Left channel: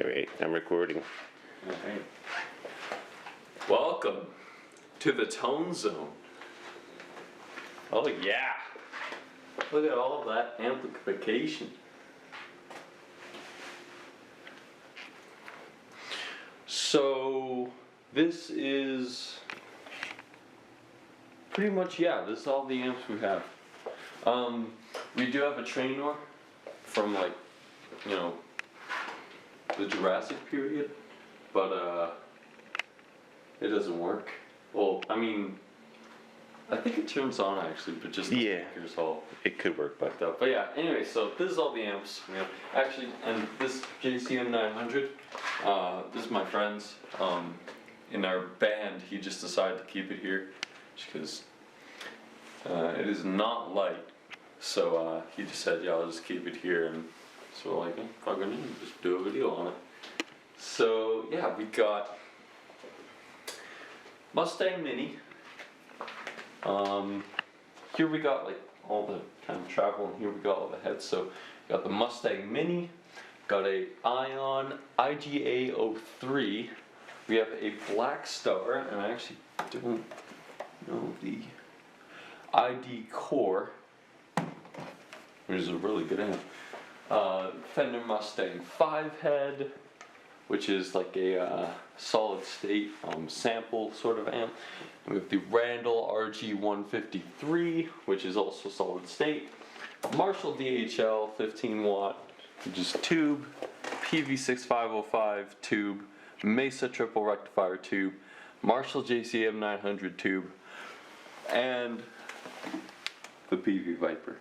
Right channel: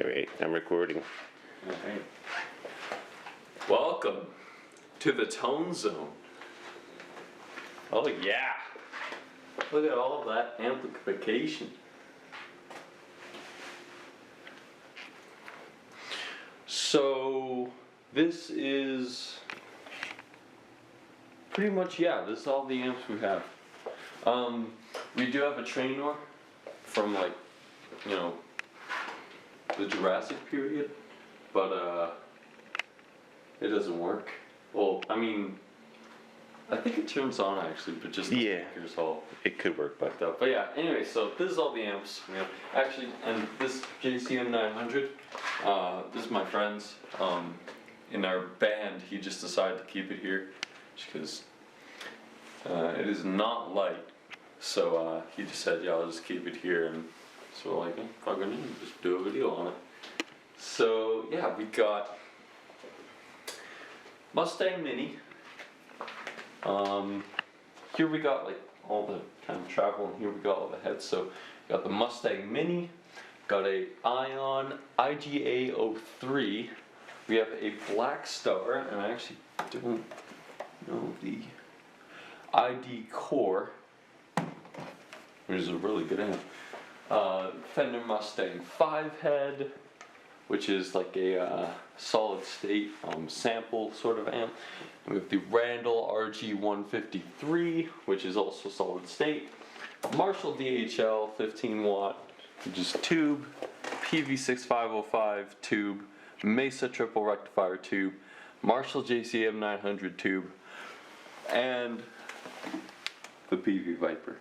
Alright, I'm recording. Alright. Welcome to the Tone Zone. Oh yeah! Look at all of that amplification. So this is pretty much, yeah, this is all the amps we have. We do have a Trainor from, like, you know, the Jurassic period, but it doesn't work. Well, I mean, I think it turns on actually, but just the speakers all. It could work, but yeah. Anyway, so this is all the amps we have. Actually, and this JCM 900. This is my friend's. In our band, he just decided to keep it here, because it is not light. So he just said, "Yeah, I'll just keep it here," and so we're like, oh, fucking just do a video on it. So yeah, we got Mustang Mini. Here we got like all the kind of travel, and here we got all the heads. So we got the Mustang Mini, got a Ion IGA 03. We have a Blackstar, and I actually don't know the ID Core, which is a really good amp. Fender Mustang 5 head, which is like a solid state sample sort of amp. And we have the Randall RG153, which is also solid state. Marshal DSL 15 watt, which is tube. Peavey 6505 tube. Mesa triple rectifier tube. Marshal JCM 900 tube. And the Peavey Vypyr.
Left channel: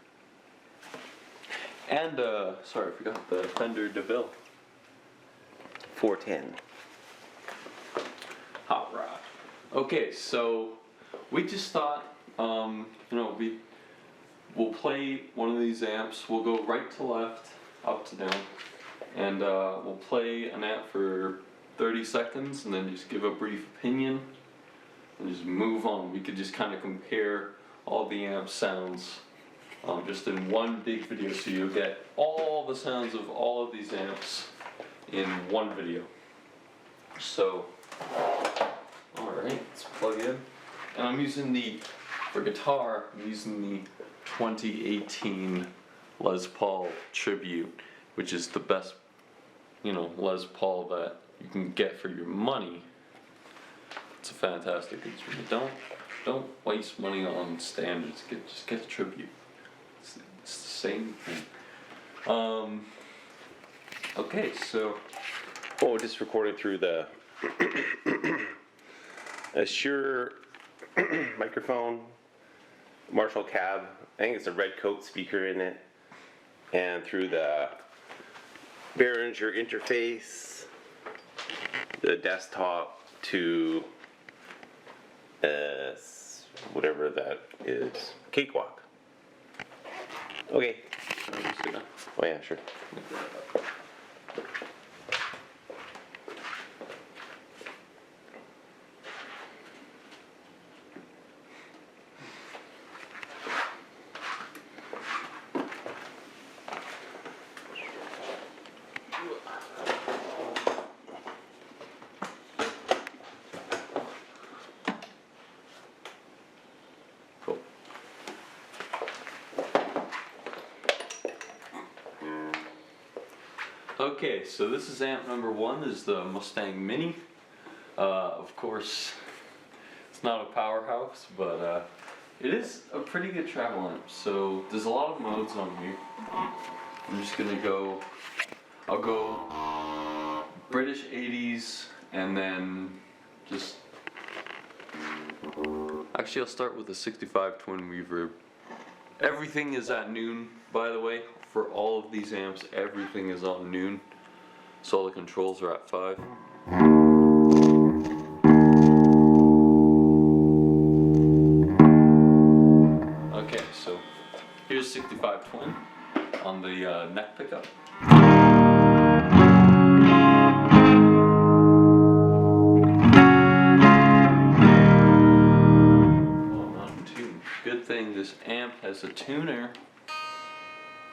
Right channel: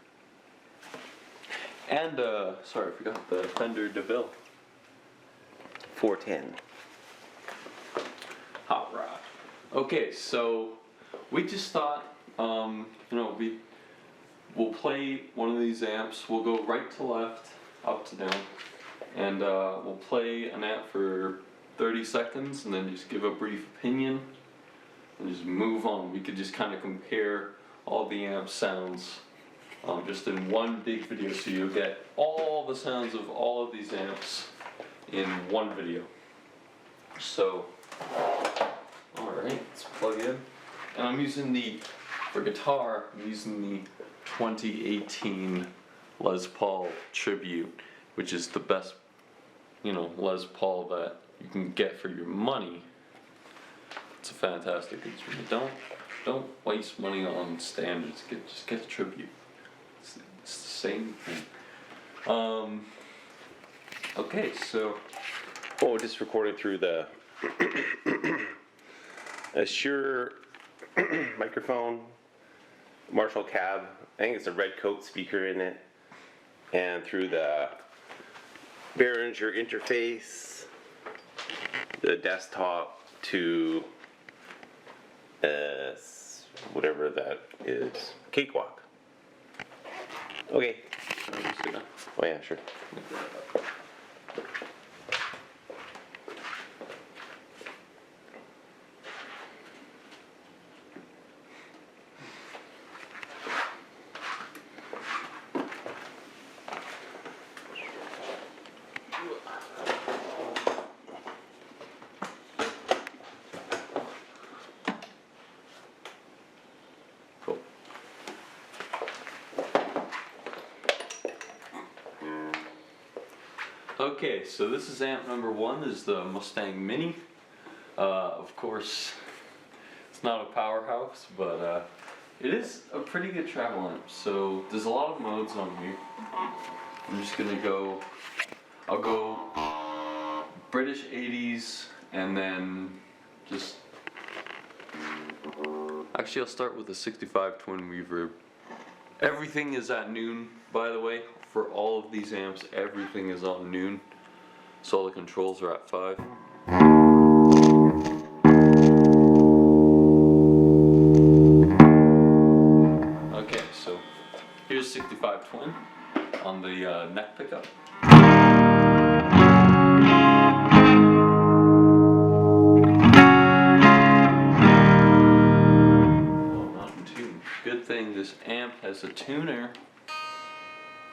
And, sorry, I forgot the Fender Deville 410. Hot rod. Okay, so we just thought, you know, we'll play one of these amps. We'll go right to left, up to down, and we'll play an amp for 30 seconds, and then just give a brief opinion, and just move on. We could just kind of compare all the amp sounds. Just in one big video, so you'll get all the sounds of all of these amps in one video. So, alright, let's plug in. And I'm using for guitar, I'm using the 2018 Les Paul Tribute, which is the best, you know, Les Paul that you can get for your money. It's a fantastic instrument. Don't waste money on standards. Just get the Tribute. It's the same thing. Okay, so. Oh, just recorded through the Shure microphone, Marshall cab. I think it's a red coat speaker in it, and through the Behringer interface, the desktop to whatever that is, Cakewalk. Okay. Oh yeah, sure. Okay, so this is amp number one. This is the Mustang Mini. Of course, it's not a powerhouse, but it is a pretty good travel amp. So there's a lot of modes on here. I'm just gonna go. I'll go British 80s, and then just. Actually, I'll start with the 65 twin reverb. Everything is at noon, by the way. For all of these amps, everything is on noon, so all the controls are at 5. Okay, so here's 65 twin on the neck pickup. Oh, not in tune. Good thing this amp has a tuner,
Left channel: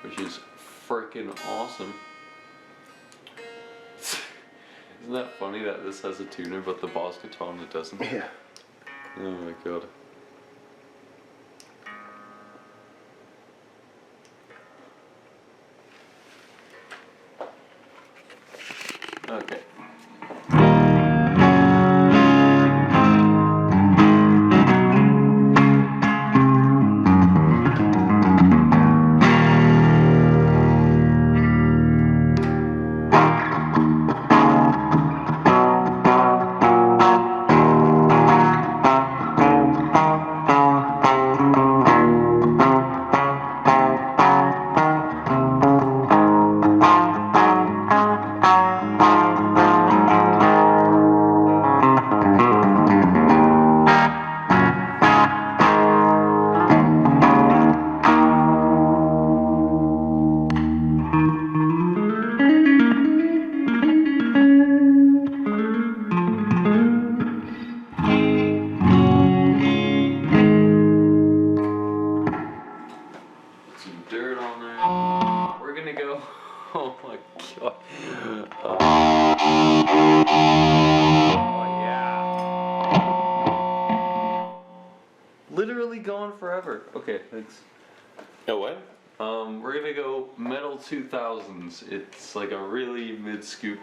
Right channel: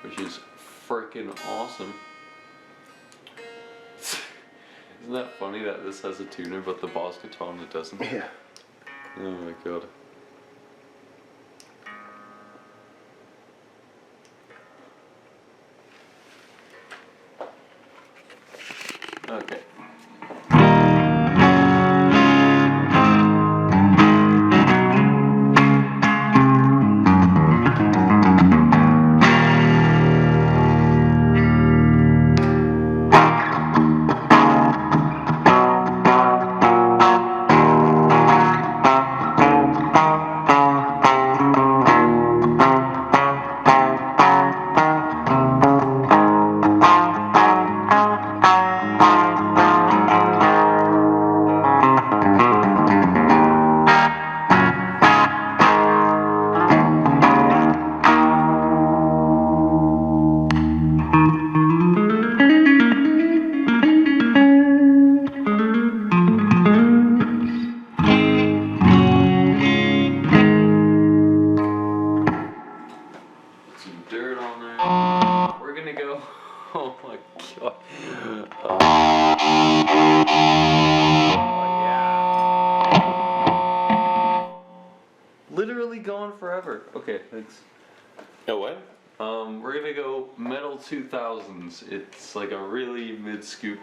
which is freaking awesome. Isn't that funny that this has a tuner, but the Boss guitar on it doesn't? Yeah. Oh my god. Okay. Some dirt on there. We're gonna go. Oh my god. Oh yeah. Literally going forever. Okay, thanks. Oh what? We're gonna go Metal 2000s. It's like a really mid scoop.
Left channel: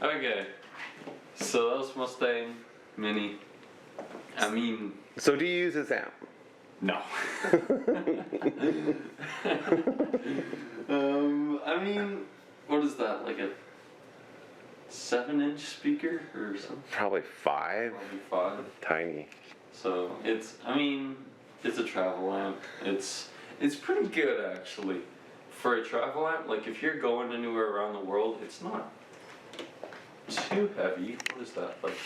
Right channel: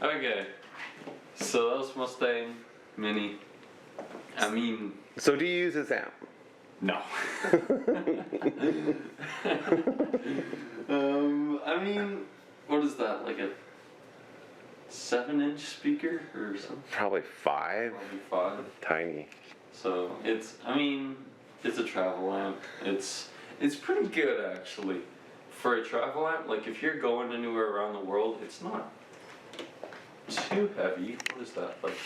Okay, so that was Mustang Mini. I mean, So do you use this amp? no. I mean, what is that? Like a 7-inch speaker or something? Probably 5. Probably 5. Tiny. So it's, I mean, it's a travel amp. It's pretty good actually. For a travel amp, like if you're going anywhere around the world, it's not too heavy. What is that? Like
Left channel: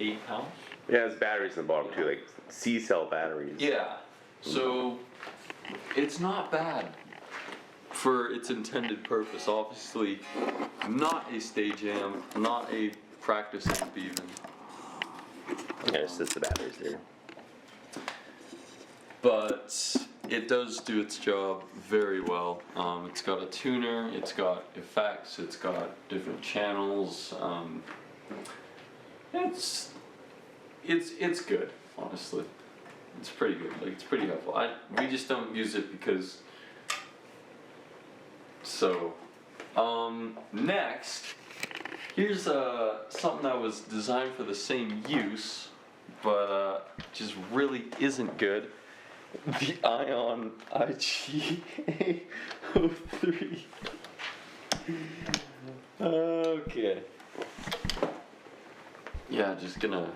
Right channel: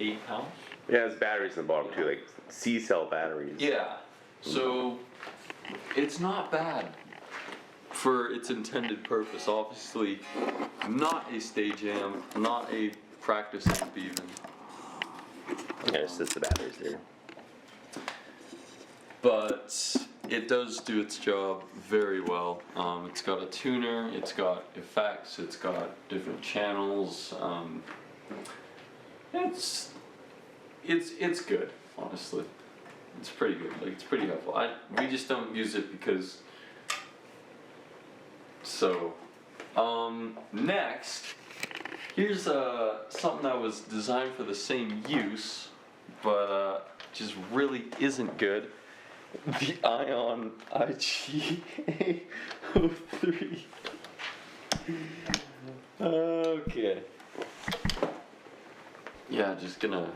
8 pounds? Yeah, there's batteries in the bottom too, like C-cell batteries. Yeah. So it's not bad for its intended purpose. Obviously, not a stage amp, not a practice amp even. Yeah, it's just the batteries there. But it does do its job very well. It's got a tuner, it's got effects, it's got different channels. It's good, honestly. It's pretty good. Like it's pretty helpful. We just don't use it because. So, next, here's something that was designed for the same use, but just really isn't good. The Ion IG-03. Okay. Yeah, just gonna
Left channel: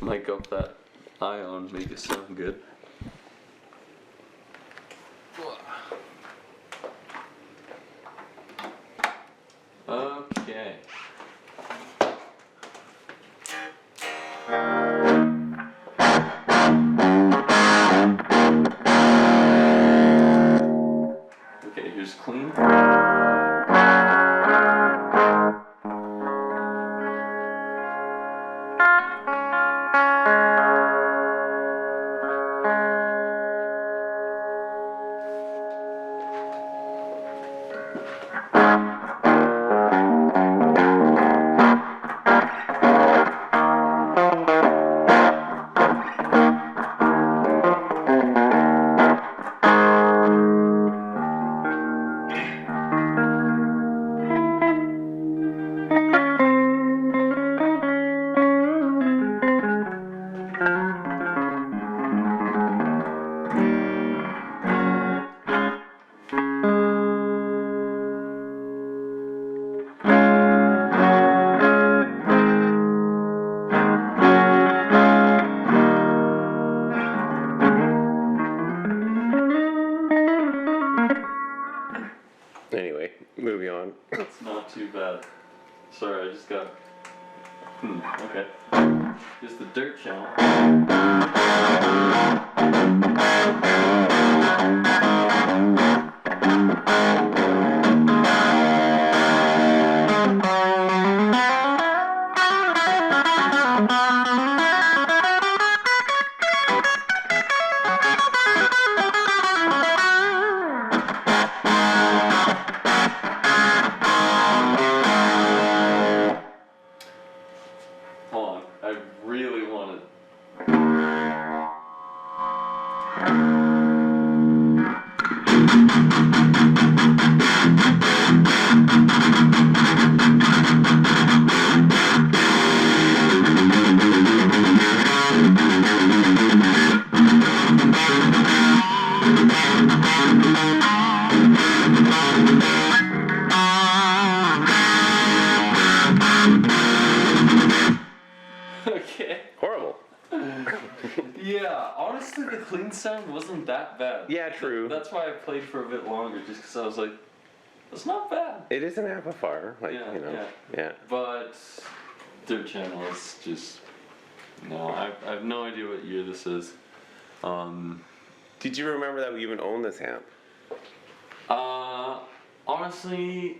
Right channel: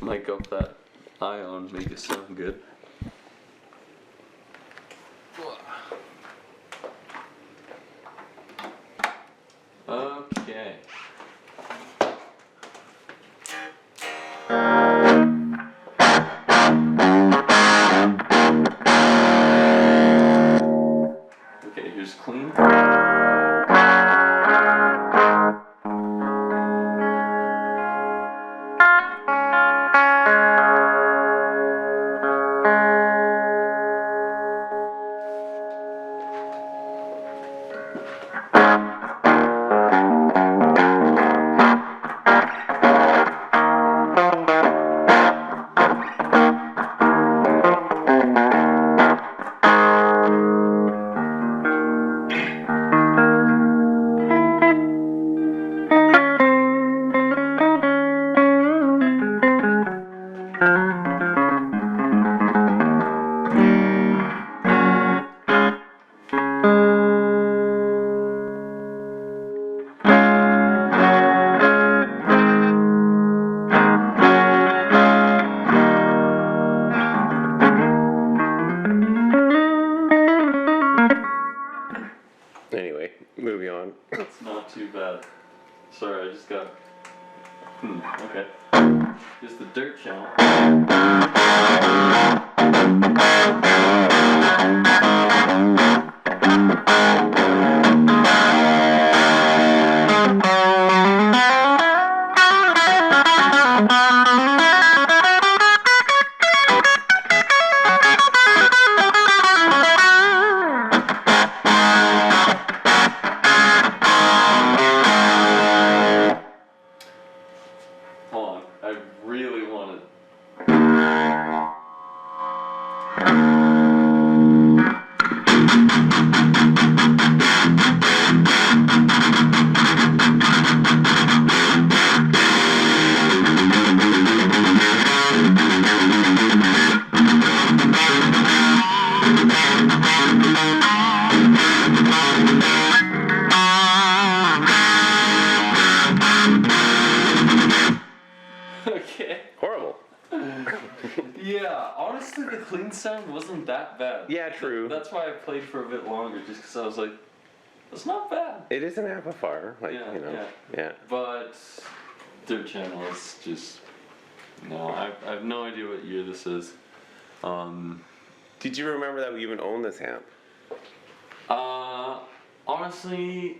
mic up that Ion, make it sound good. Okay. Okay, here's clean. Sorry, I just got. Okay. Here's the dirt channel. Hold on, I really want to. Okay. Horrible. Yeah, honestly, the clean sound wasn't that bad. Yeah, true. That's why I played for a bit longer, just because I was like, it's not bad. It is an amplifier, like, Yeah, you know. yeah. Yeah. But dirt channel is just no. I have no idea what year this is. Did you remember that we even owned this amp? Honestly,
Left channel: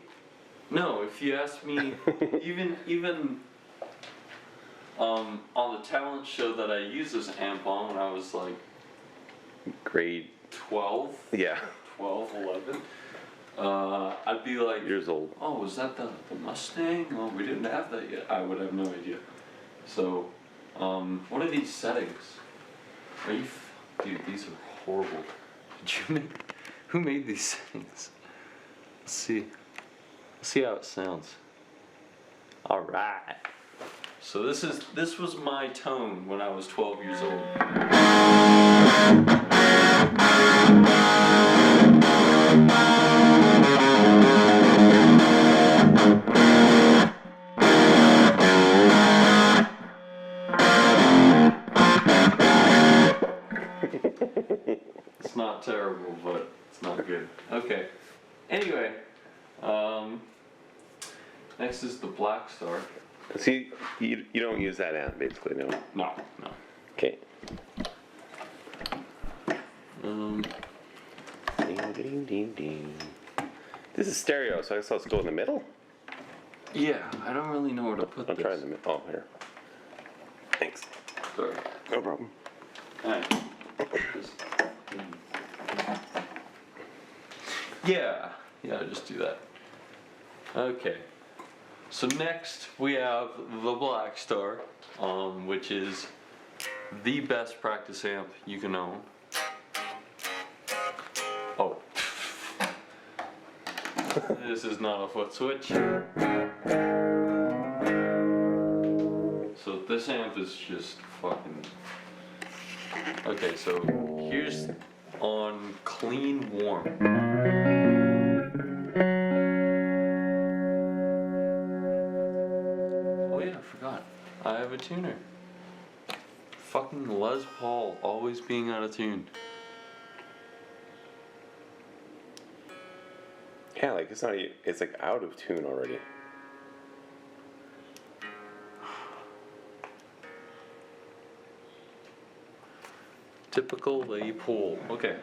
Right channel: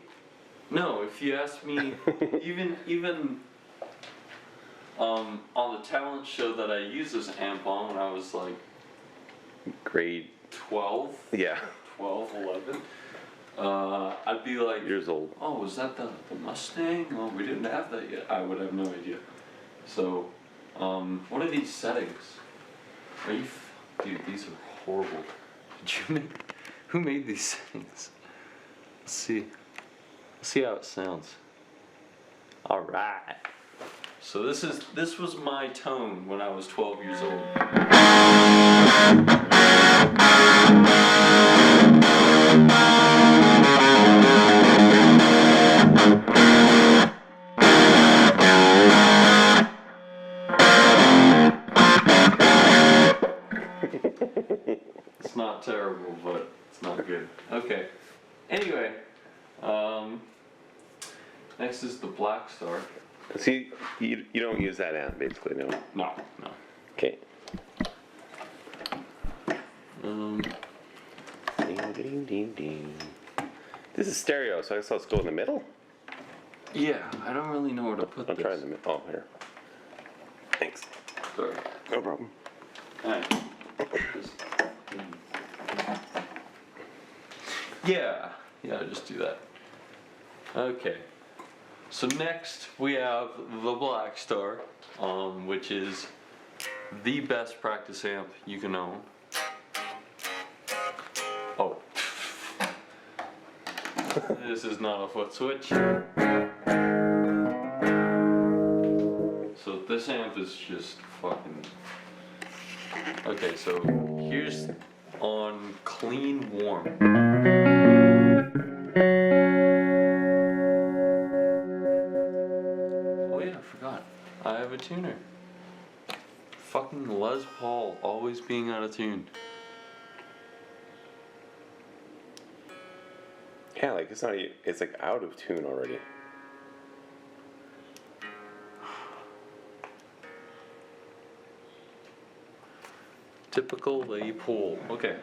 no. If you ask me, even on the talent show that I used this amp on when I was like Grade. 12, Yeah. 12, 11, I'd be like, Years old. oh, was that the Mustang? Oh, we didn't have that yet. I would have no idea. So, what are these settings? Are you, dude? These are horrible. Did you make? Who made these settings? Let's see. Let's see how it sounds. All right. So this was my tone when I was 12 years old. It's not terrible, but it's not good. Okay. Anyway, next is the Blackstar. See, you don't use that amp, basically, no? No. Okay. Um, Ding, ding, ding, ding. This is stereo, so I guess I'll go in the middle? yeah, I don't really know where to put I'll this. try in the middle. Oh, here. Thanks. Sorry. No problem. Alright. Yeah, just do that. Okay. So next we have the Blackstar, which is the best practice amp you can own. Oh. This is not a foot switch. So this amp is just fucking... Okay, so here's on clean warm. Oh yeah, I forgot. I have a tuner. Fucking Les Paul always being out of tune. Yeah, like it's not. It's like out of tune already. Typical Les Paul. Okay.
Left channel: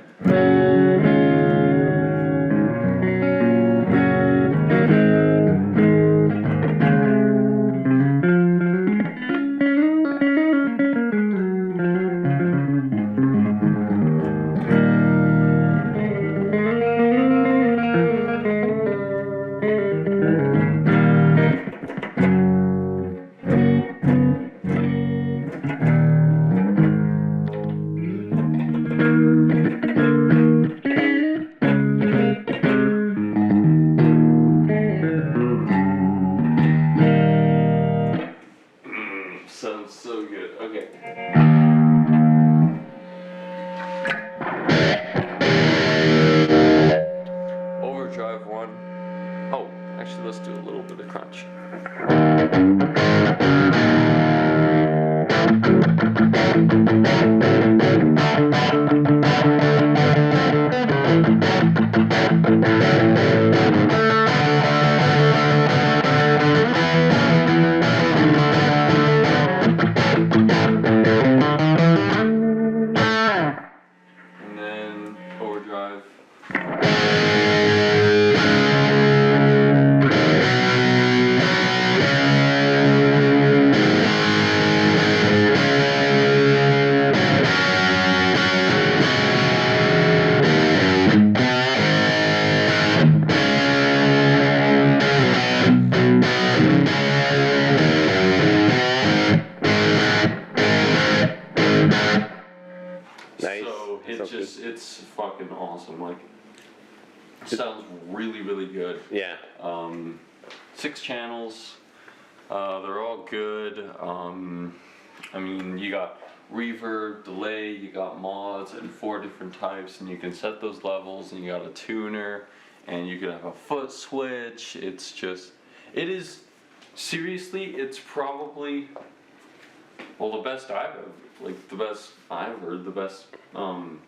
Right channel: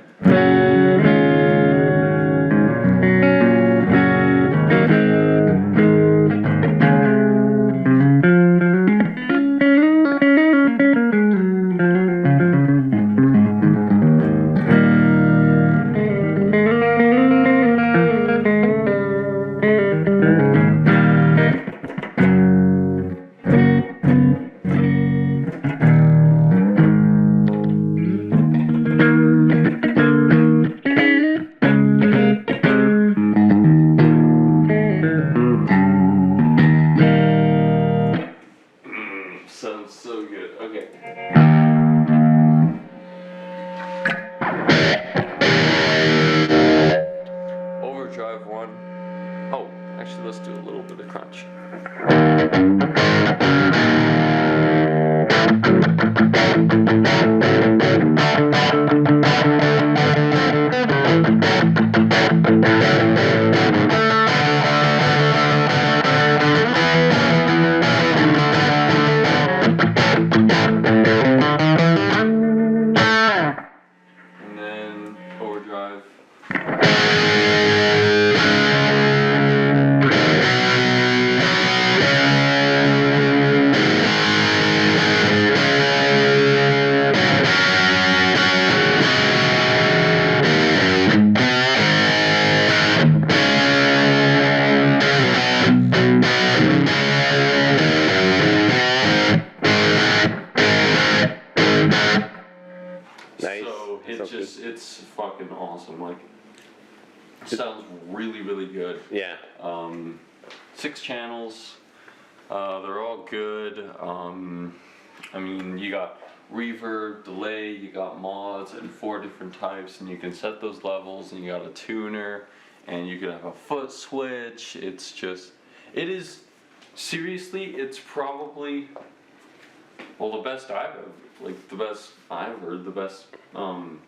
Nice. So That it sounds just good. it's fucking awesome. Like, it sounds really really good. Yeah. 6 channels. They're all good. I mean, you got reverb, delay, you got mods in 4 different types, and you can set those levels, and you got a tuner, and you can have a foot switch. It's just, it is, seriously, it's probably, well, the best I've ever, like, the best I've heard, the best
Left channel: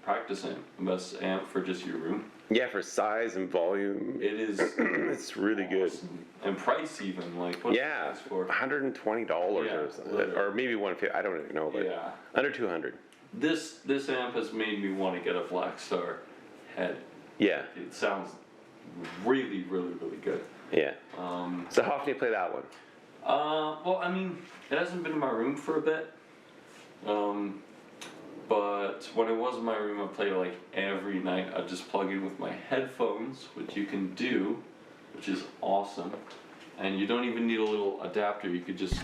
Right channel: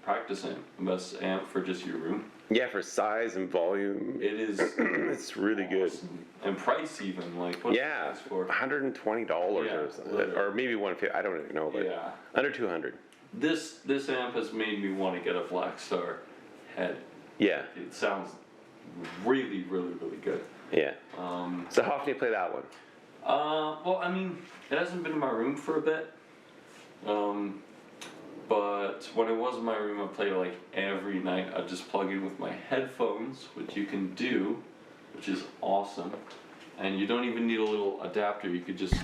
practice amp, the best amp for just your room. Yeah, for size and volume, It is it's really good. awesome. And price even, like, what's Yeah, the price for? $120 Yeah, or something, literally. or maybe 150. I don't even know, but Yeah. under 200. This amp has made me want to get a Blackstar head. Yeah, It sounds really, really, really good. yeah. So how often do you play that one? Well, I mean, it hasn't been in my room for a bit. But when it was in my room, I played it like every night. I'd just plug in with my headphones, which you can do, which is awesome. And you don't even need a little adapter. You could just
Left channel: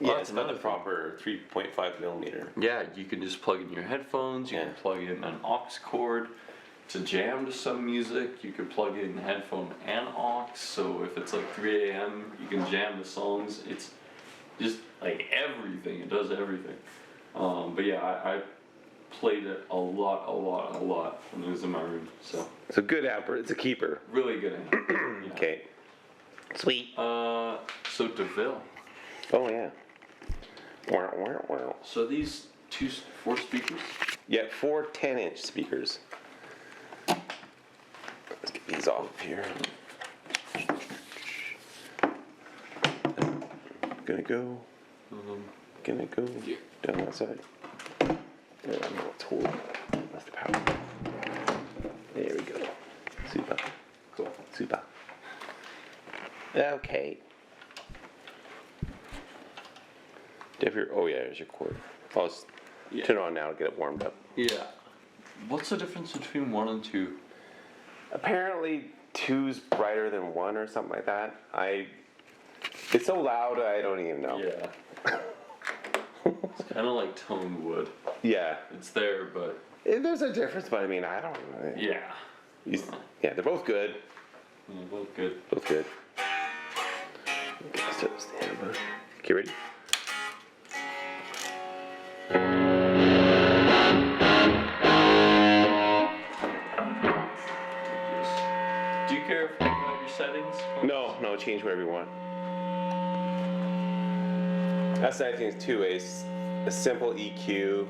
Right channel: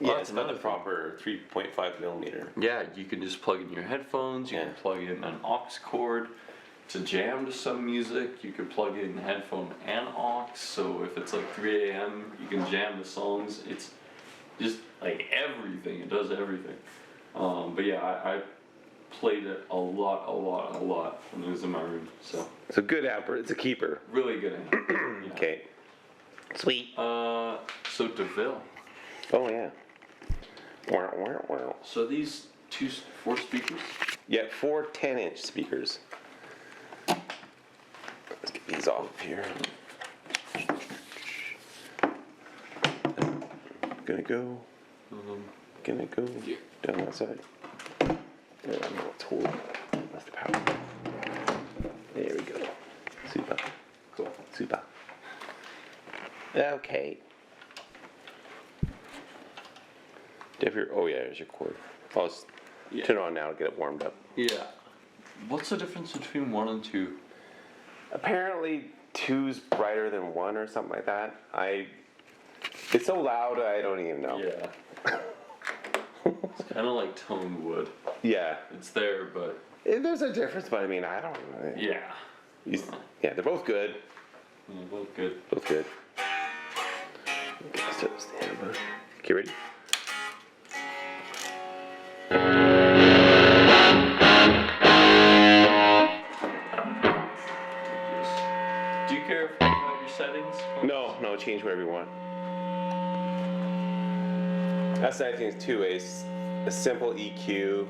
Yeah, it's not the proper 3.5 millimeter. Yeah, you can just plug in your headphones, you can plug in an aux cord to jam to some music, you could plug in headphone and aux, so if it's like 3 a.m. you can jam the songs. It's just like everything, it does everything. But yeah, I played it a lot when it was in my room, so. It's a good amp, it's a keeper. Really good amp. Yeah. Okay. Sweet. So Deville. Oh yeah. Wow, wow, wow. So these 4 speakers? Yeah, 4 10-inch speakers. Let's get these off of here. Gonna go Yeah. down that side. There, I know it's hold. That's the power. There we go. Super. Cool. Super. Okay. Oh yeah, there's your cord. I'll just turn it on now to get it warmed up. Yeah. What's the difference between 1 and 2? Apparently 2's brighter than 1 or something like that. It's so loud I don't even know. Yeah. It's kind of like toned wood. Yeah. It's there, but There's a difference, but I mean, I don't know. yeah. Yeah, they're both good. Yeah, both good. Both good. Okay, let's start this down, bud. Okay, ready? Do you care if you have your settings? No, change whatever you want. That's the nice thing too, is a simple EQ,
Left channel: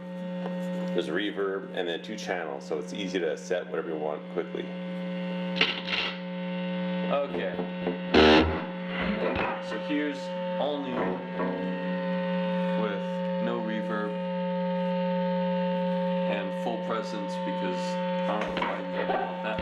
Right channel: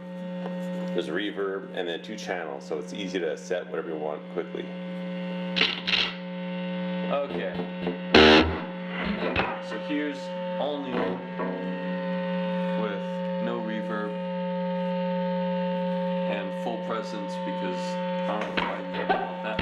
there's reverb, and then 2 channels, so it's easy to set whatever you want quickly. Okay. So here's all new with no reverb and full presence because I don't know why you want that.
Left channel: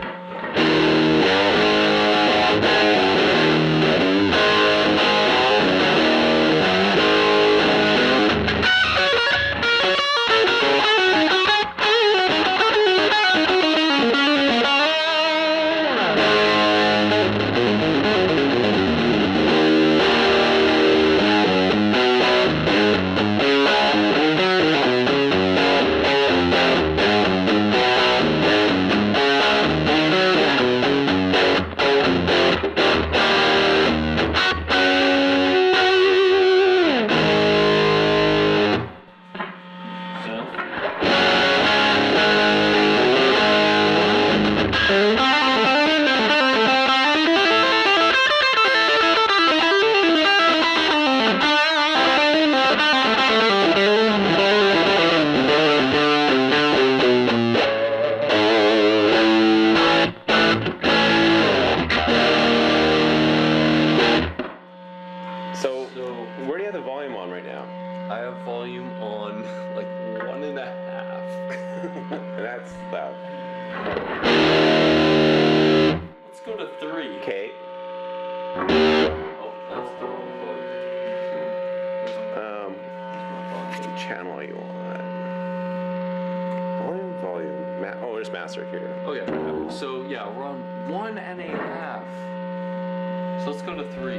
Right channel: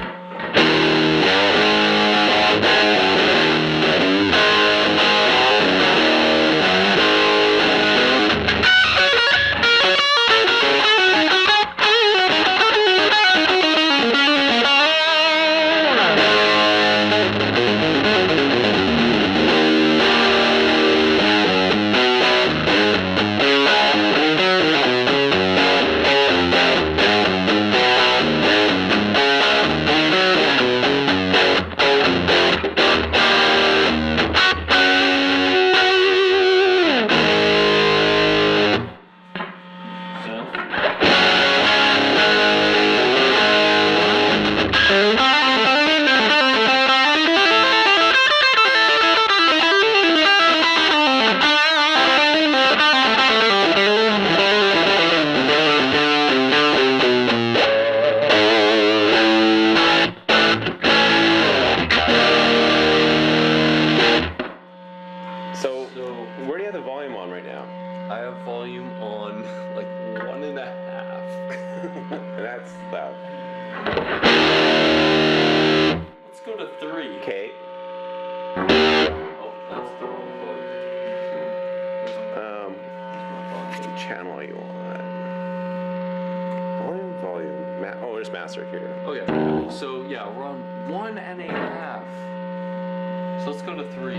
Where do you have the volume on right now? I have volume on like 1.5. And that's loud. Let's go to 3. Okay. Oh, that's the wrong volume. What channel are you on? Volume. Oh, there's master here. Oh yeah. So yeah, we're on 1.5. So let's go to 3.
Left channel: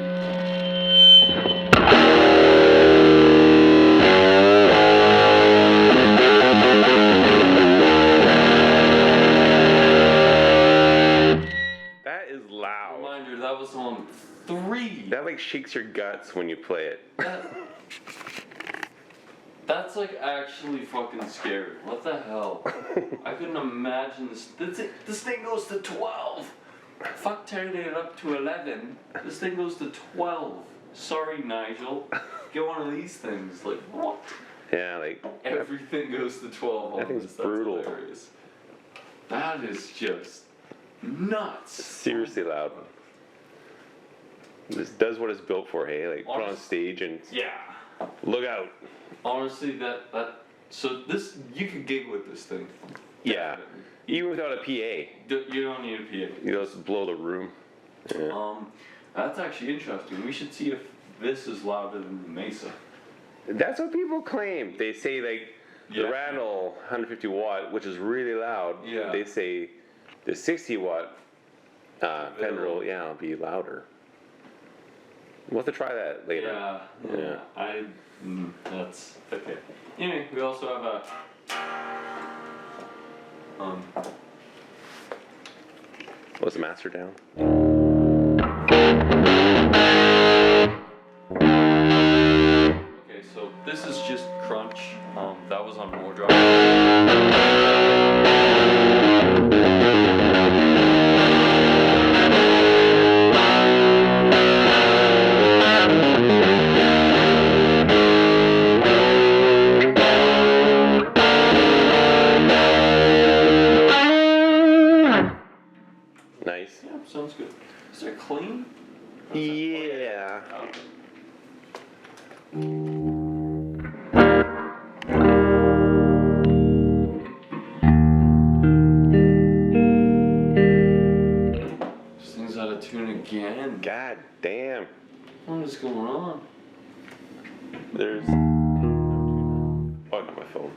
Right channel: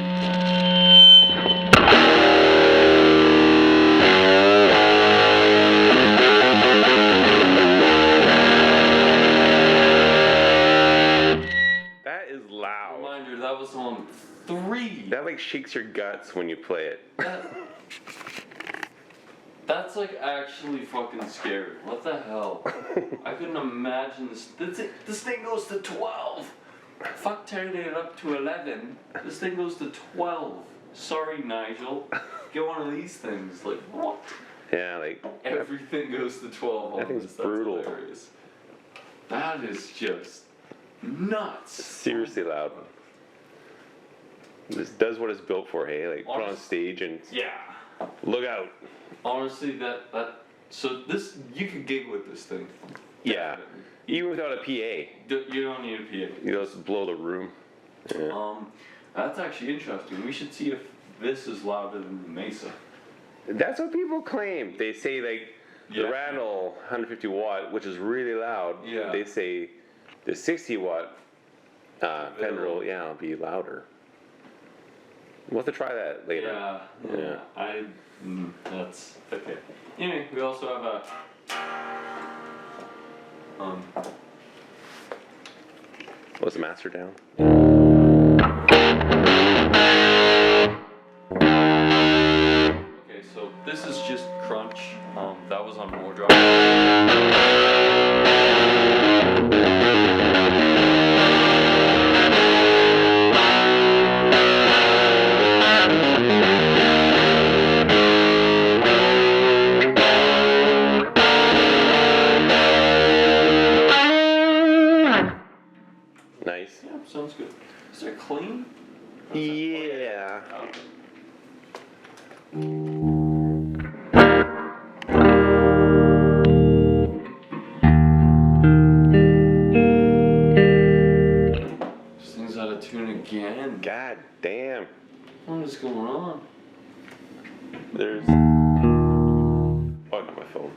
was on 3. That like shakes your guts when you play it. That's like actually fucking scary. What the hell? I couldn't imagine this. This thing goes to 12. Fuck turning it up to 11. This thing goes to 12. Sorry, Nigel. Get one of these things. Like, what? Yeah, like Everything goes to 12 on that thing's this. That's brutal. hilarious. That is just nuts. Seriously loud. This does what it's built for, hey? Like put on stage and Yeah. look out. Honestly, so this, you could gig with this thing. Yeah. Even without a PA. You don't need a PA. You just blow the room. Yeah. That's actually interesting. We should see if this is louder than the Mesa. That's what people claim. They say like the Yeah. Randall 150 watt, which is really loud. Yeah. They say the 60 watt Fender will, will be louder. We'll have to try that later. Yeah. That's okay. Anyway, we also have a Was the master down? okay, so this is just crunch. That was on more drop. Nice. Yeah, sounds good. Is it clean? Yeah. Okay. This thing's out of tune again. God damn. What is going on? There's. Oh, I got my phone.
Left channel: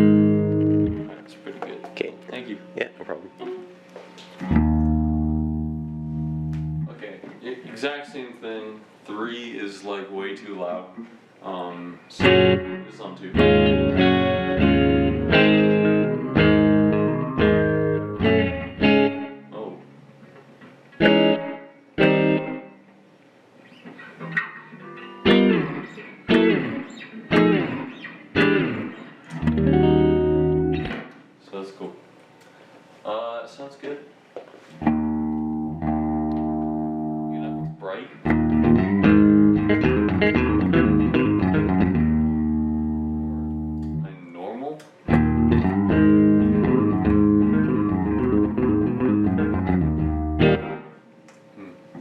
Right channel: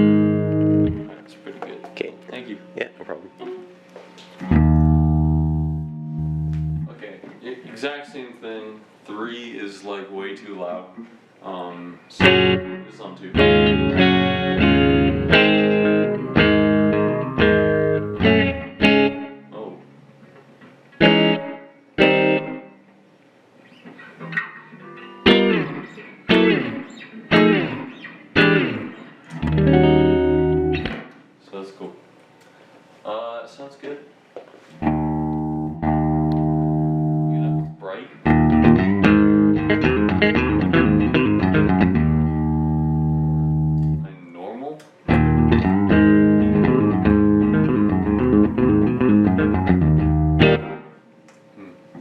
That's pretty good. Okay. Thank you. Yeah, no problem. Okay, exact same thing. 3 is like way too loud. So it's on 2. Oh. So that's cool. Sounds good. You know, it's bright. And normal.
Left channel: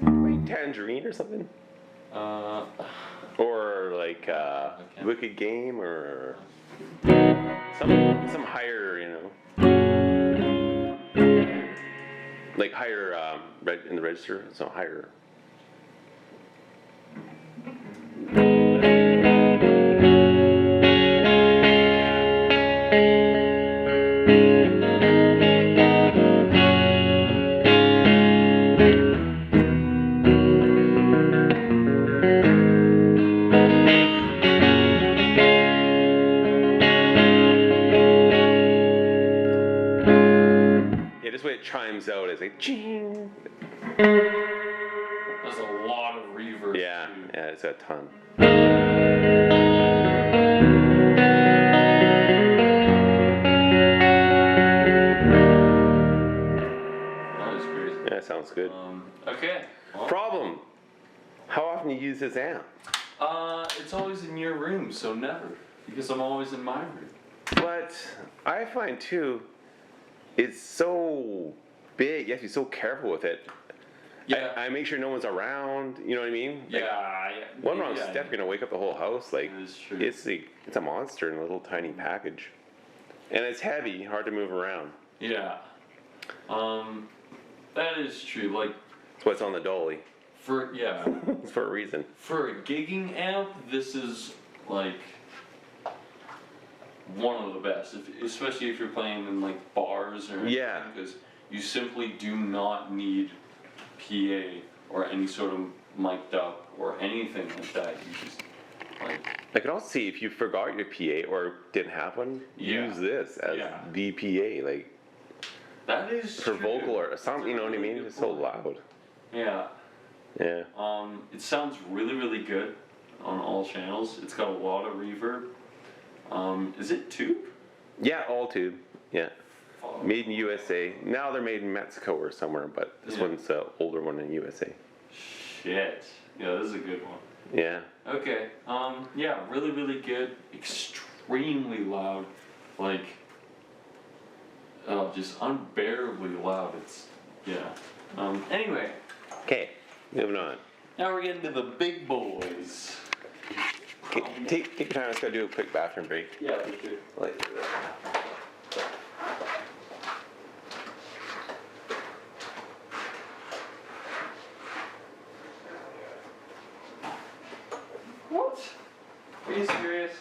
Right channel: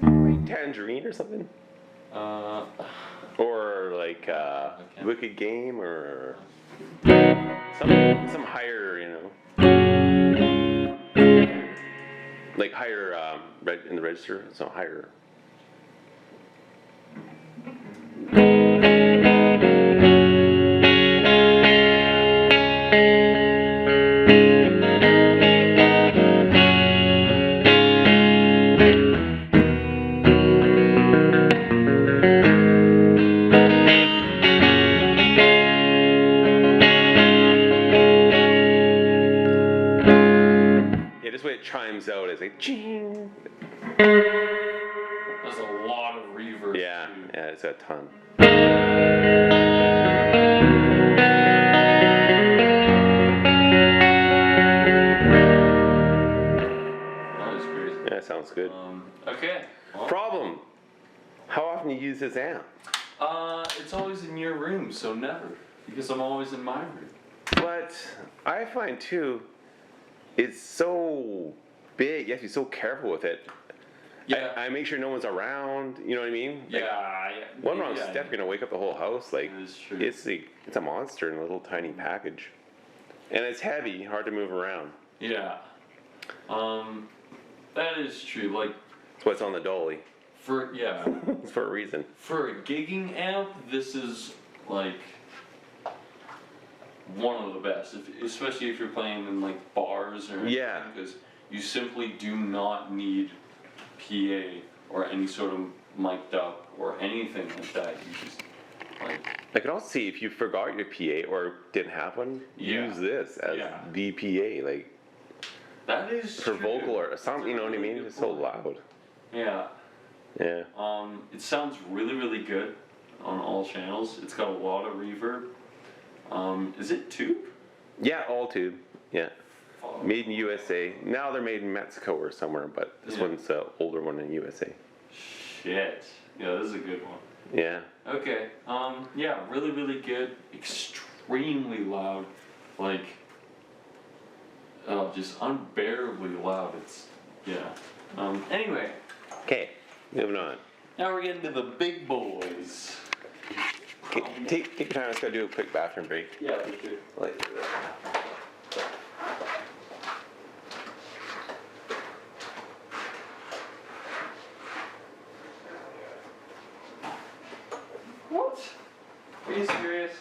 Like Tangerine or something? Or like Okay. Wicked Game or some higher, like higher in the register, so higher. Yeah, just the way it chimes out, it's like ching. There's a lot of reverb. Yeah, too. yeah, it's a ton. That is crazy. Yeah, sounds good. Okay. Well, Problem. How often do you use this amp? It's always in your room, so never. Because I'm always in my room. But I find too, it's so big. You have to be so careful with it. Yeah. I make sure no one's around. You know what I mean? Like, one wrong step, you're gonna wake up the whole house. Like, That is true. it's a monster in a little tiny package, and it's heavy, hard to move around. Yeah. That is true. Like, That's what's on the dolly. it's for a reason. for a gigging amp, this is like one of the best, especially if you're playing in like bars or anything, Yeah. because you simply do not need PA or any sort of mic'd up or anything like that. You just like I can also see if you forgot your PA or didn't have one, use this as the PA, like that is for true. vocal or something. You know what I Really mean? good It's so point. loud. Yeah. Yeah. It sounds really, really good on all channels. It's got a lot of reverb. Is it tube? Yeah, all tube. Yeah. Oh, Made in USA. Now they're made in Mexico or somewhere, but this Yeah. one's the older one in USA. shit. Yeah, this is a good one. Yeah. Okay. Yeah, really, really good. Extremely loud. Like, just unbearably loud. Anyway, Okay, moving on. now we're getting to the big boys. Okay, take your time. Let's go do a quick bathroom break. Yeah, for sure. Like, What? Are you serious?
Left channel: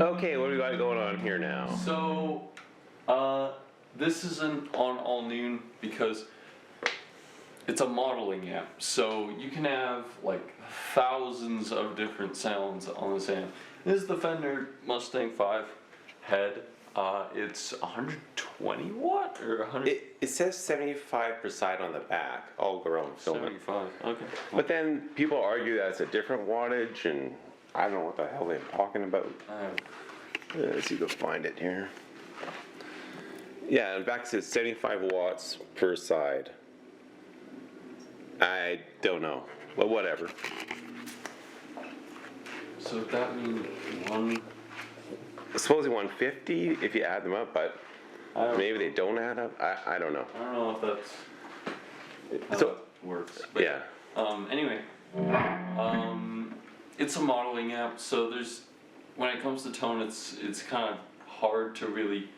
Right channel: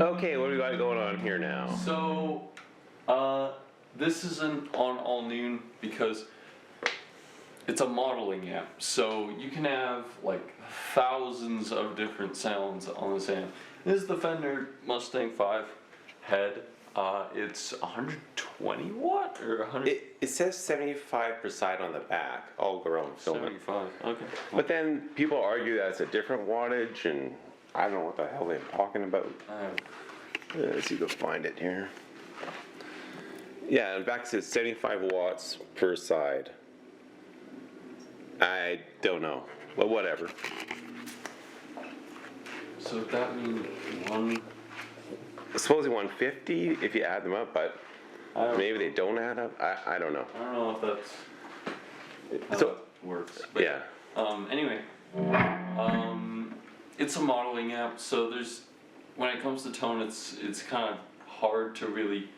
okay, what do we got going on here now? So, this isn't on all noon because it's a modeling app. So you can have like thousands of different sounds on this amp. This is the Fender Mustang 5 head. It's 120 watt or 100. It says 75 per side on the back. I'll go around and film it. 75. Okay. But then people argue that it's a different wattage, and I don't know what the hell they're talking about. Let's see if we can find it here. Yeah, and back says 75 watts per side. I don't know, but whatever. So that means one. Supposedly 150 if you add them up, but I don't maybe they don't add up. I don't know. I don't know if that's how So it works. But yeah, Anyway, it's a modeling app, so when it comes to tone, it's kind of hard to really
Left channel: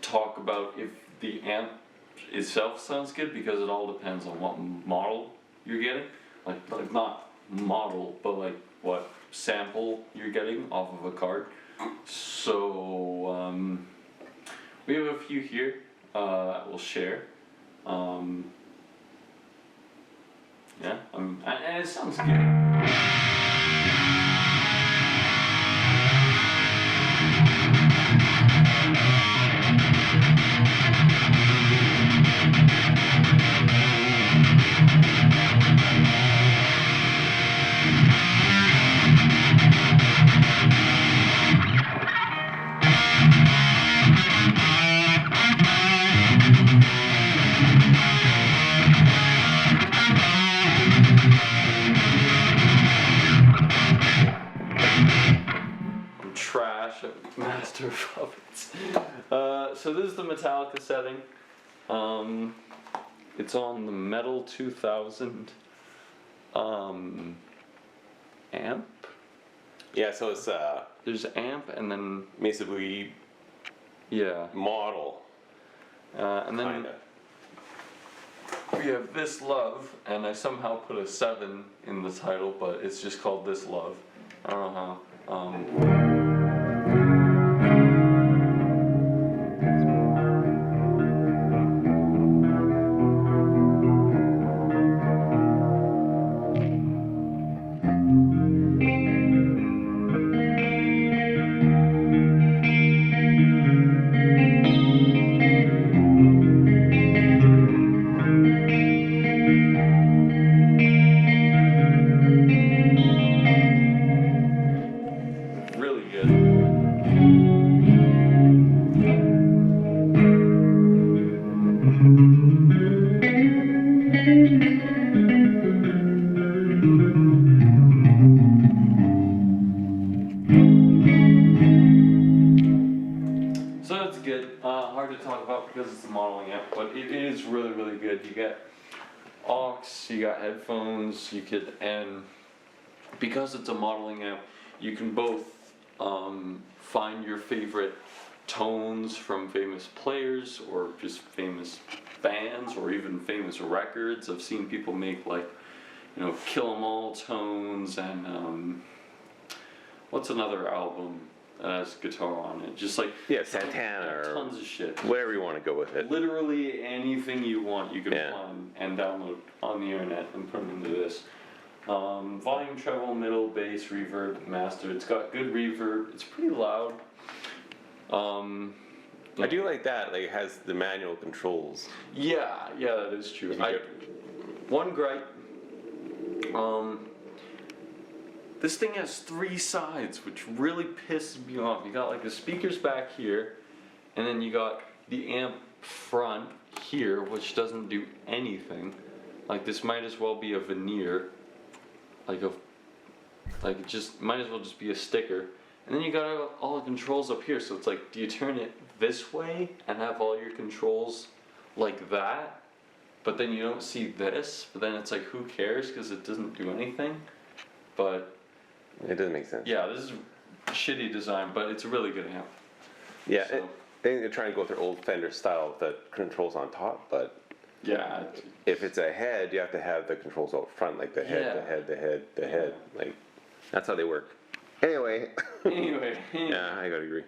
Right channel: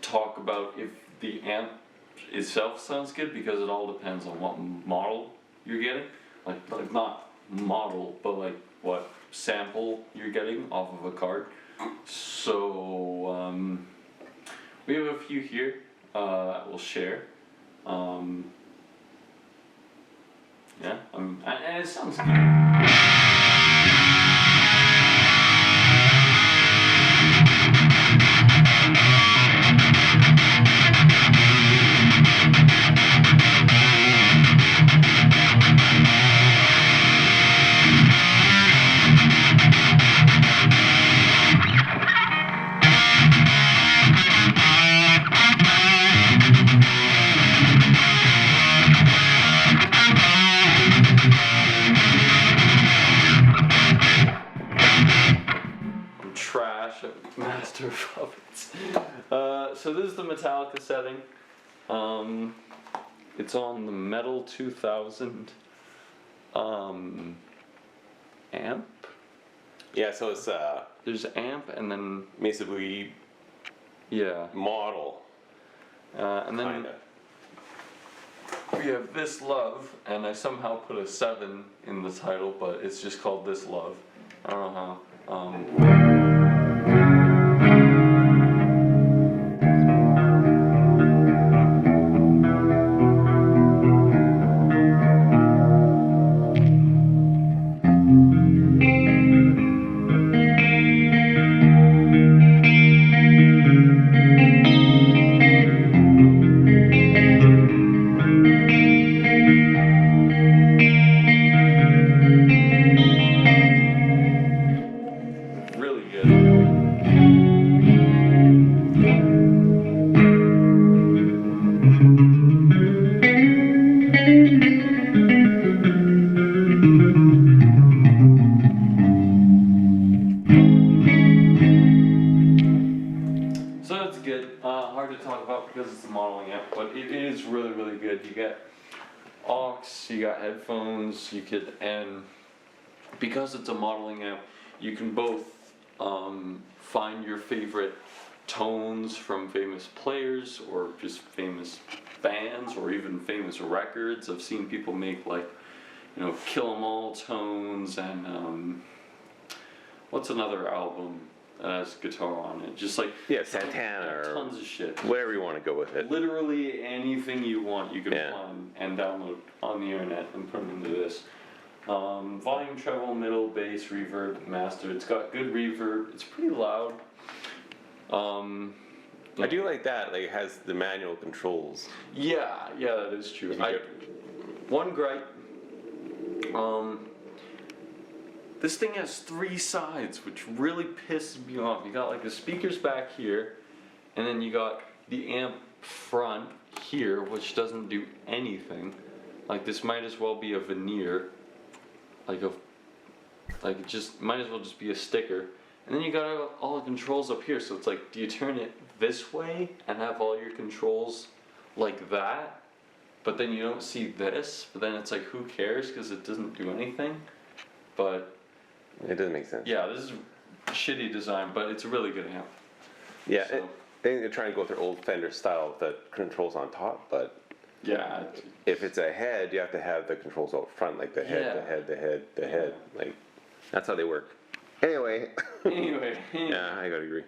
talk about if the amp itself sounds good because it all depends on what model you're getting. Like not model, but like what sample you're getting off of a card. So we have a few here that we'll share. Yeah, and it sounds good. so this is the Metallica setting. It's on the Metal 2000 amp. Yeah, so it's There's amp and then Mesa Boogie model. And then Kinda. we have This Love, and I somehow put a 7 in the title, but it's just called This Love. I don't know how. Really good. So that's good. Hard to talk about because it's a modeling app, but it is really, really good. You get aux, you got headphones, and because it's a modeling app, you can both find your favorite tones from famous players or just famous bands or even famous records. I've seen people make Kill 'Em All tones and what's another album that has guitar on it? Just Santana or tons of shit. whatever you want to go with it. Literally anything you want you can find and download on the internet and put into this. Volume, treble, middle, bass, reverb, master. It's got good reverb. It's pretty loud. I do like that. Like it has the manual controls. Yeah, that is true. One gripe. This thing has 3 sides, which really pisses me off. You got the speakers back here, and then you got the amp front here, which doesn't do anything. This might as well be a veneer. It just might as well just be a sticker. And then you got all the controls up here, so it's do you turn it this way and have all your controls like that? But then you don't see this, but then it's who cares because it doesn't do anything. But it doesn't make sense. Yeah, this is shitty design, but it's a really good amp. Yeah, I think they're trying to go with their old Fender style with the controls on top, but yeah, if it's a head, you have to have the controls out front, the head, the head. That's how they work. Anyway. Yeah, I gotta agree.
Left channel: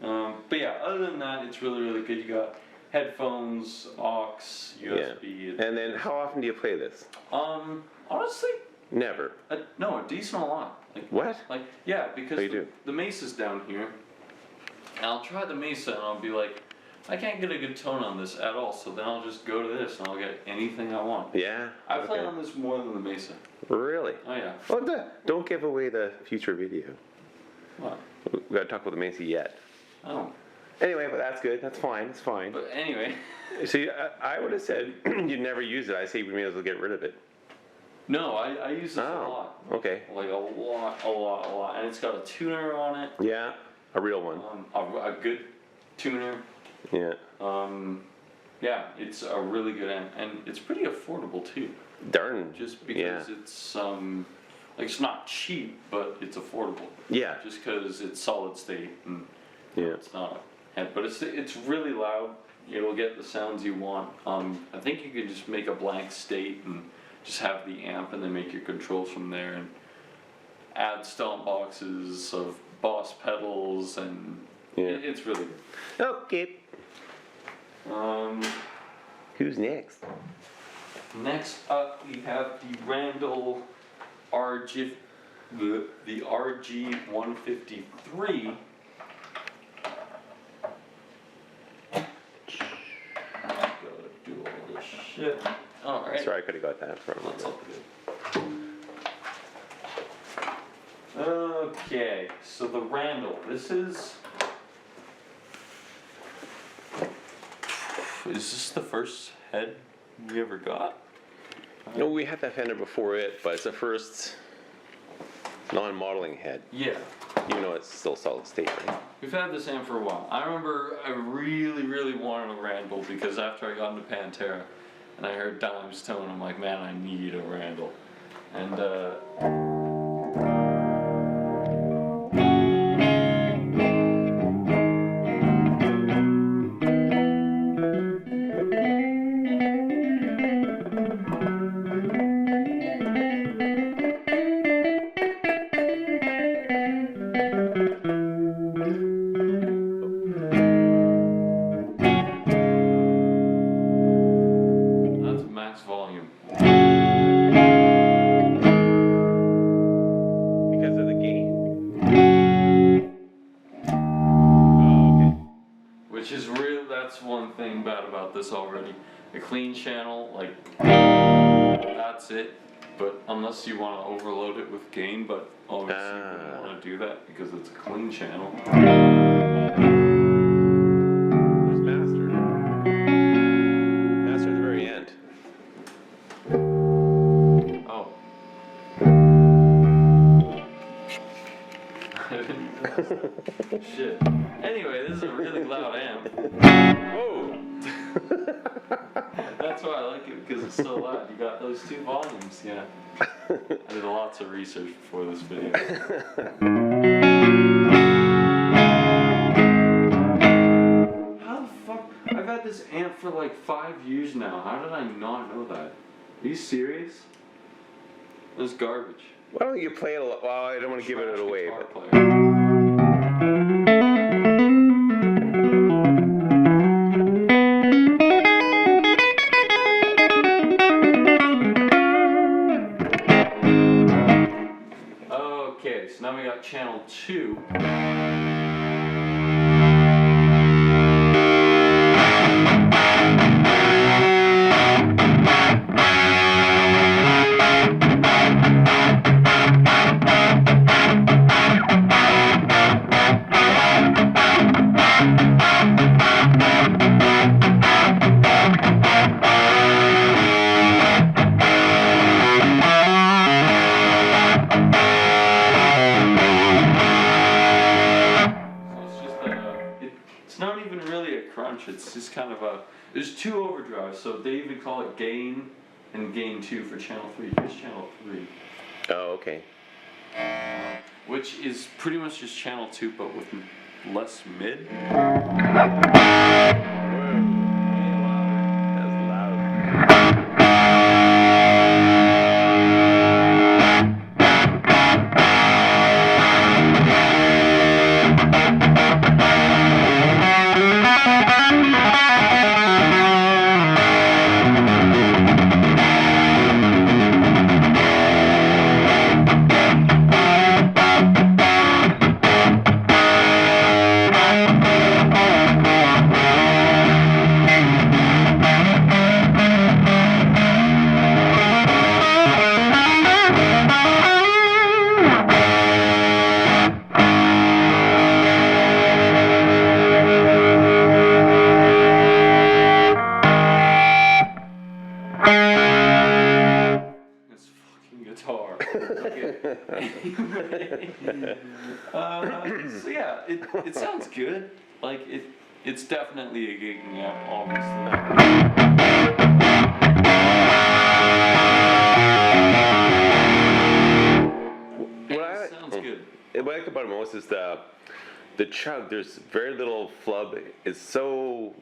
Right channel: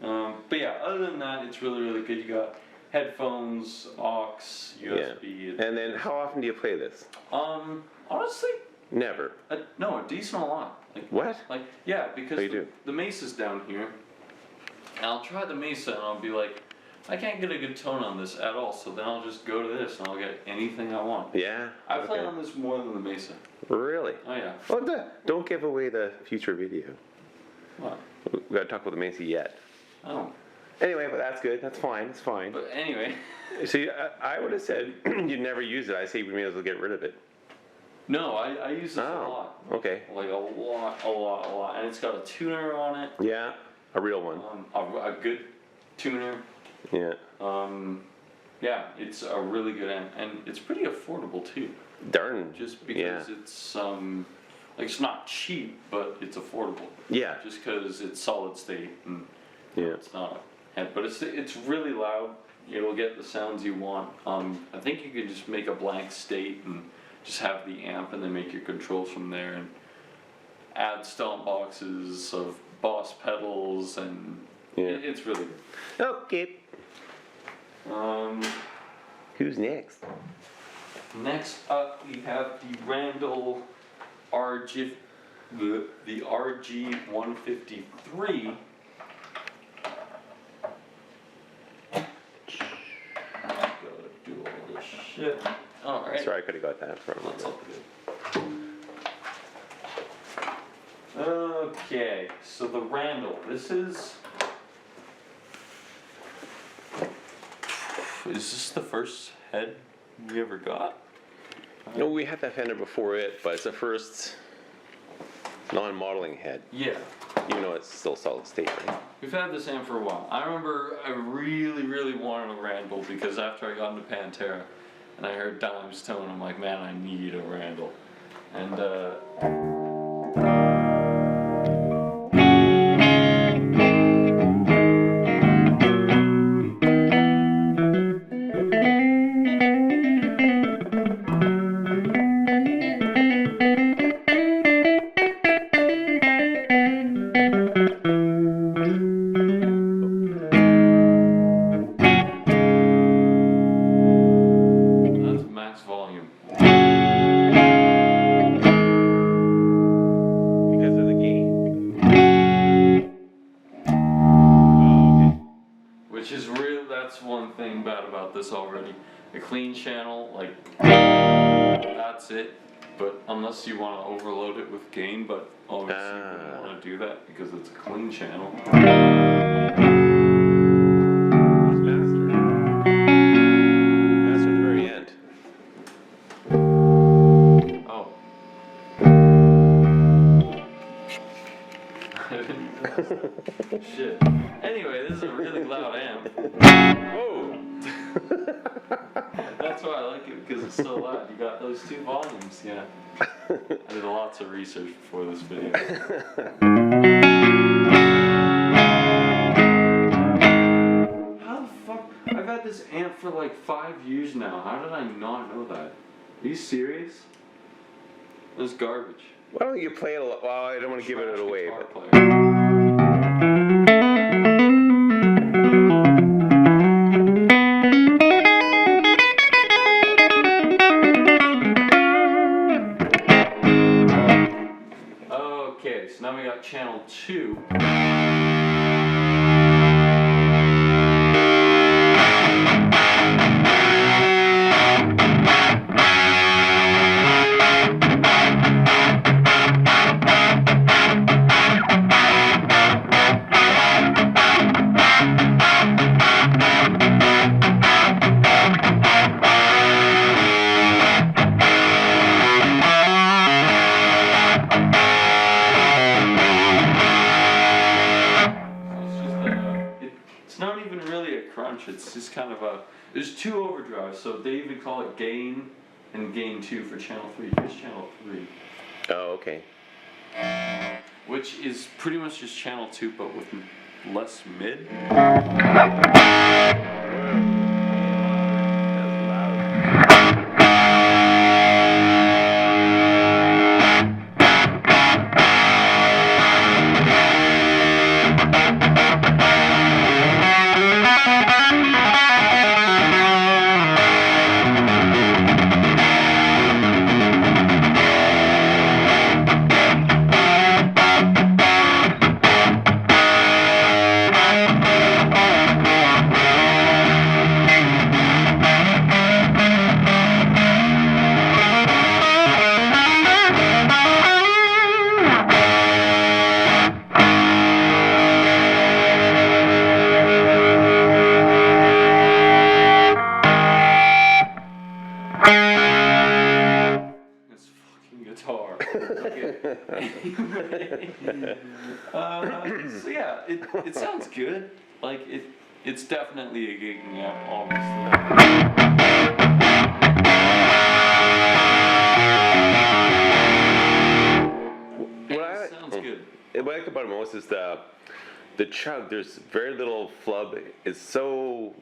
But yeah, other than that, it's really, really good. You got headphones, aux, USB. And then, how often do you play this? Honestly, never. No, a decent lot. What? Because the Mesa's down here. And I'll try the Mesa and I'll be I can't get a good tone on this at all, so then I'll just go to this and I'll get anything I want. Yeah? I play on this more than the Mesa. Really? Oh yeah. Well, don't give away the future video. What? We gotta talk about the Mesa yet. Oh. Anyway, but that's good. That's fine. It's fine. But anyway. See, I would have said you'd never use it. I say you may as well get rid of it. No, I use this a lot. Okay. A lot. And it's got a tuner on it. Yeah, a real one. A good tuner. Yeah. Yeah, it's a really good amp, and it's pretty affordable too. Darn. Just because it's it's not cheap, but it's affordable. Yeah. Just because it's solid state and it's not but it's really loud. It'll get the sounds you want. I think you could just make a blank state and just have the amp and then make your controls from there and add stomp boxes of Boss pedals and it's really good. Okay. Who's next? Next up we have the Randall RG, the RG153. Gotta do all this shit. Alright. Sorry, I could have got that from him. That's all good. Okay, so the Randall. This is this the first head we ever got? No, we had that Fender before it, but it's the first non-modeling head. Yeah. Even though it's still solid state, right? We've had this amp for a while. I remember I really wanted a Randall because after I got into Pantera and I heard Dime's tone, I'm like, man, I need a Randall. And that's max volume. Because of the gain? Oh, okay. Which is real, that's one thing bad about this already. A clean channel, like, that's it. But unless you want to overload it with gain, but obviously you wouldn't want to do that because it's a clean channel. Where's master? Master at the very end. Oh. Shit. Anyway, this is a really loud amp. Whoa! That's why I like it, because it's so loud. You got those two volumes, yeah. I did lots of research before this video. How the fuck? I've had this amp for like 5 years now. How did I not know that? Are you serious? This is garbage. Why don't you play it a lot? Well, I don't want to give it Trash away, guitar but. player. Okay, so now we got channel 2. It's just kind of a, there's 2 overdrives, so they even call it gain and gain 2 for channel 3. Here's channel 3. Oh, okay. Which is pretty much just channel 2 but with less mid. That's loud. So yeah, it sounds good. Like it's definitely a gigging amp, obviously. It sounds good. What I like about it most is the chug. There's very little flub. It's so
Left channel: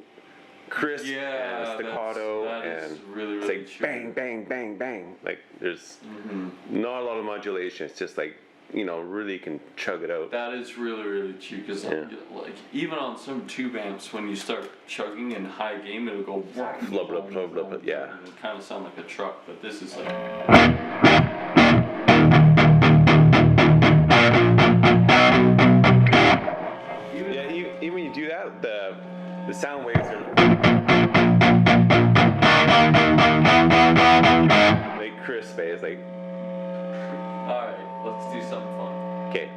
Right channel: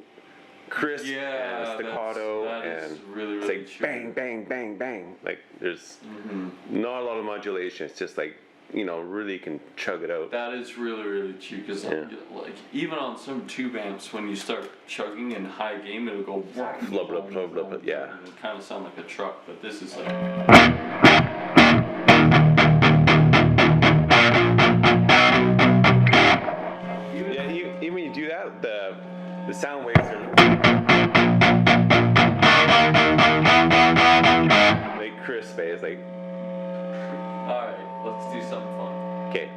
crisp and staccato, and really it's like true. bang, bang, bang, bang. Like there's not a lot of modulation. It's just like, you know, really can chug it out. That is really true, because like even on some tube amps, when you start chugging in high gain, it'll go Flub, flub, flub, flub, yeah. It'll kind of sound like a truck, but this is like. Even when you do that, the sound waves are like crisp. It's like. All right, let's do something fun. Okay.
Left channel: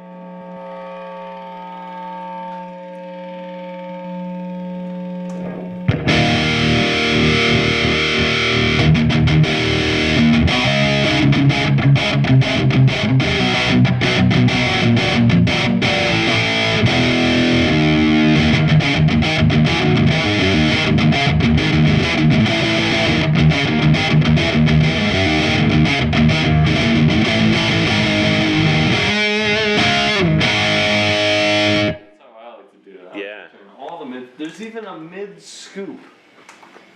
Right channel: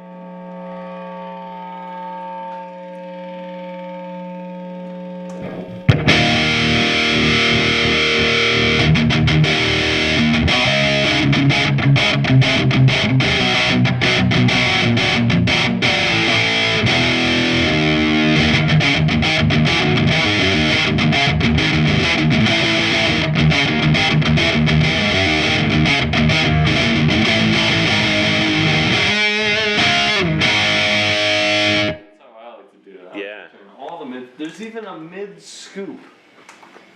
a mid scoop.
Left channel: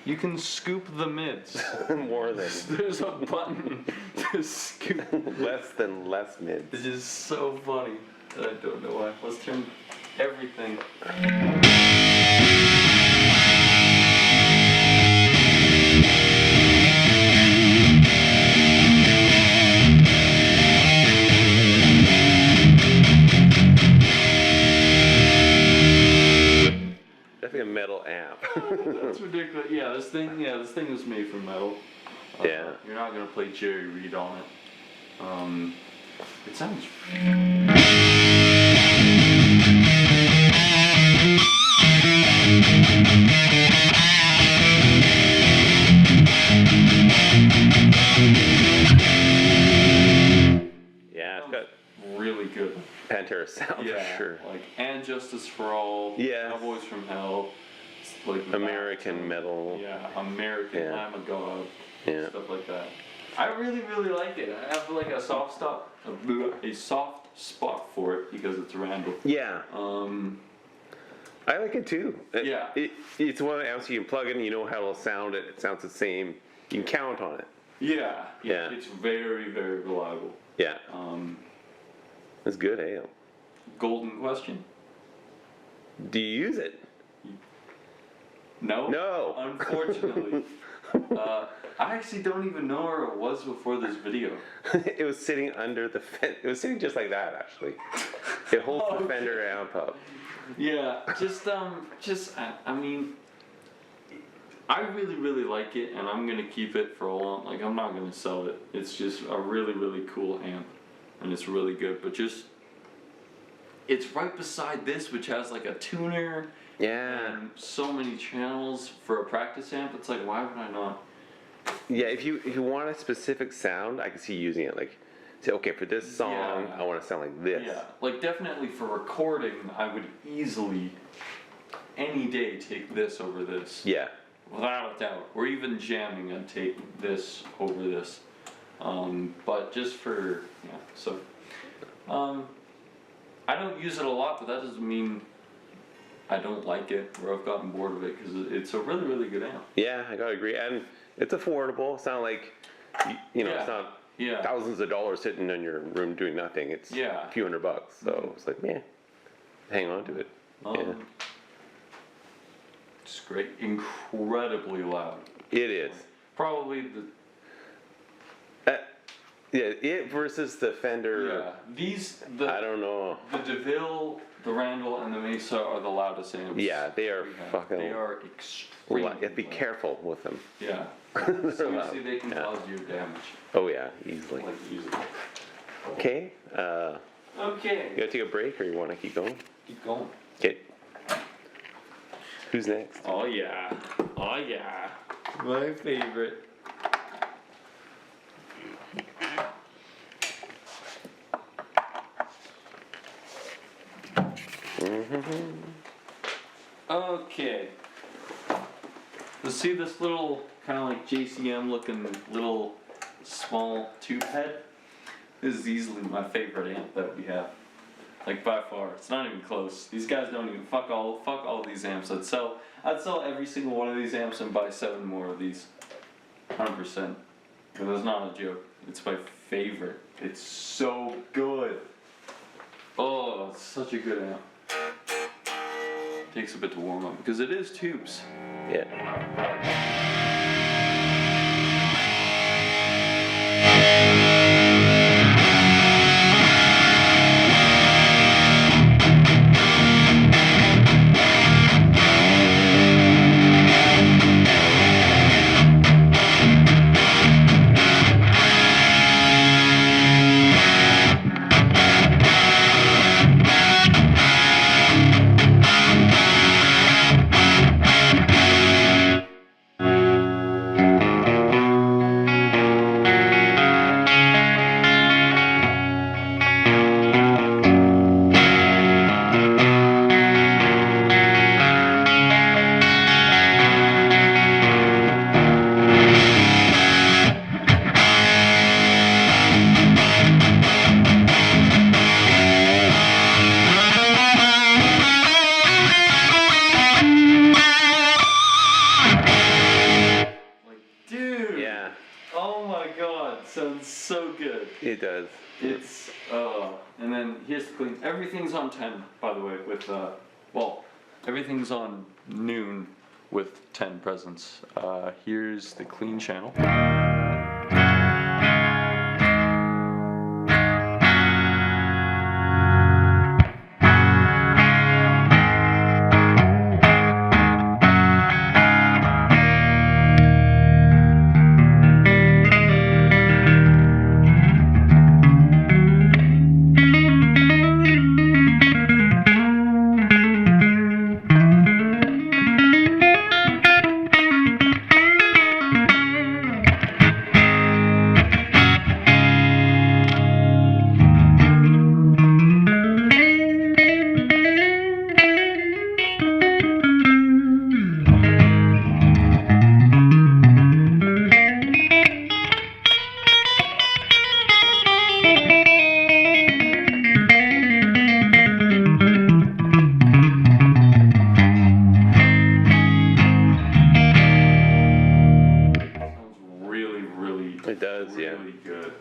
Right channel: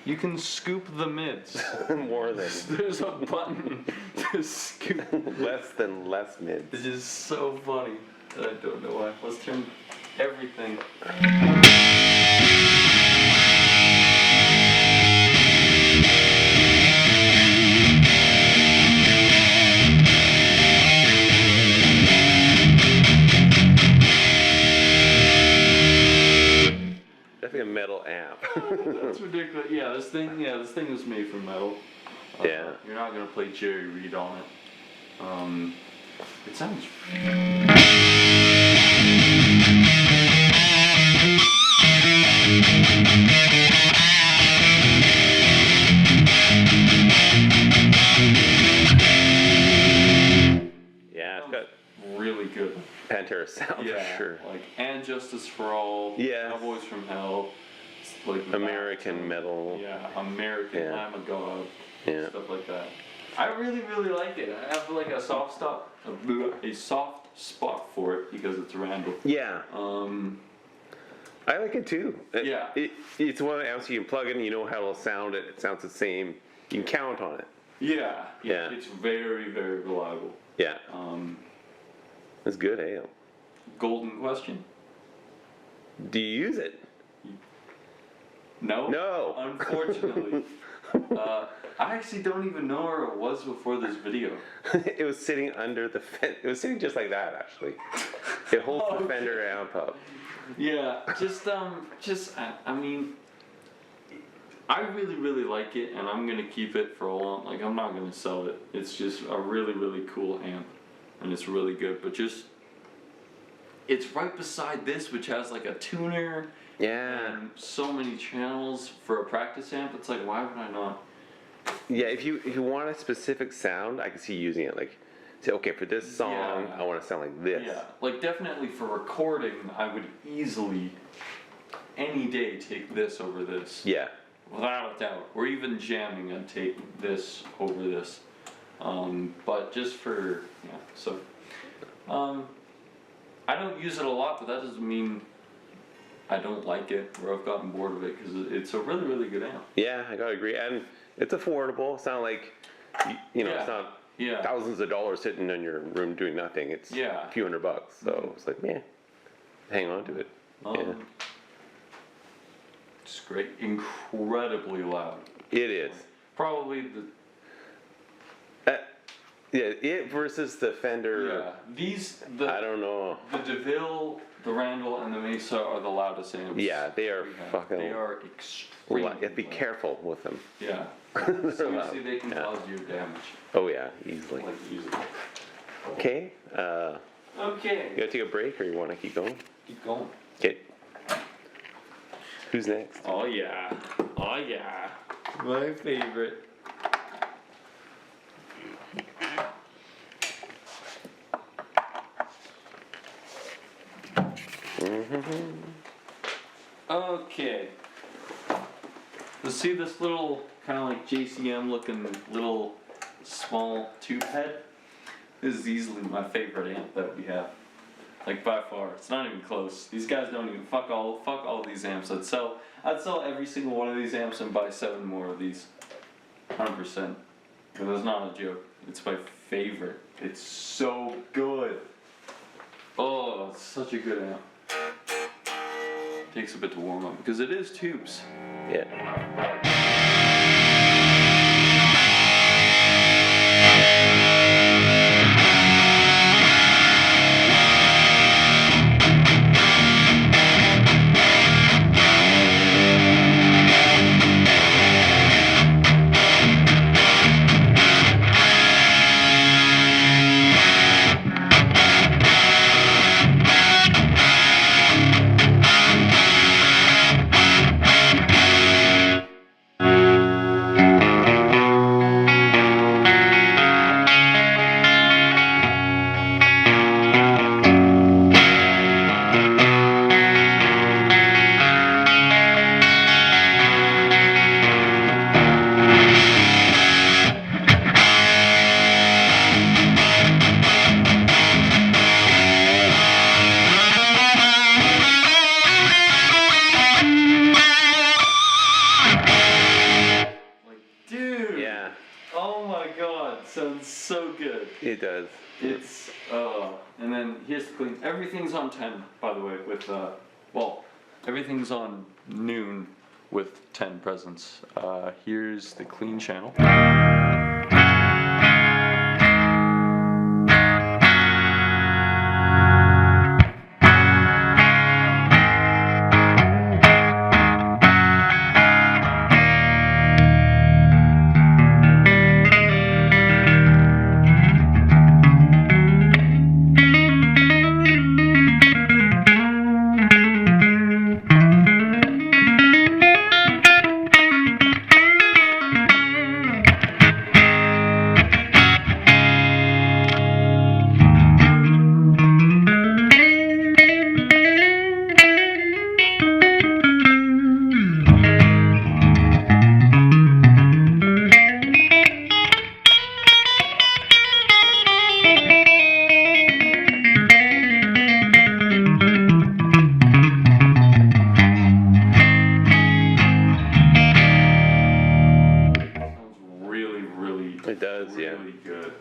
You can scoop the mids. More than. There's a button to scoop. less mids. This is so funny. I don't know why. Let's turn everything. Definitely a metal amp. That's ridiculous. Yeah, this thing was made from metal. Yeah. You're not gonna play Jerry Reed on it. It sounds. Yeah, it's got Really good. Pantera sound for sure. Like And Justice for All. Yeah. Cowboys from Hell. It's like American metal. Yeah, American. Yeah. I'm a God. Yeah. Stuff like that. I really, really like it. I have like a soft spot for it because it's Randall. Yeah. I like it too. Yeah. It's one of the amps you can plug in, you know how it'll sound. It sounds the same. You can count on it. Yeah. Yeah. It's very, very reliable. Yeah. It's good, eh? Golden question. Do you use it? No. No. Unfortunately. I actually don't even know where it was before this video. It was sitting under the Fender. It was sitting just like that, actually. It holds the Fender amp up. Yeah, I mean, I really, really like it, and I'm gonna keep it for a long. Like, I'm not gonna sell it. It's just a really, really cool amp, and it's really good. But it's right beside this, which has like a tuner. Yeah. And so many channels for a practice amp. It's like, why would I not? Yeah, if you want a specific sound, I can see using it. Like, say, okay, for this song, Yeah. I want to sound like this. Yeah, like definitely for recording, I would easily, any day, take this over this. Yeah. Without a doubt. Or even jamming, I'd take this over this. But just for, yeah, so. I don't use it a lot, but that doesn't mean I don't like it or I've gotten bored of it, because it's a really, really good amp. Yeah, I gotta agree. And it's affordable. It's not like, you know, Yeah. it's not Yeah. thousands of dollars sitting in your room doing nothing. It's Yeah. a few $100. So it's like, yeah, hang on to it. Yeah. It's great. Incredibly loud. It is. Probably the. Yeah, it versus the Fender. Yeah. I don't know. The Deville, the Randall, and the Mesa are the loudest amps. Yeah, they are we have. fucking. They are extremely. You have to be careful with them. Yeah. They're Seriously, loud. they can Yeah. cause you damage. Oh yeah, easily. Like easily. Okay. Okay. You gotta take a break, or you want to keep going? Keep going. Okay. Who's next? Oh yeah. Oh yeah. My favorite. Okay. Let's see this little kind of like JCM looking little small tube head. This is easily my favorite amp that we have. Like by far. It's not even close. These guys don't even fuck all these amps. I'd sell every single one of these amps and buy 7 more of these. 100%. But that's not a joke. It's my favorite. It's so good. Oh, it's such a good amp. Takes a bit to warm up because it is tubes. Yeah. it sounds so good. It does. It's, and then here's the clean. Everything's on 10, by the way, with, well, everything's on noon with 10 presents. Here's the clean channel. It does, really yeah. Good.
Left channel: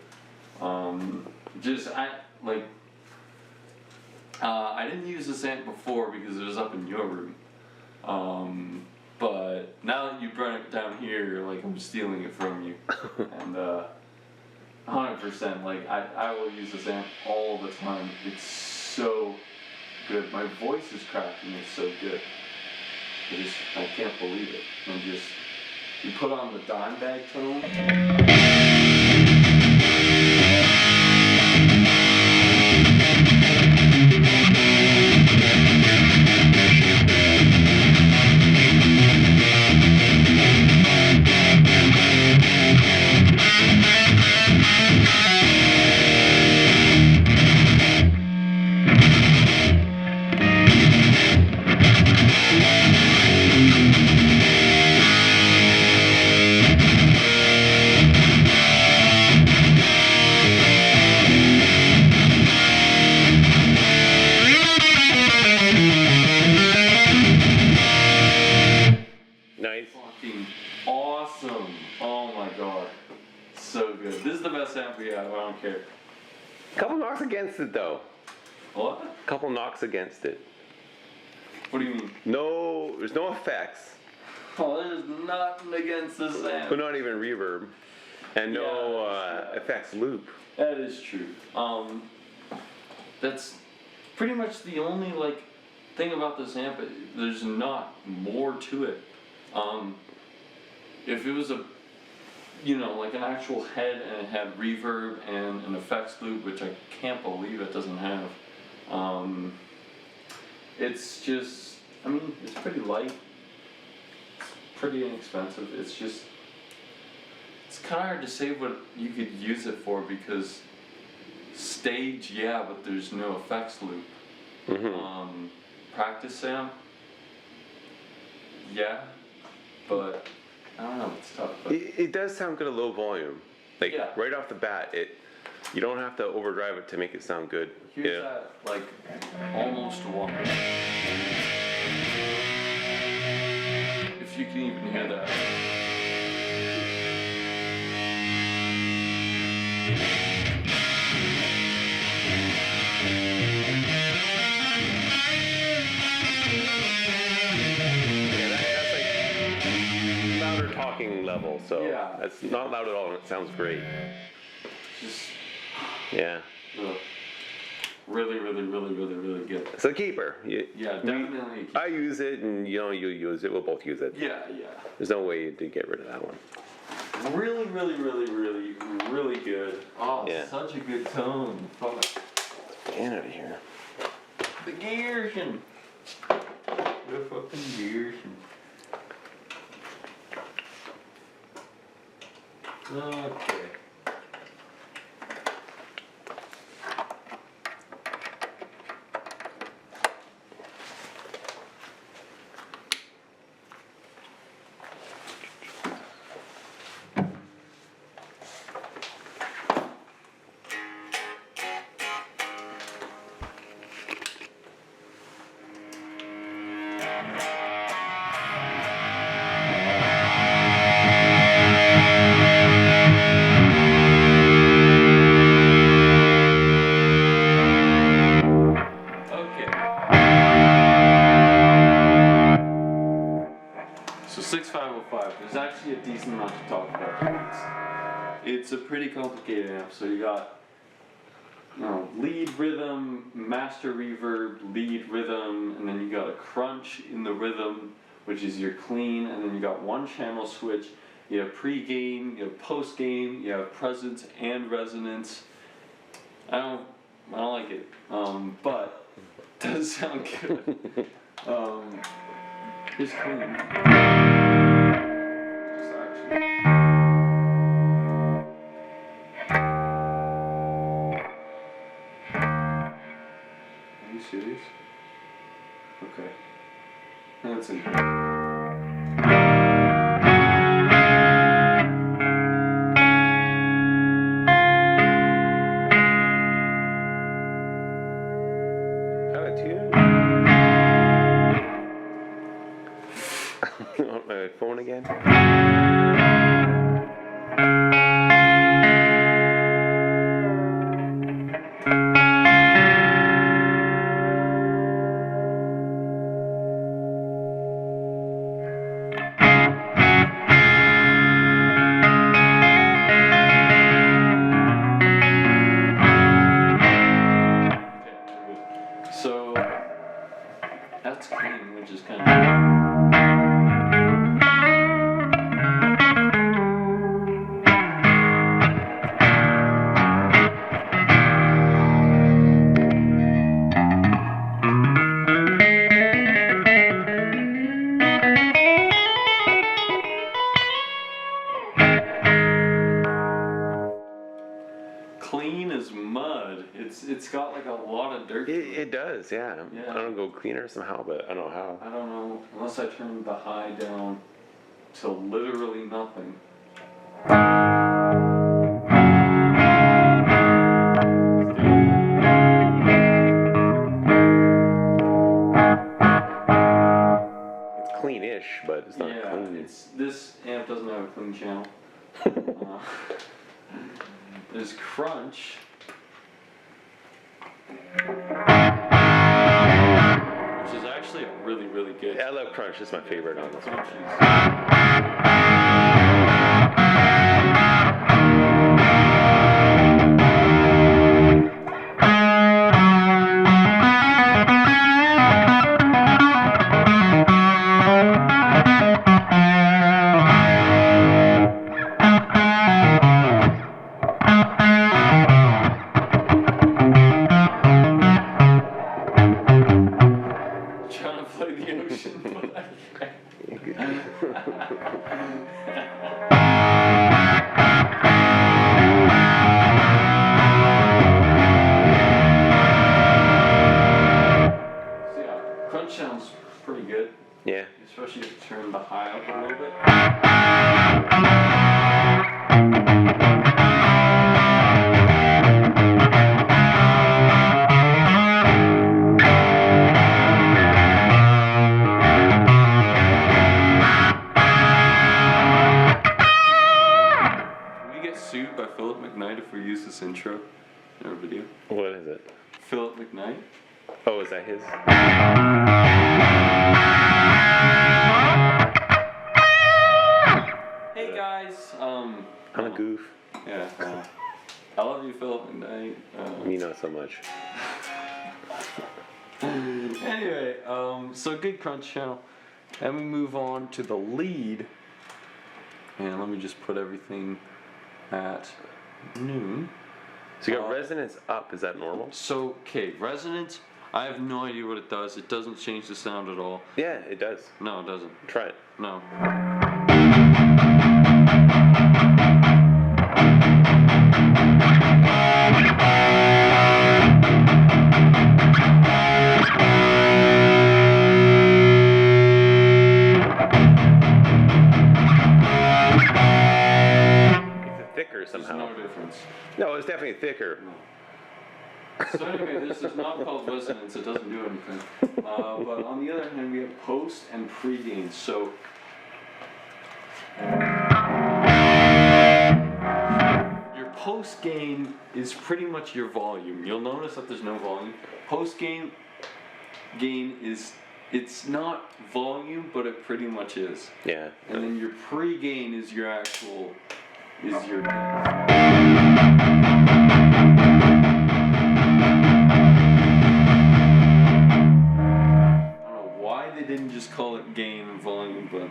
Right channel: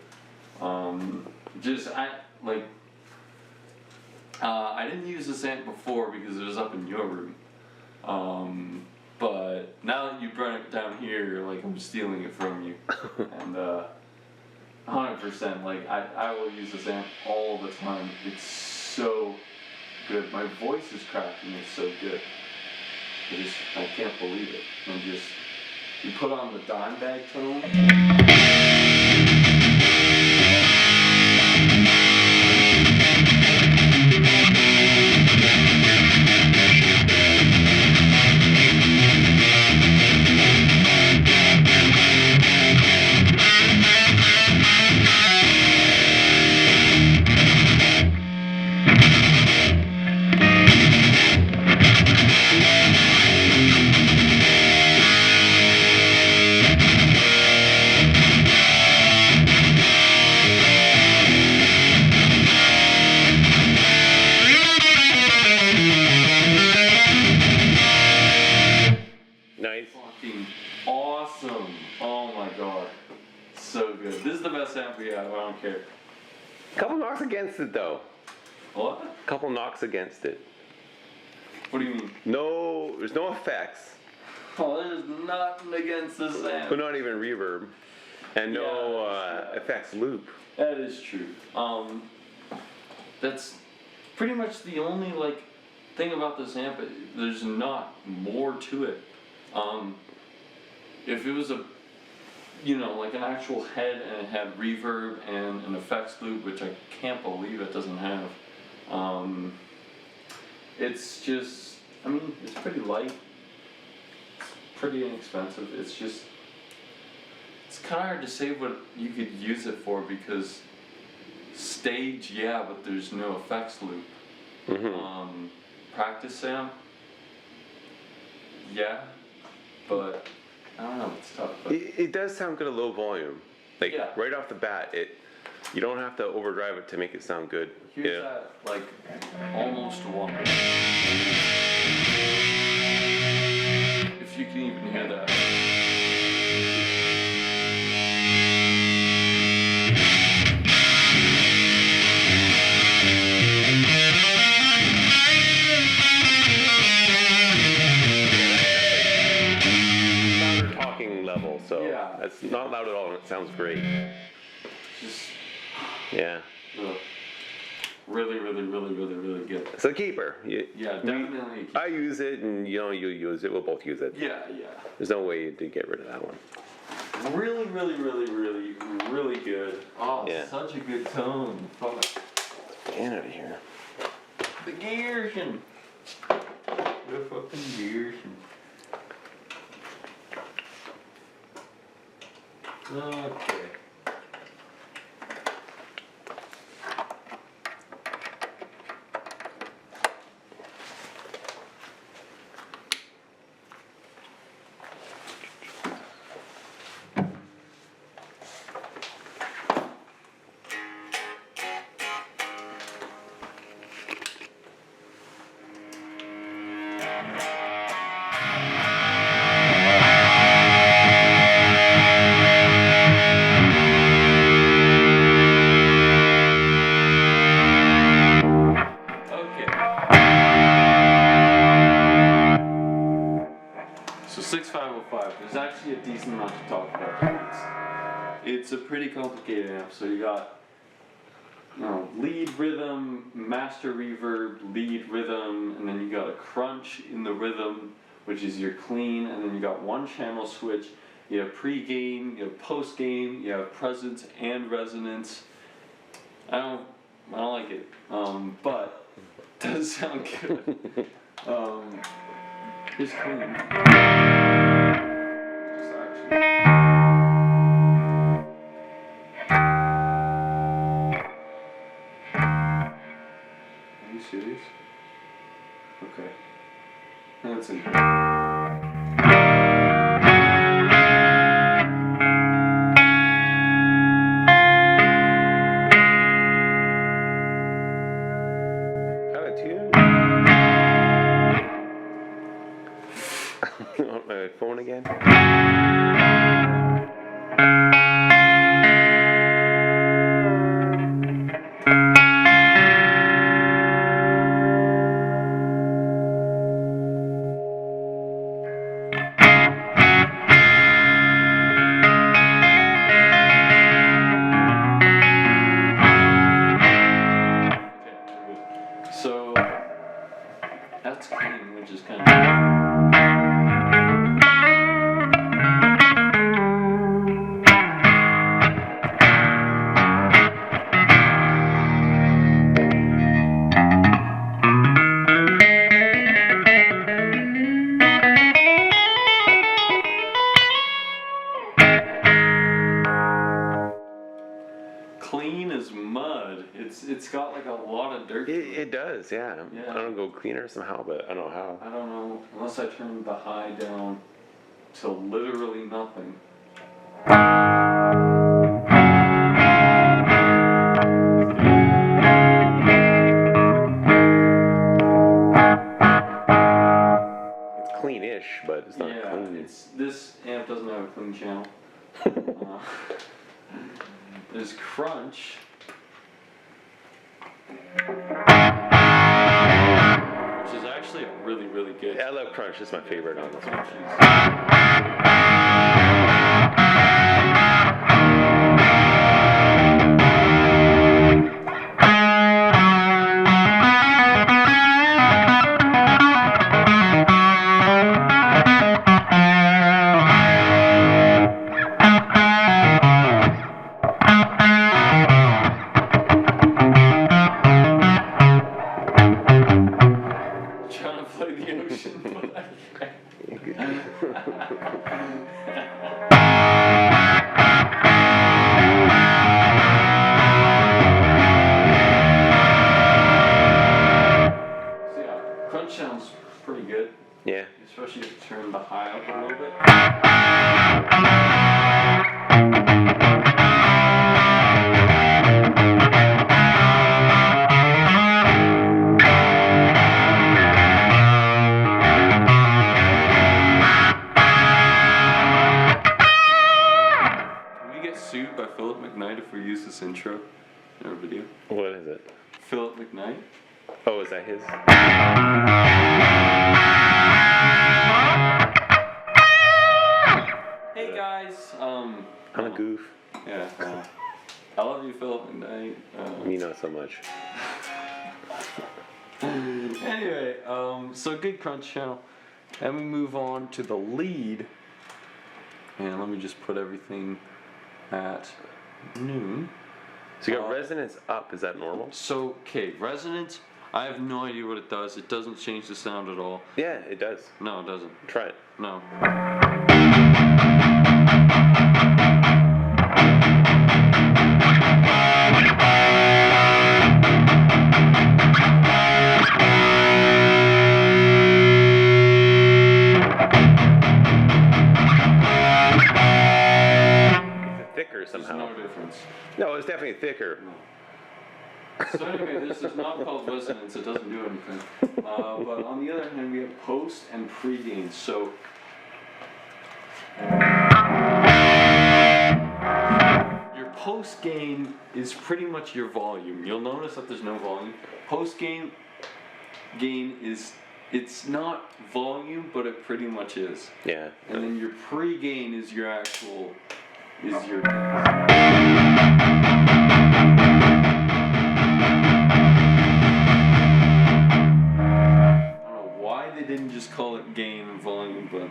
I didn't use this amp before because it was up in your room. But now that you brought it down here, like I'm stealing it from you. And 100%, like I will use this amp all the time. It's so good. My voice is cracking. It's so good. I can't believe it. And just you put on the dime bag tone. Fucking awesome. Oh my god. So good. This is the best amp we have, I don't care. Couple knocks against it though. What? Couple knocks against it. What do you mean? No, there's no effects. Oh, there's nothing against this amp. But not even reverb. And no effects loop. That is true. That's pretty much the only thing about this amp. There's not more to it. If it was an actual head and it had reverb and an effects loop, which I can't believe it doesn't have. It's just, it's pretty light. It's pretty inexpensive. It's kind of hard to say what you could use it for because stage, yeah, but there's no effects loop. Mm-hmm. Practice amp, yeah, but I don't know, it's tough. But It does sound good at low volume. Right off the bat, you don't have to overdrive it to make it sound good. Here's that, almost one. If you can even hear that. Level, so yeah. It's not loud at all and it sounds great. Yeah. Really good. It's a keeper. Definitely. I use it and you use it, we'll both use it. Yeah. There's no way to get rid of that one. Really good. Oh, yeah. Such a good tone. Fuck. Get out of here. The Gearschen. The fucking Gearschen. Okay. So 6505, there's actually a decent amount to talk about. It's a pretty complicated amp. So you got lead rhythm, master reverb, lead rhythm, and then you got a crunch in the rhythm, which is your clean, and then you got one channel switch. You have pre-gain, you have post-gain, you have presence and resonance. I don't like it, but it does sound good. It's clean. Just actually. Are you serious? Okay. That's it. On my phone again? So that's clean, which is kind of. Clean as mud. It's got like a lot of dirt. It does, yeah. Yeah. I don't go cleaner somehow, but I don't know how. I don't know, unless I turn the high down to literally nothing. It's clean-ish, but it's not clean. This amp doesn't have a clean channel. There's crunch. Which is actually really, really good. Yeah, I love crunch. It's my favorite on this one. Crunch sounds pretty good. Yeah. Especially if you turn the high up a little bit. Can we get sued by Philip McKnight if we use this intro in our video? What is it? Philip McKnight? Oh, is that his? Hey guys, I'm a goof. Yeah, I love you, Philip McKnight. You know so much. Anyway, so good crunch channel. And we move on to the lead. And let me just put everything at noon. So you got resonance up, is that normal? So, okay, resonance, I have no idea what it does. It doesn't change the sound at all. Yeah, it does. No, it doesn't. Try it. No. It's thicker somehow. There's no difference. No, it's definitely thicker. So anyway, this is not called resonance, it doesn't do anything. But on the other hand, we have post and pre-gain. So your post gain is pretty much your volume. You'll notice that there's no volume. Post gain is it's not volume, but it pretty much is. Yeah. And then your pre-gain is your actual, is your gain. They didn't just call it gain and volume, but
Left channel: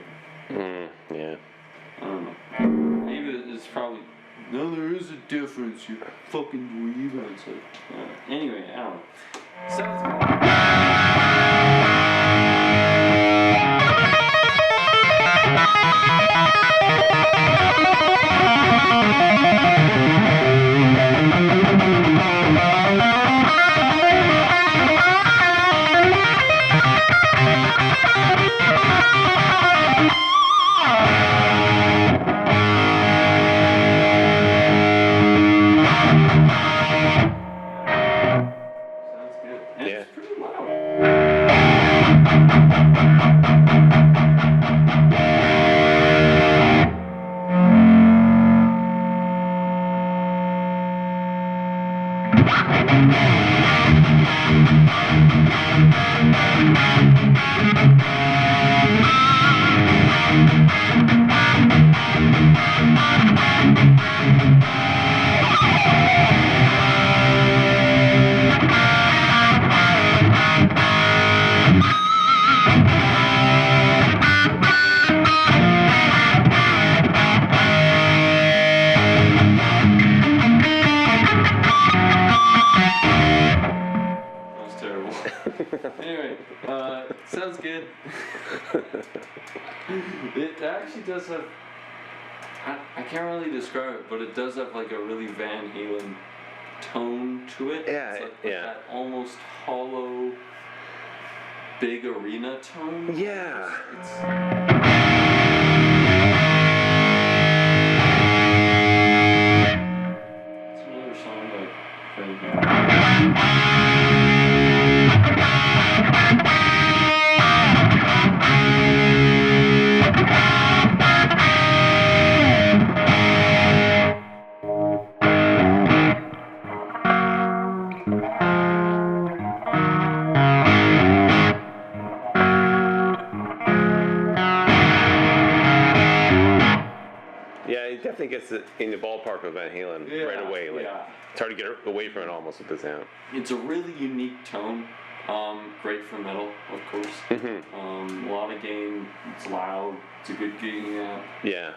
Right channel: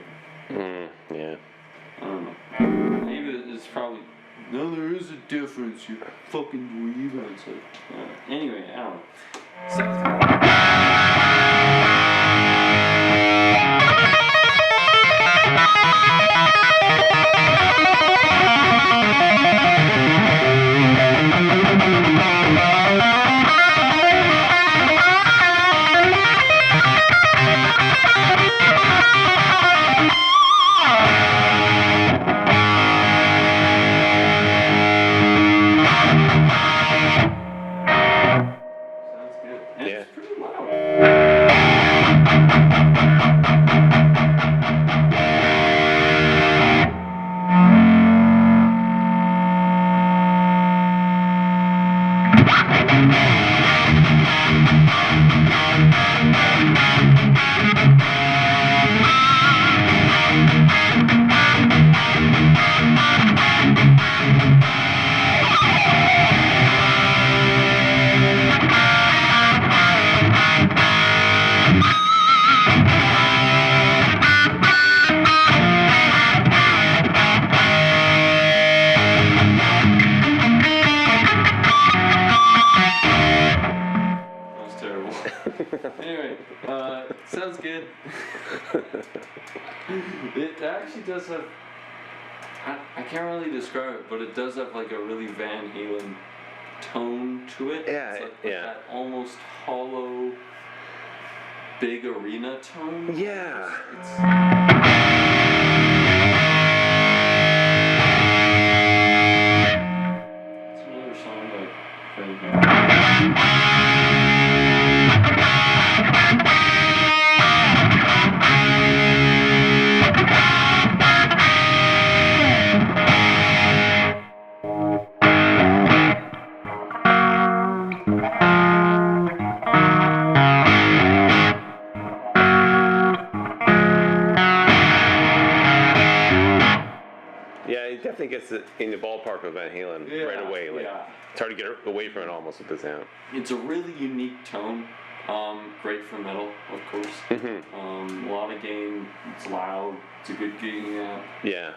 yeah. I don't know. Maybe it's probably no. There is a difference. You fucking dweeb. And it's like, anyway, I don't know. Sounds sounds good. It actually does have, I can't really describe it, but it does have like a really Van Halen tone to it. Yeah, it's like yeah. That almost hollow, big arena tone. Yeah. It's another song like It definitely gets it in the ballpark of Van Halen right away. Like, it's hard to get away from it almost with the sound. It's a really unique tone. Great for metal, of course. A lot of gain. It's loud. It's a good gain amp. Yeah.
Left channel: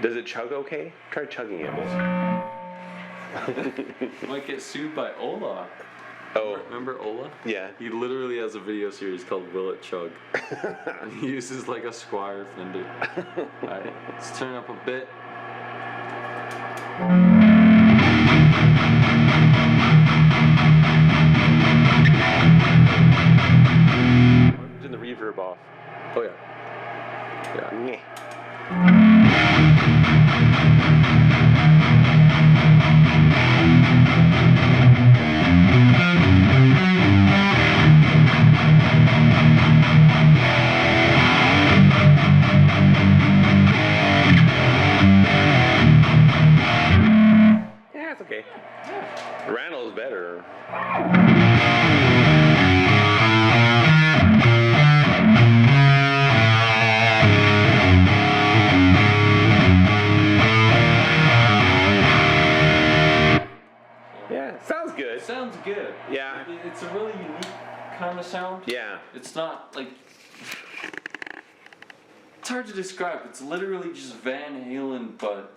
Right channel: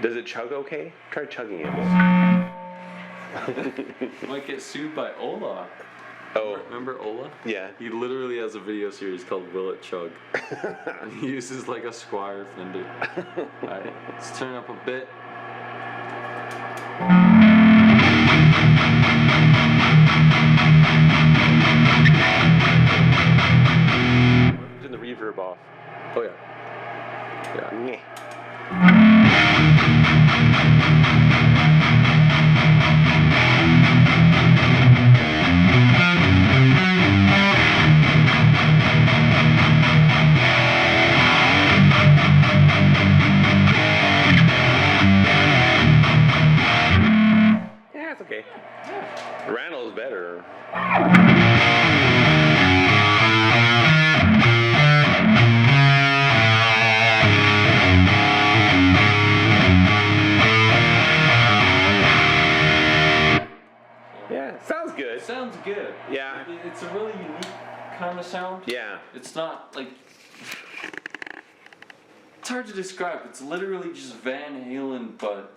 Does it chug okay? Try chugging it. Might get sued by Ola. Oh. Remember Ola? Yeah. He literally has a video series called Will It Chug. And he uses like a Squire Fender. Alright, let's turn up a bit. Turn the reverb off. Oh yeah. Yeah. Yeah, it's okay. Randall's better. Yeah, sounds good. It sounds good. Yeah. It's a really unique kind of sound. Yeah. It's not like, it's hard to describe. It's literally just Van Halen, but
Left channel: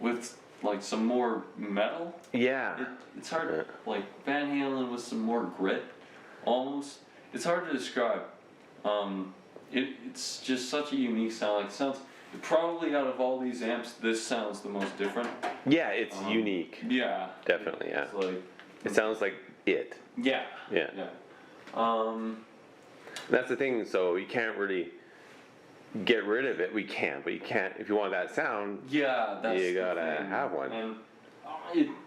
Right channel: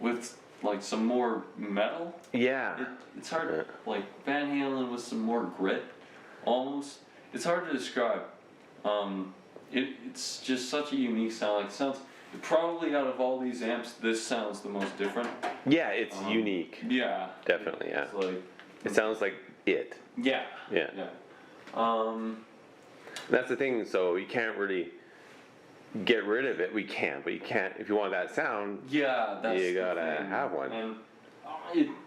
with like some more metal. Yeah. It's hard to, like Van Halen with some more grit, almost. It's hard to describe. It's just such a unique sound. Like, it sounds, probably out of all these amps, this sounds the most different. Yeah, it's unique. Yeah. Definitely, yeah. It's like, It sounds like it. yeah. Yeah. Yeah. That's the thing, so you can't really get rid of it. We can, but you can't, if you want that sound, Yeah, that's you the gotta thing. have one. And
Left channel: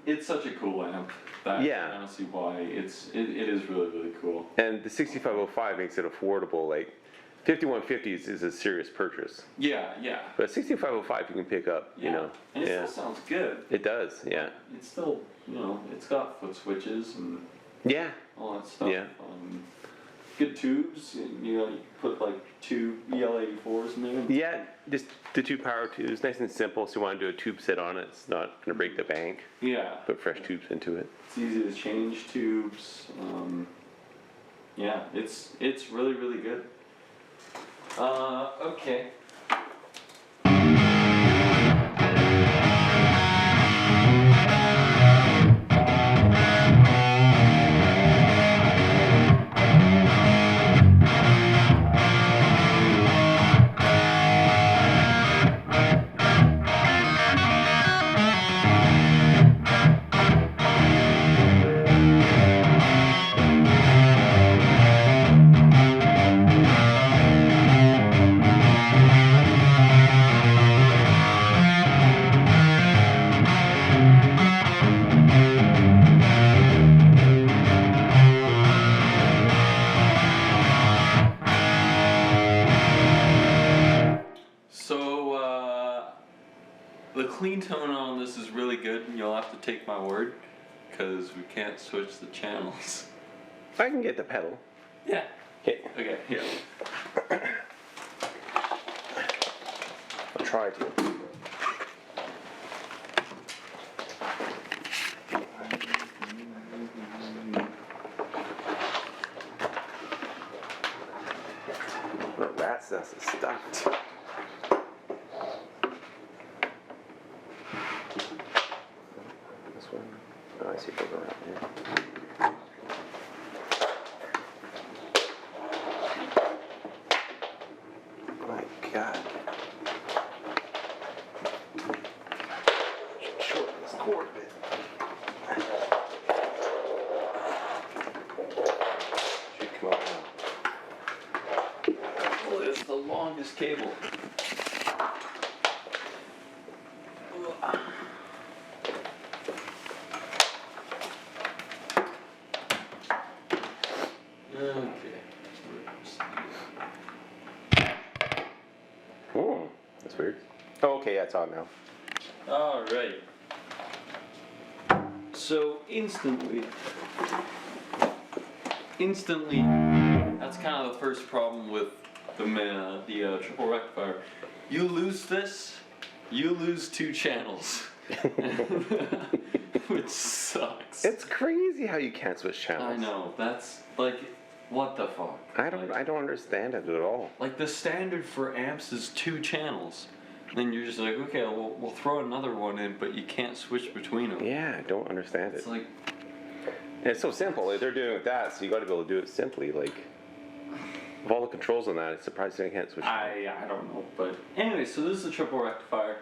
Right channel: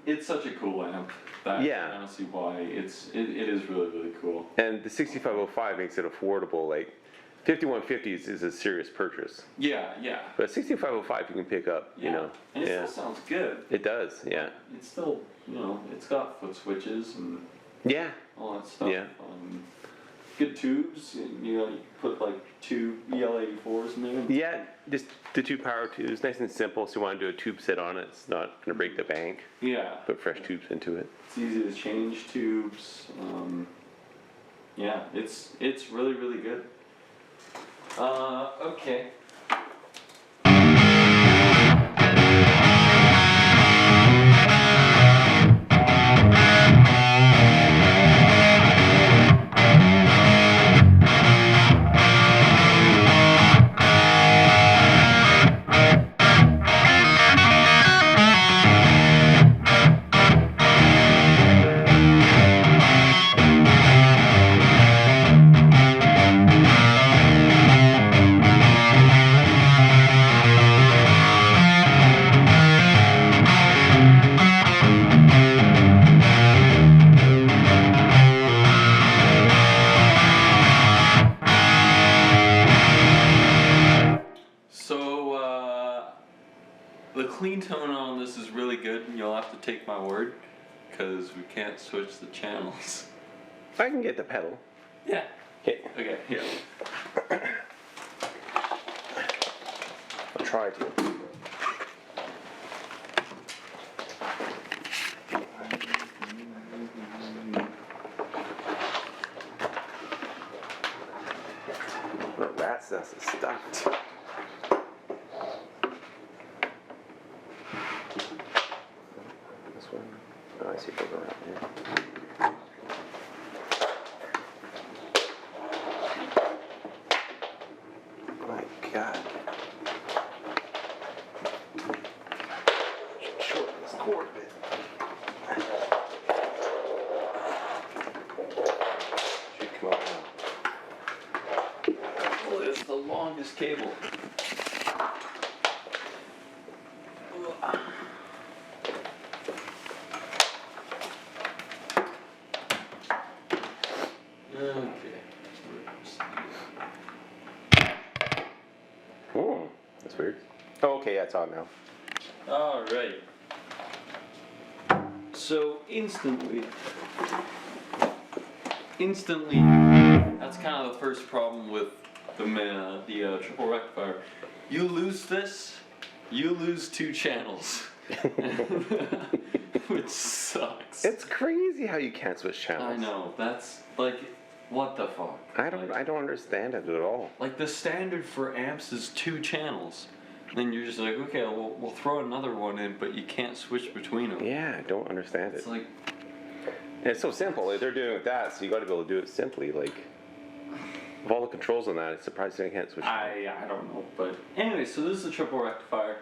it's such a cool amp. That Yeah. I don't see why. It is really, really cool. And the 6505 makes it affordable. Like 5150s is a serious purchase, Yeah, yeah. but 6505 you can pick up. Yeah. You know, And it still sounds good. it does. Yeah, It's still, it's got foot switches and yeah, all that stuff. Yeah. good tubes, and you put like 2 EL84s in there. Yeah, just the 2 power tubes, nice and simple. So you want to do a tube set on it, it's not going to break the bank. Yeah. Put fresh tubes into it. It's easy to change tubes. Yeah, it's really, really good. Okay. The clean tone on this is really good, and you'll have to take my word, because we can't switch the channels. I can get the pedal. Yeah. Okay. Okay, here. I'll try to. The rat's nest is stuck. This one. Oh, I see it goes around here. My God. Should shorten this cord a bit. Should come out now. Oh, it's the longest cable. Oh, that's weird. Oh, okay, yeah, it's on now. Alright. So instantly, that's kind of the first problem with the triple rectifier. You lose this, you lose 2 channels. Which sucks. It's crazy how you can't switch channels. I know, that's like, what the fuck? I don't understand it at all. Like the standard for amps is 2 channels. Then you're just like, okay, we'll throw another one in, but you can't switch between them. Yeah, I don't understand it. It's like, and it's so simple. Like, they're doing it with that, so you got to be able to do it simply. Like, with all the controls on that, it's surprising I can't switch. I don't know, but anyway, so this is a triple rectifier.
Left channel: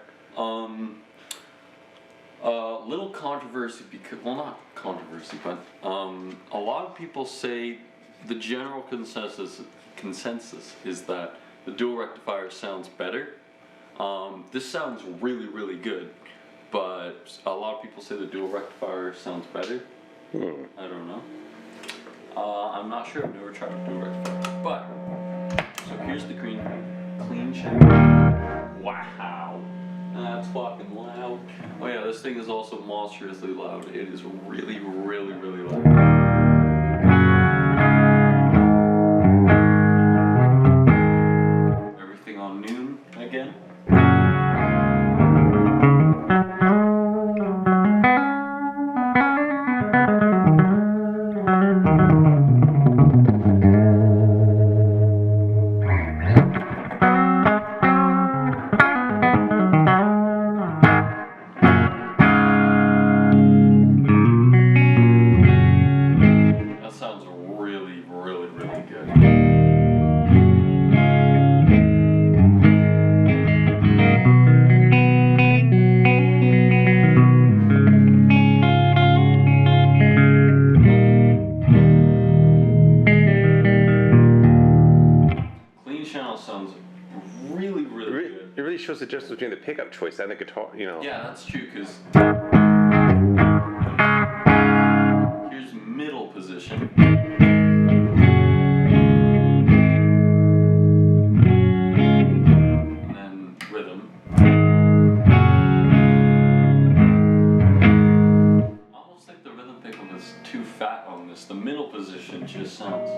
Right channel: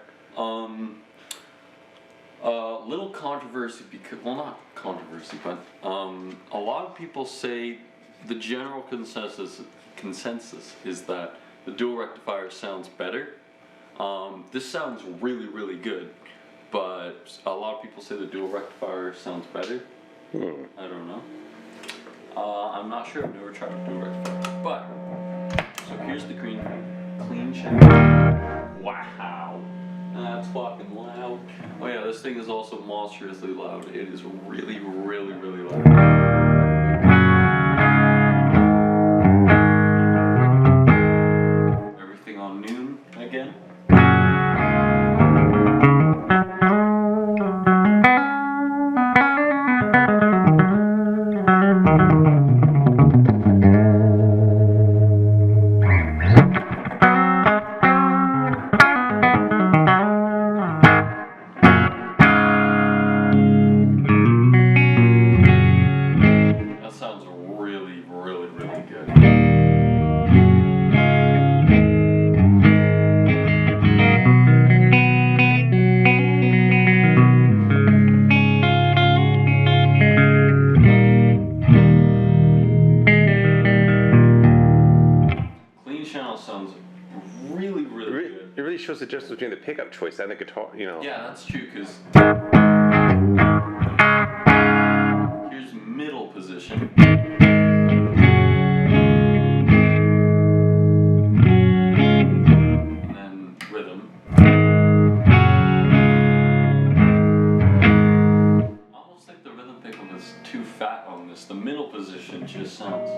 Little controversy because, well, not controversy, but a lot of people say the general consensus is that the dual rectifier sounds better. This sounds really, really good, but a lot of people say the dual rectifier sounds better. I don't know. I'm not sure. I've never tried a dual rectifier, but so here's the clean channel. Wow, that's fucking loud. Oh yeah, this thing is also monstrously loud. It is really, really, really loud. Everything on noon again. That sounds really, really, really good. Clean channel sounds really, really good. It really shows the difference between the pickup choice and the guitar, you know. Yeah, that's true, because here's middle position. And then rhythm. Almost like the rhythm pickup is too fat on this. The middle position just sounds.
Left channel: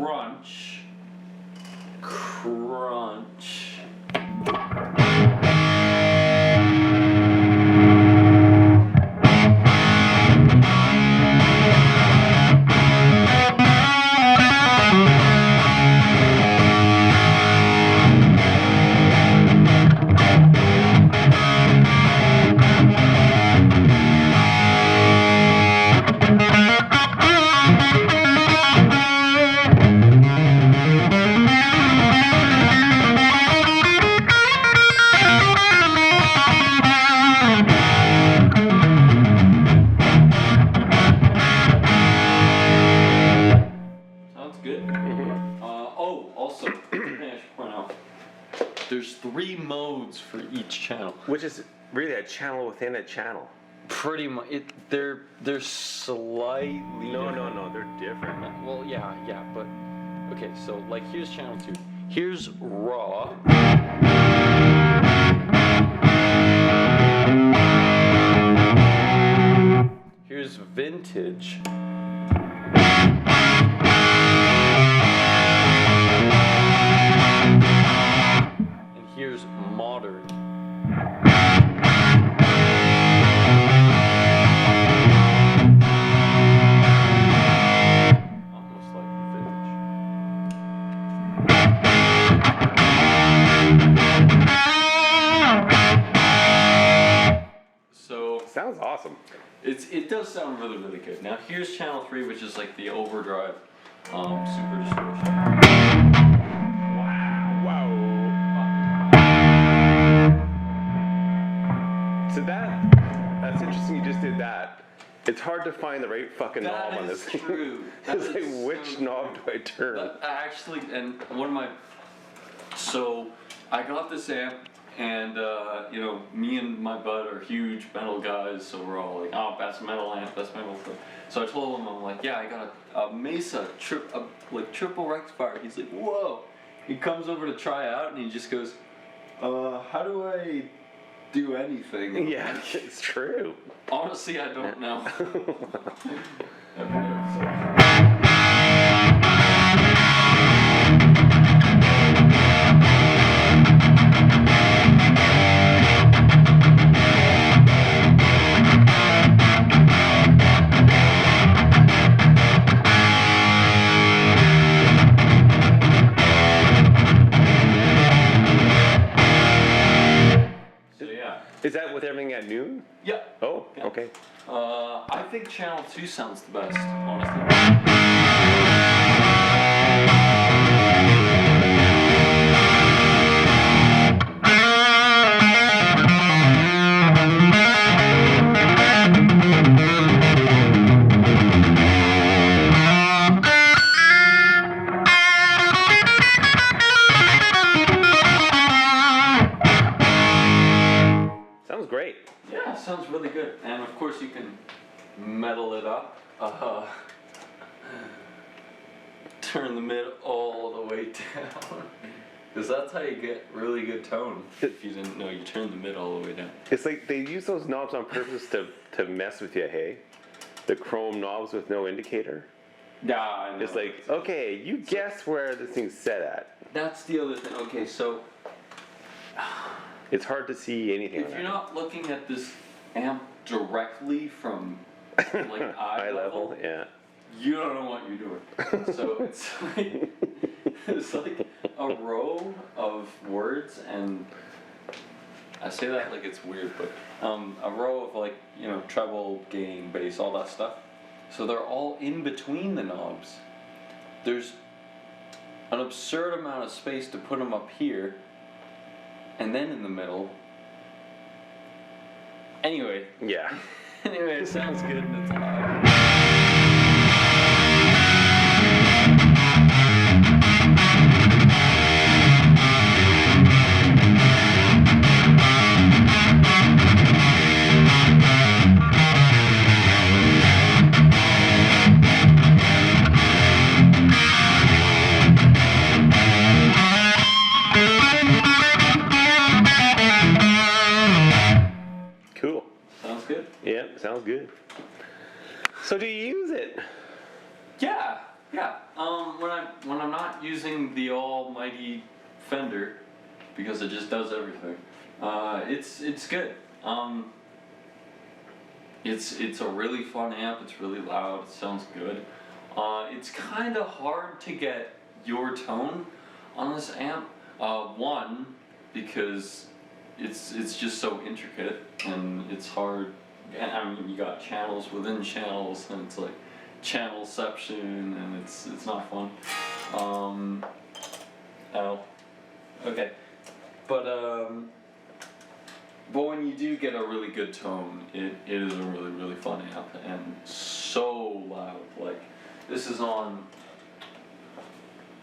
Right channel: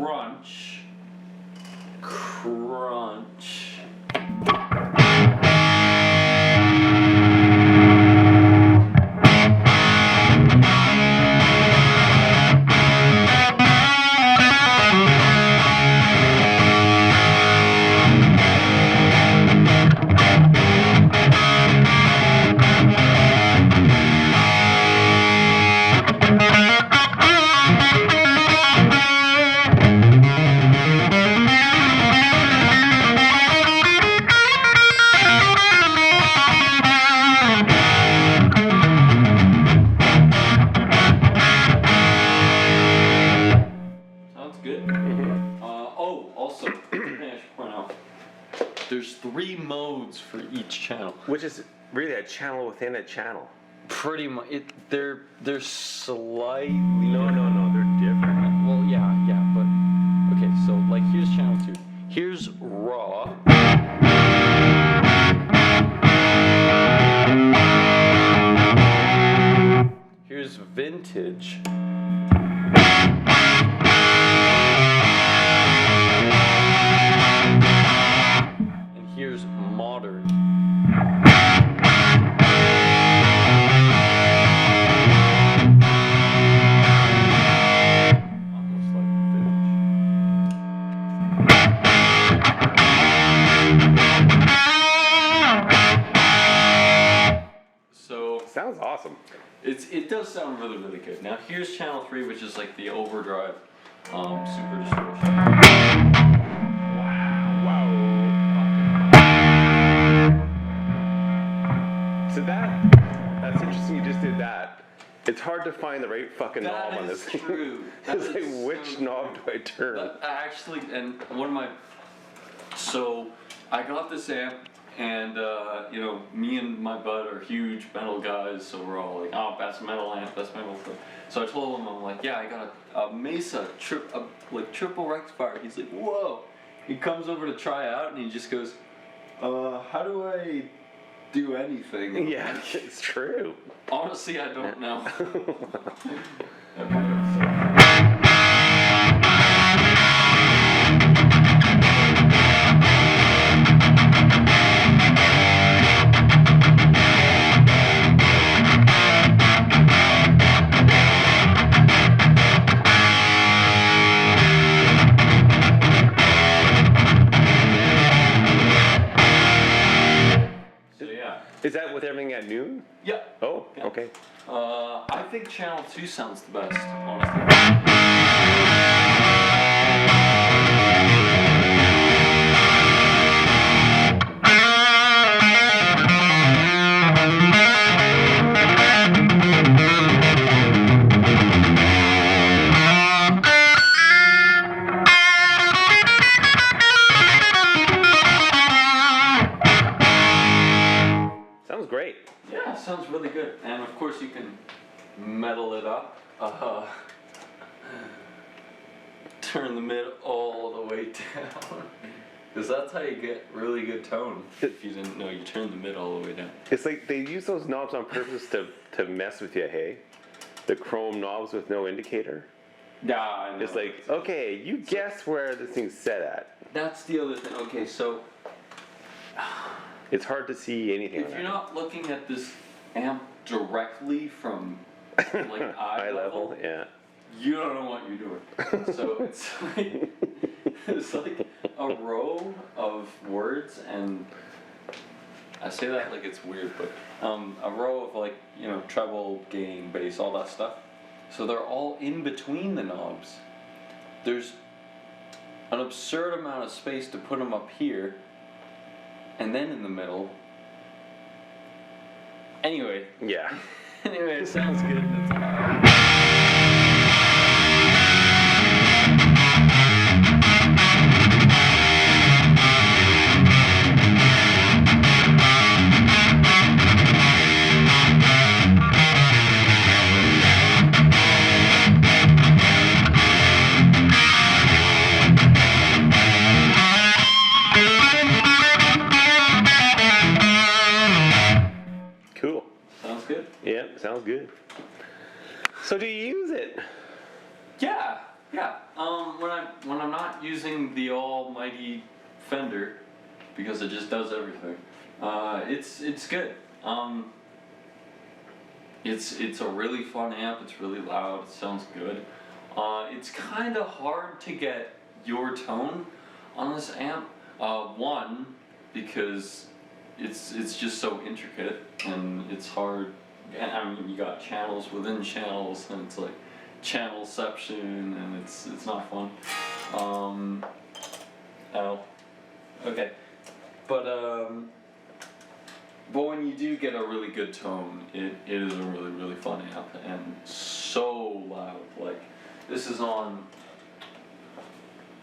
crunch. Crunch. There's 3 modes for each channel. Which is really a channel within a channel. Pretty much. They're slightly. No, they're different. Well, yeah, but okay. So like, here's channel 2. Here's raw. Here's vintage. Here's modern. Almost like vintage. So sounds awesome. It does sound really, really good. Now here's channel 3, which is like the overdrive, super distortion. Wow. So that's interesting. You just did that. It's hard to find the right fucking knob on this thing. True. It's like, which knob do I turn? Actually, and one of my, so I got this amp, and you know, me and my bud are huge metal guys, so we're all like, oh, best metal amp, best metal thing. So I told him, I'm like, yeah, I got a Mesa triple rectifier. He's like, whoa. He comes over to try out, and he just goes, how do I do anything? Yeah, it's true. Honestly, I don't know. Is that with everything at noon? Yeah. Oh, yeah. Okay. I think channel 2 sounds the best, honestly. Sounds great. Yeah, sounds really good. And of course you can metal it up. Turn the mid all the way down. Because that's how you get really good tone. If you didn't know, you turn the mid all the way down. It's like they use those knobs on purpose to mess with you, hey? The chrome knobs with no indicator. Yeah, I know. It's like, okay, you guess where this thing's set at. That's the other thing. Okay, so It's hard to see anything. if you're not looking at this amp directly from like eye level, yeah. you don't know what you're doing. So it's like a row of words, and I say that like it's weird, but a row of, like, you know, treble, gain, bass, all that stuff. So they're all in between the knobs. There's an absurd amount of space to put them up here, and then in the middle. Anyway. Yeah. Anyway, it sounds good and it's loud. Cool. Sounds good? Yeah, sounds good. So do you use it? Yeah. Yeah. When I'm not using the almighty Fender, because it just does everything, it's good. It's a really fun amp. It's really loud. It sounds good. It's kind of hard to get your tone on this amp. One, because it's just so intricate and it's hard. And I mean, you got channels within channels, and it's like channelception, and it's not fun. Oh, okay, but when you do get a really good tone, it is a really fun amp, and so loud. Like, this is on.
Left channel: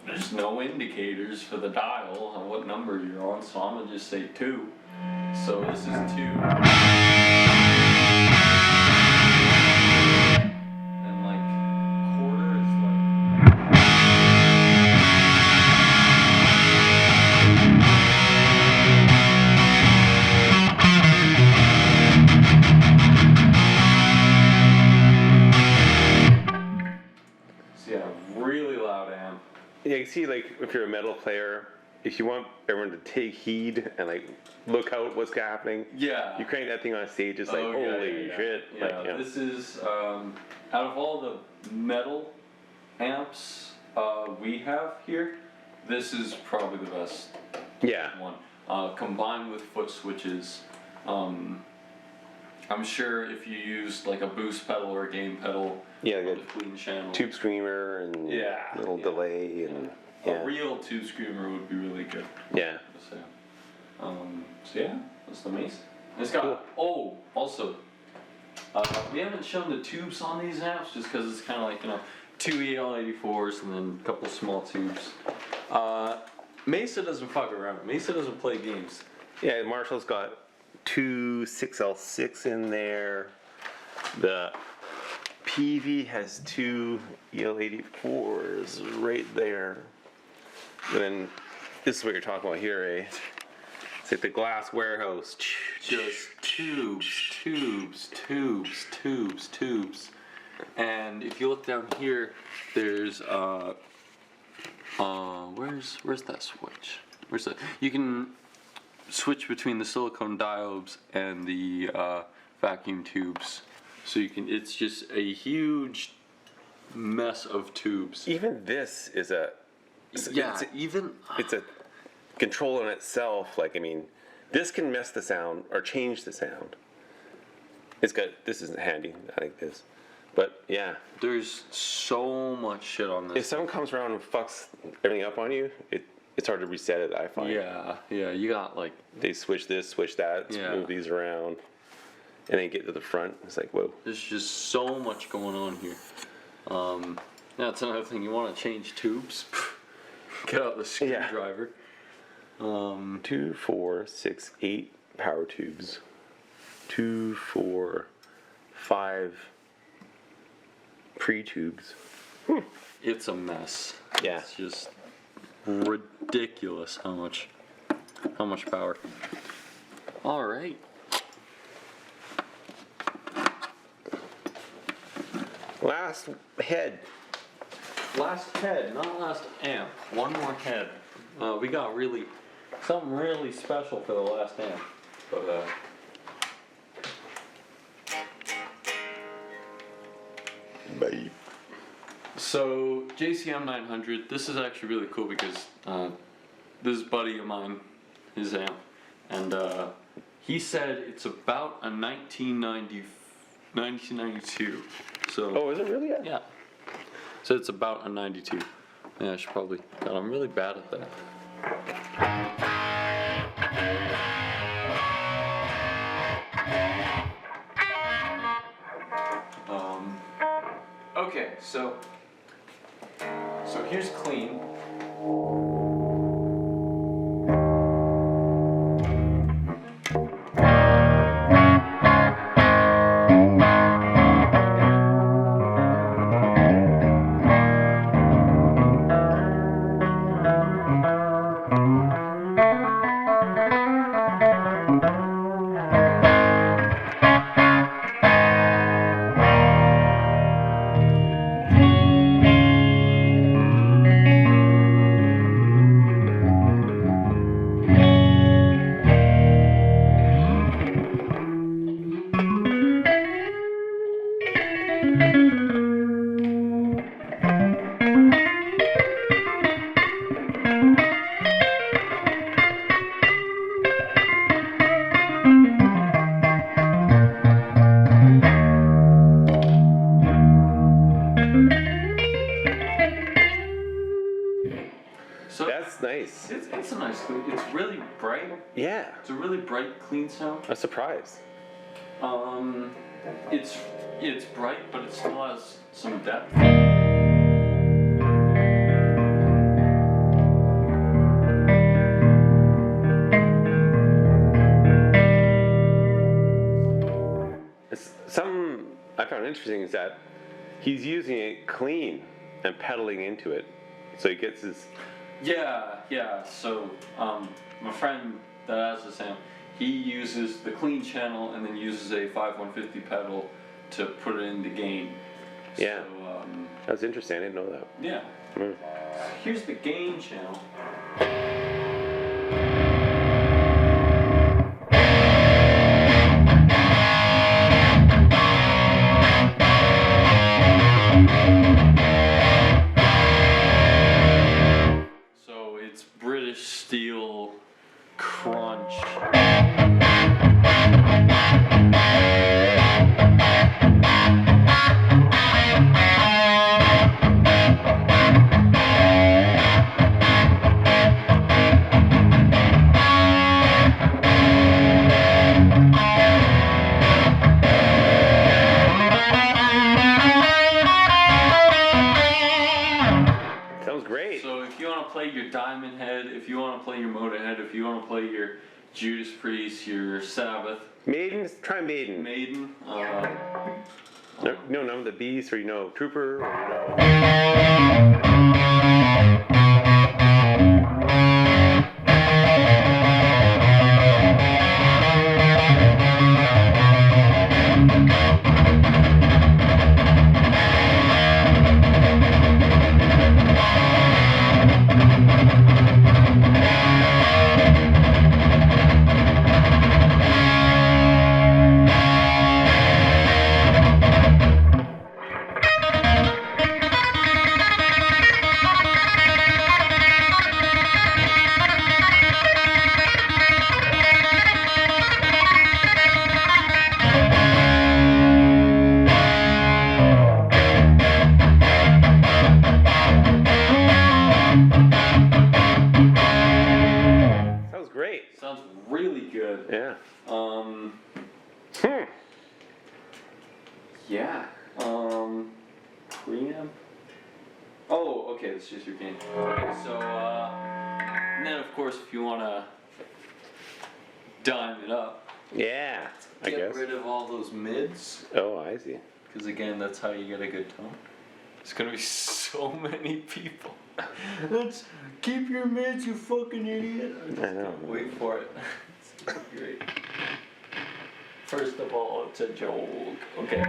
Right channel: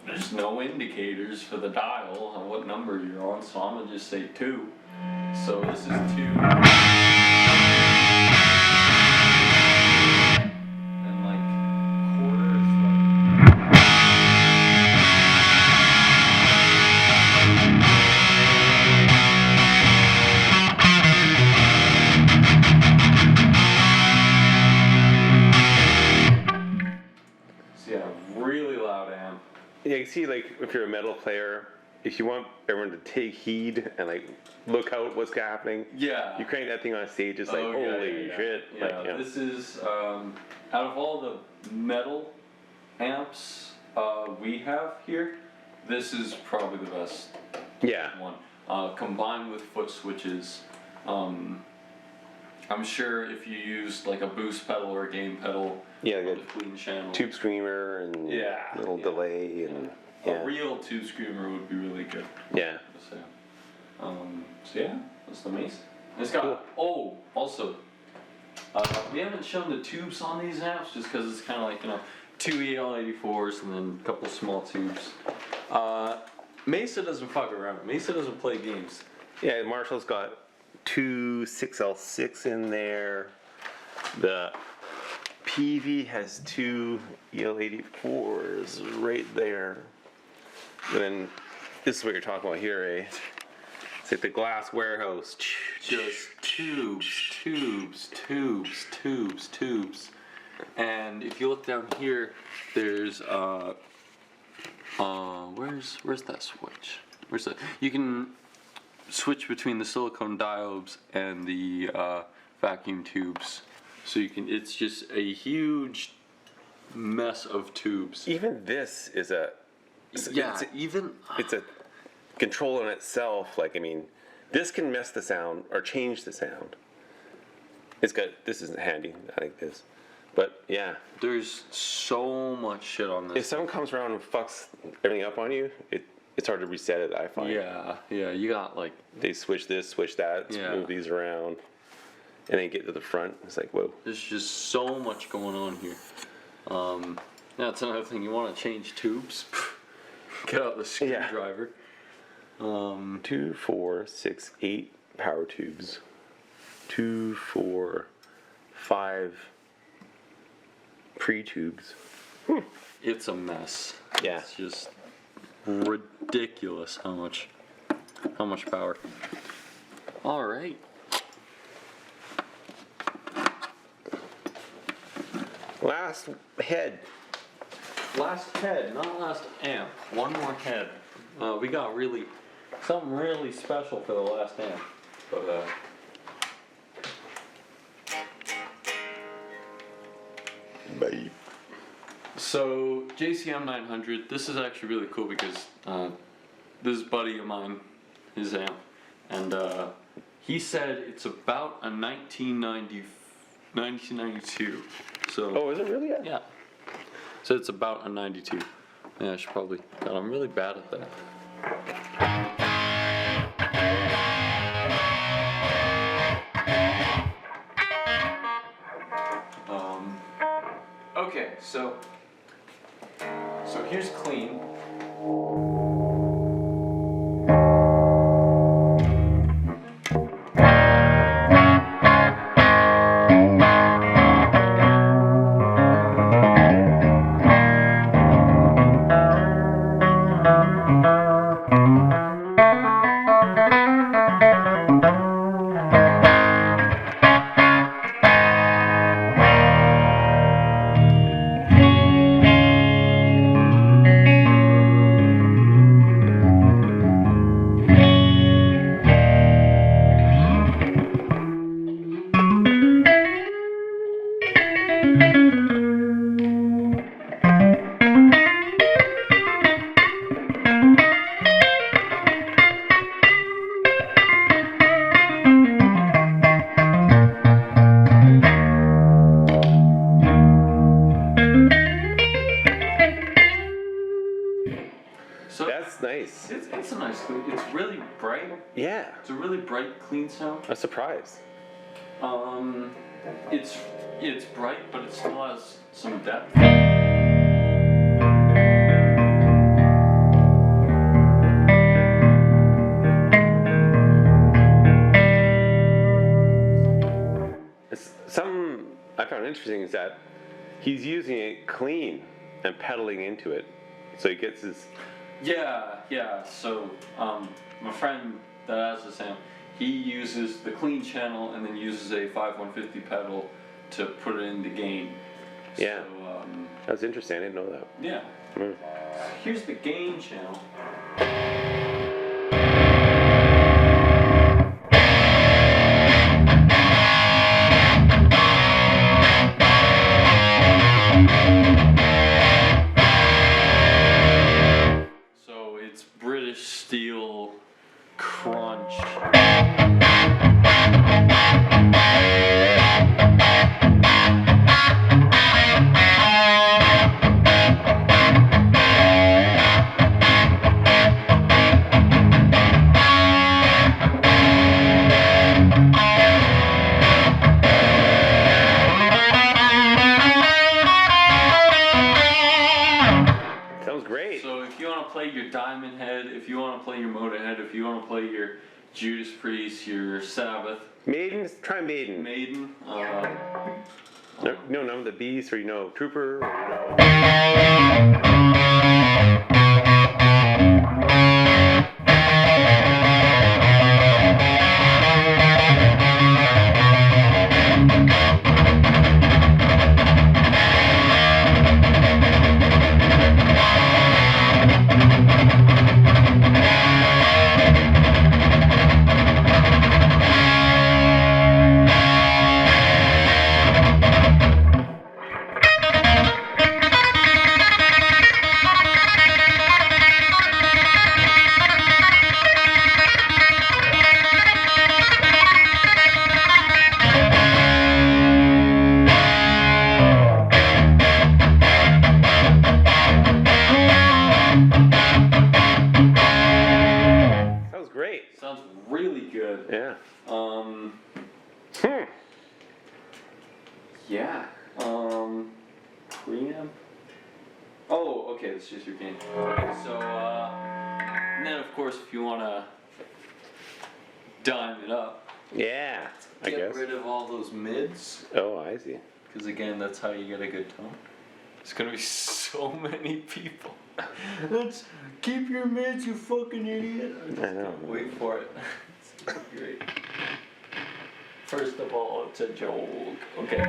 There's no indicators for the dial on what number you're on, so I'm gonna just say 2. So this is 2. And like quarter is like. So yeah, really loud amp. Yeah, you see, like, if you're a metal player, if you want everyone to take heed and, like, look out what's happening, Yeah. you crank that thing on stage, it's like, holy shit. Yeah, Like, yeah. This is, out of all the metal amps we have here, this is probably the best Yeah. one. Combined with foot switches, I'm sure if you used like a boost pedal or a gain pedal, Yeah, on good. the clean channel, Tube screamer and little delay and a real tube screamer would be really good. yeah. So yeah, that's the Mesa. It's got also we haven't shown the tubes on these amps just because it's kind of like, you know, 2 EL84s and then a couple small tubes. Mesa doesn't fuck around. Mesa doesn't play games. Yeah, Marshall's got 2 6L6 in there. The Peavey has 2 EL84s right there. And then this is what you're talking about here, eh? It's like the glass warehouse. Just tubes. And if you look down here, there's where's that switch? Where's that? You can switch between the silicone diodes and the vacuum tubes. So you can. It's just a huge mess of tubes. Even this is a. It's a control in itself. Like, I mean, this can mess the sound or change the sound. This isn't handy. I like this. But yeah. There's so much shit on this. If someone comes around and fucks everything up on you, it's hard to reset it, I find. Yeah, you got like. They switch this, switch that, move these around, and then get to the front. It's like, whoa. There's just so much going on here. That's another thing. You want to change tubes? Get out the screwdriver. 2, 4, 6, 8 power tubes. 2, 4, 5 pre-tubes. It's a mess. Yeah. It's just ridiculous how much power. All right. Last head. Last head, not last amp. One more head. We got something really special for the last amp. But Bye. so JCM 900. This is actually really cool because this buddy of mine, his amp, and he said it's about a 1992. So. Oh, is it really? Yeah. So it's about a 92. Yeah, I should probably. God, I'm really bad at that. Okay, so here's clean. So That's nice. it's a nice clean. It's really bright. Yeah. It's a really bright, clean sound. I'm surprised. It's bright, but it still has some depth. Something I found interesting is that he's using it clean and pedaling into it, so he gets his. Yeah. So, my friend that has this amp, he uses the clean channel and then uses a 5150 pedal to put it in the gain. Yeah. So, That's interesting. I didn't know that. yeah. Mm. Here's the gain channel. So it's British steel crunch. Sounds great. So if you want to play your Diamond Head, if you want to play your Motorhead, if you want to play your Judas Priest, your Sabbath, Maiden, try Maiden. Maiden, No, none of the Beast, or Trooper, or Sounds great. sounds really good. Yeah. Yeah. Preamp. Oh, okay, that's just your gain. Okay, so, and then of course if you want to dime it up, Yeah, I get guess. rid of all those mids, Oh, I see. because again, that's how you get a good tone. There's gonna be so many people. Let's keep your mids, you fucking idiot. I know. Wait for it. It's gonna be great. First of all, it's a joke. Okay.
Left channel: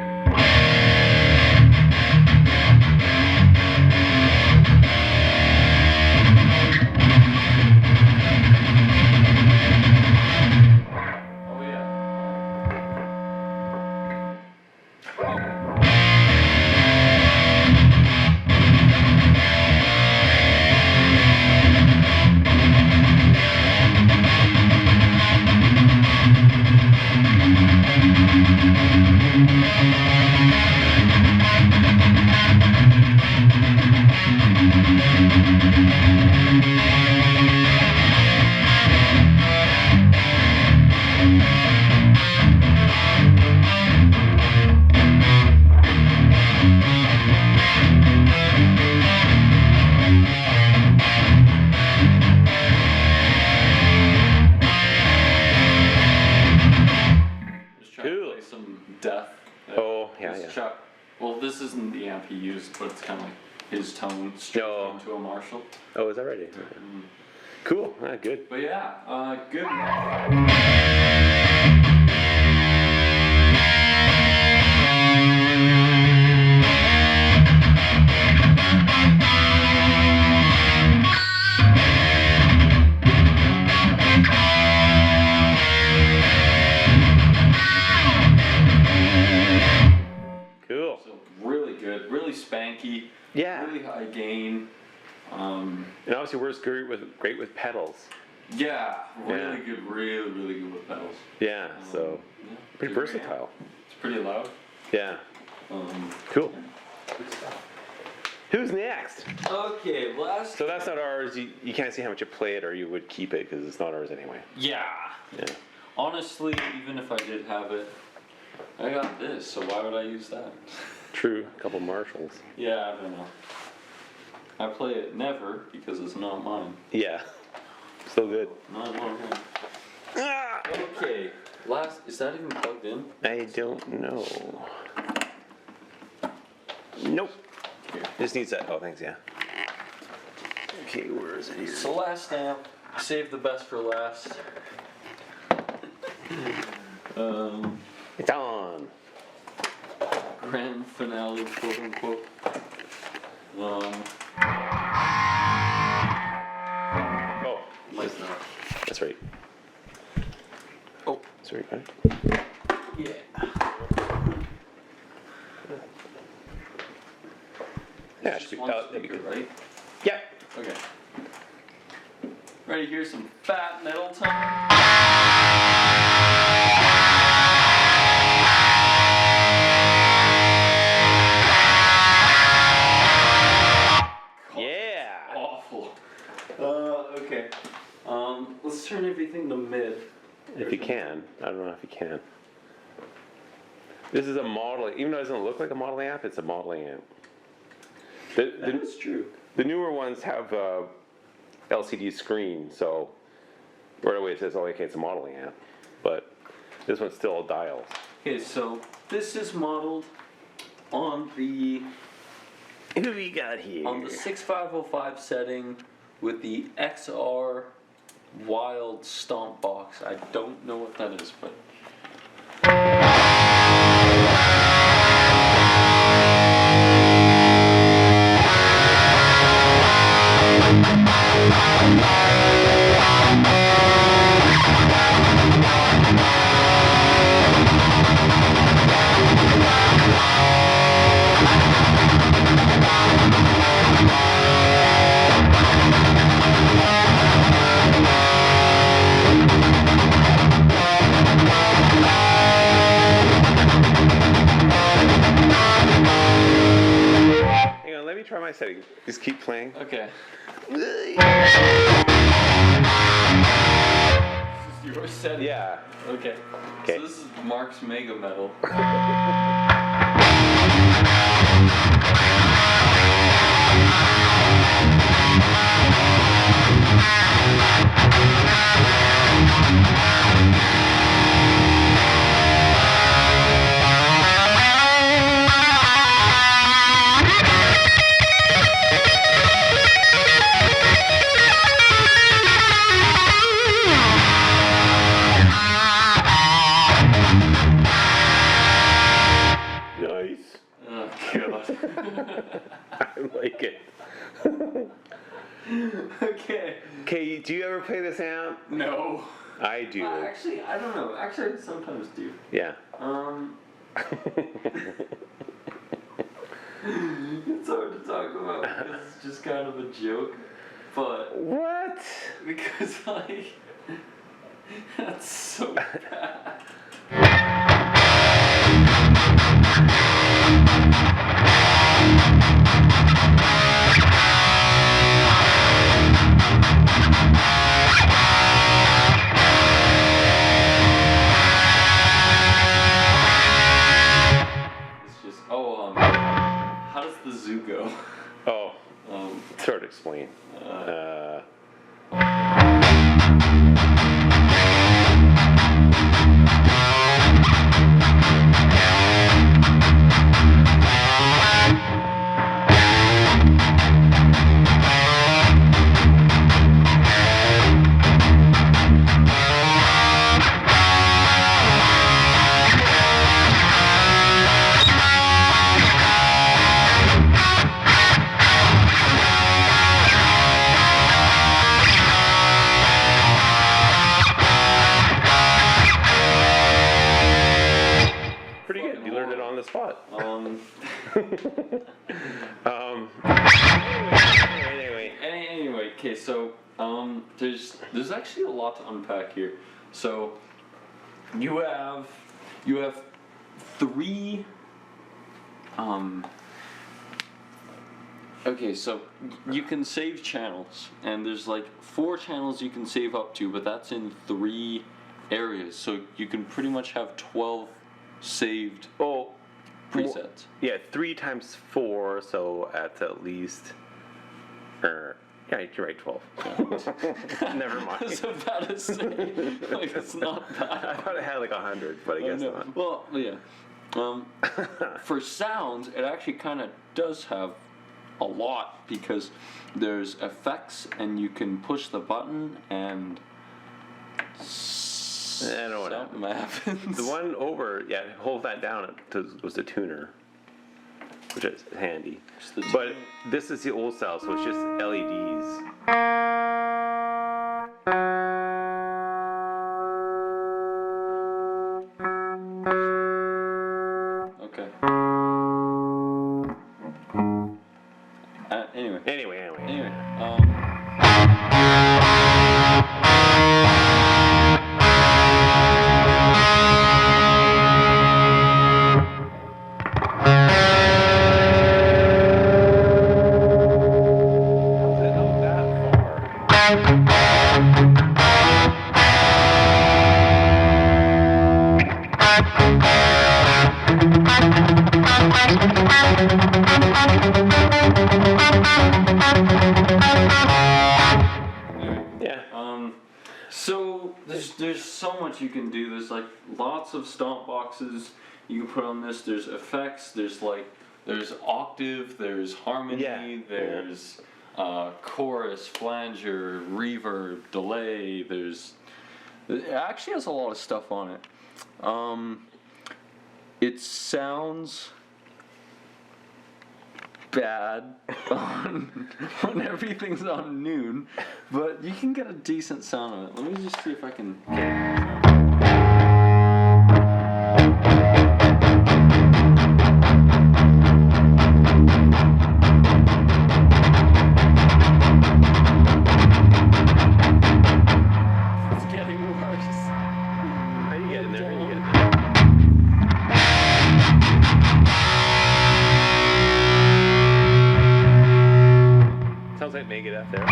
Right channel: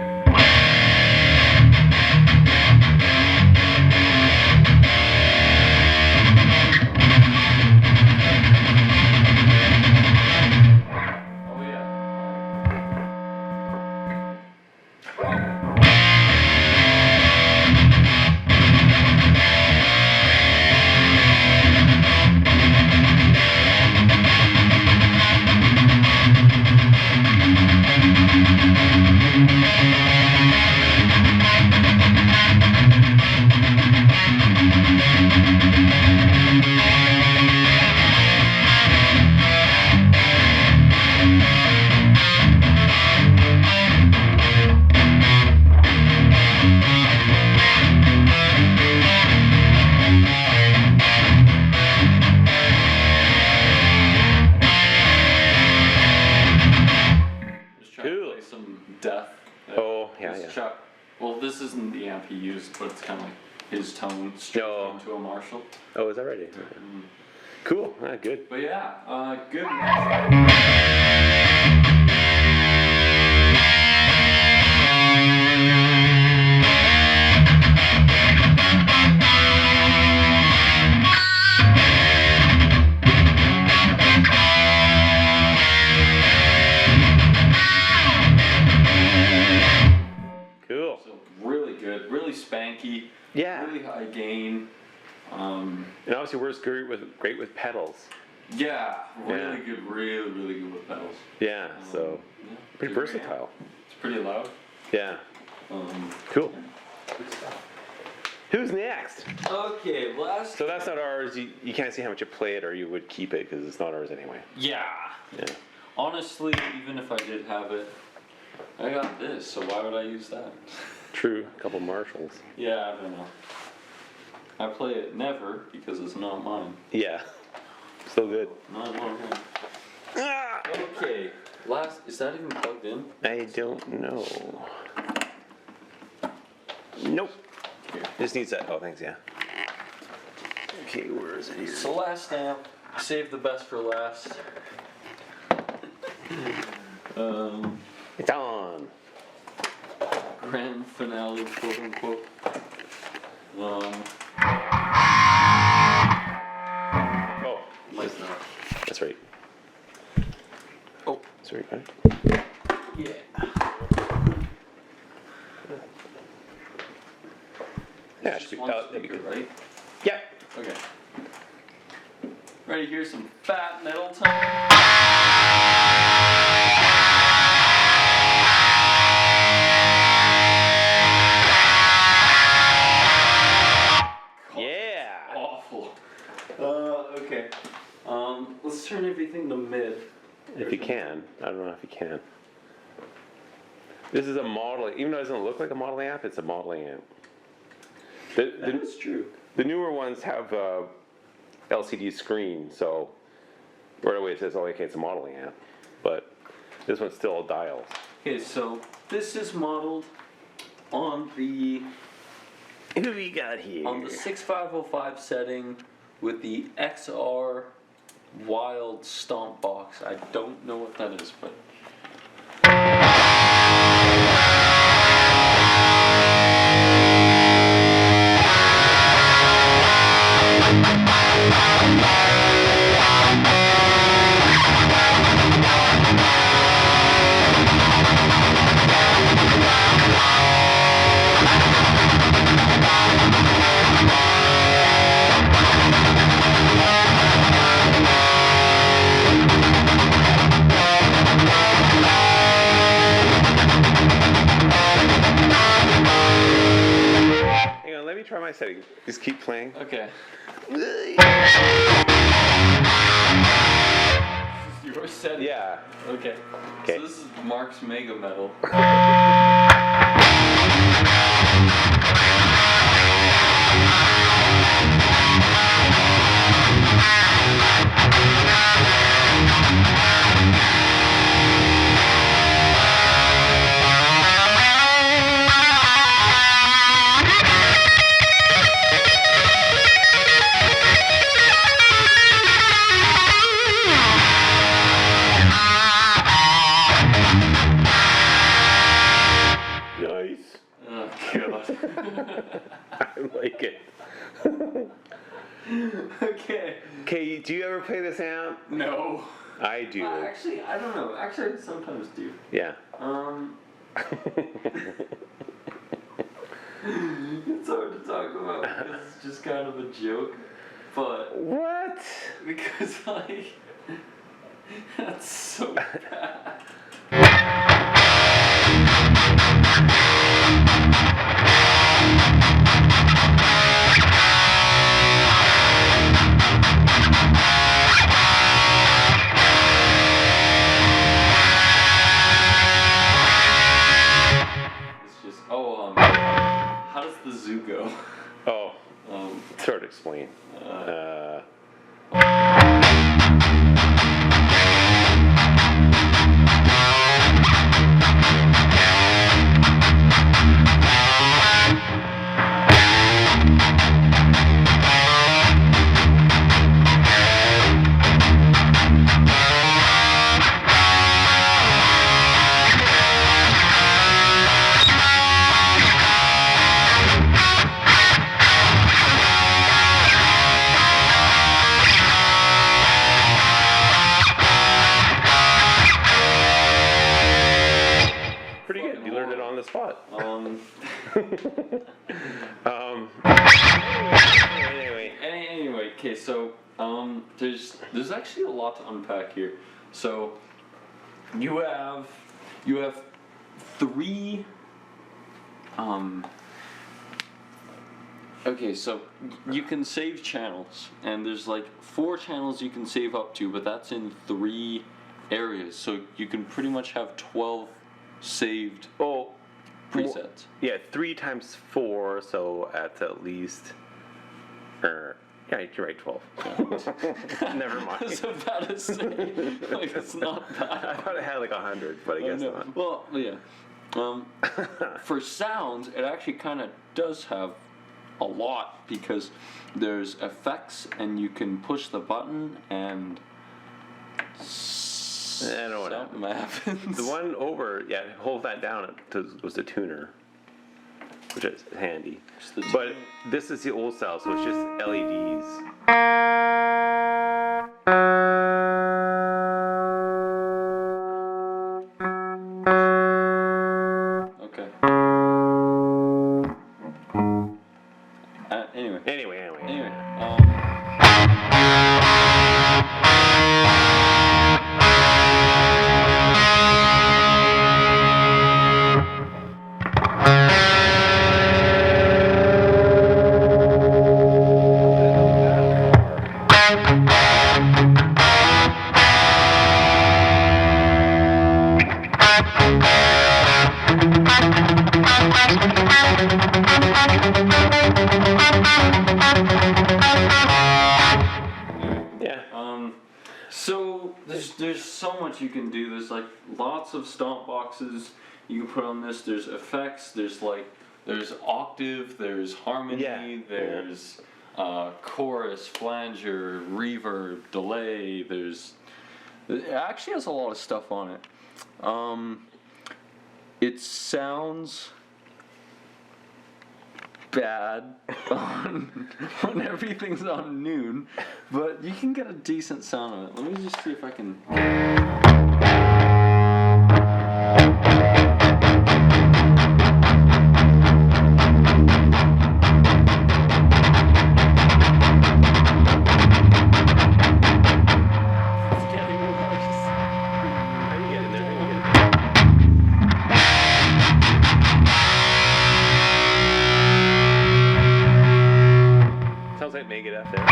Oh yeah. Just trying to play some death. Oh, yeah, This yeah. Chuck, well, this isn't the amp he used, but it's kind of like his tone straight No. into a Marshall. Oh, is that ready? Cool. Good. But yeah, good. Cool. So really good, really spanky, Yeah. really high gain. And obviously works great with pedals. Yeah, really Yeah. good, really good with pedals. Yeah. So Yeah, pretty good amp. versatile. It's pretty loud. Yeah. Um, Cool. good stuff. Who's next? Okay, last. So that's not ours. You can't see how much you play it, or you would keep it because it's not ours anyway. Yeah. Yeah. Honestly, even if I did have it, I got this, so why would I use that? True. A couple Marshalls. Yeah, I don't know. I play it never because it's not mine. Yeah. Still good. Not mine. Ah! Okay. Last. Is that even plugged in? I don't know. Nope. Here. This needs that. Oh, thanks. Yeah. Okay, where is it here? So last amp, save the best for last. It's on. Grand finale, quote unquote. Oh, Like that. that's right. Oh, Sorry, right? yeah. Yeah, It's should be, just one that'd be speaker, good. right? Yeah. Okay. Ready to hear some fat metal tone? Yeah. Awful. Okay. Let's turn everything to mid. If you can. I don't know if you can. This is a model. Even though it doesn't look like a model amp, it's a model amp. That is true. The newer ones have a LCD screen, so right away it says, oh, okay, it's a modeling amp. But this one's still dials. Okay, so this is modeled on the Who do we got here? on the 6505 setting with the XR Wild Stomp box. I don't know what that is, but Hang on, let me try my setting. Just keep playing. okay. This is your setting. Yeah. Okay. Okay. So this is Mark's Mega Metal. Nice. Oh god. I like it. Okay. Okay, do you ever play this amp? No. I do. Actually, I don't know. Actually, I sometimes do. Yeah. It's hard to talk about because it's just kind of a joke. But What? because like that's so bad. It's just how does the zoo go? Oh, Um, sort of explain. Pretty good. You learned it on the spot. Anyway, okay, so there's actually a lot to unpack here. So you have Okay, so you can save channels, and there's like 4 channels you can save up to, but that's in 3 areas, so you can pretty much have 12 saved presets. Yeah, 3 times 4, so that's at least. Yeah, you're right, 12. Never mind. I was about to say, like, it's not bad. I thought it had like 100, but I guess no. not. Well, yeah. For sounds, it actually kind of does have a lot, because there's effects, and you can push the button, and I don't know what something happens. The one over, yeah, hold that down, it was the tuner, which is handy. But this is the old style, so it's just LEDs. Okay. Anyway. Anyway. So there's so much you can do. There's like lots of stomp boxes you can put on this. There's effects. There's octave. There's harmony. Yeah. There's chorus, flanger, reverb, delay. It actually has a lot of stuff on it. It sounds bad when everything's on noon, but you can get a decent sound on it. Let me just see if I can get it. It's getting worse. How you getting there? Sounds like Megadeth there.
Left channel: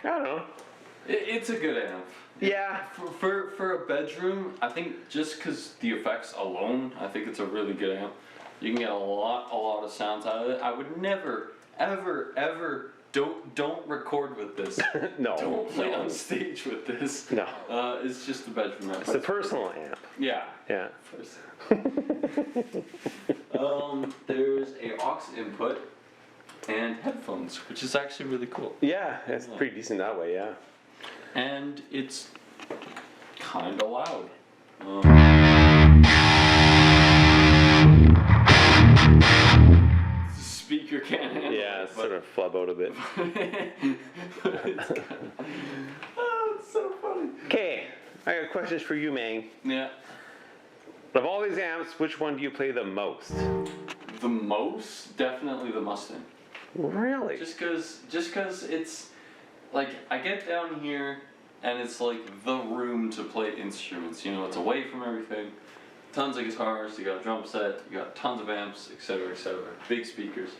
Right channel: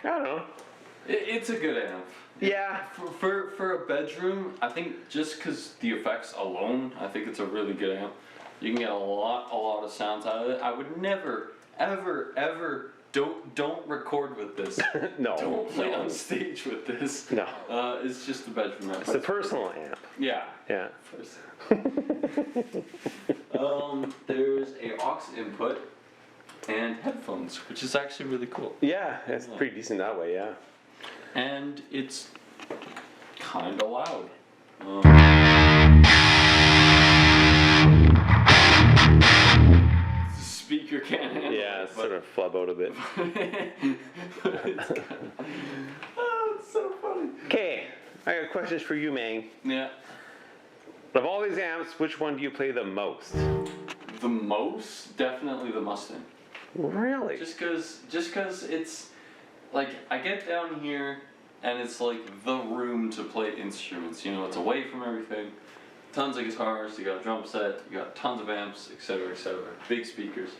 I don't know. It's a good amp. Yeah. For a bedroom, I think just because the effects alone, I think it's a really good amp. You can get a lot of sounds out of it. I would never, ever, don't record with this. No. Don't play on stage with this. No. It's just a bedroom amp. It's a personal amp. Yeah. Yeah. There's a aux input and headphones, which is actually really cool. Yeah, it's pretty decent that way, yeah. And it's kind of loud. The speaker can't handle it. Yeah, it's sort of flub out a bit. It's so funny. Okay, I got questions for you, Mang. Yeah. Of all these amps, which one do you play the most? The most? Definitely the Mustang. Really? Just cause it's like I get down here and it's like the room to play instruments. You know, it's away from everything. Tons of guitars. You got a drum set. You got tons of amps, etc., etc. Big speakers.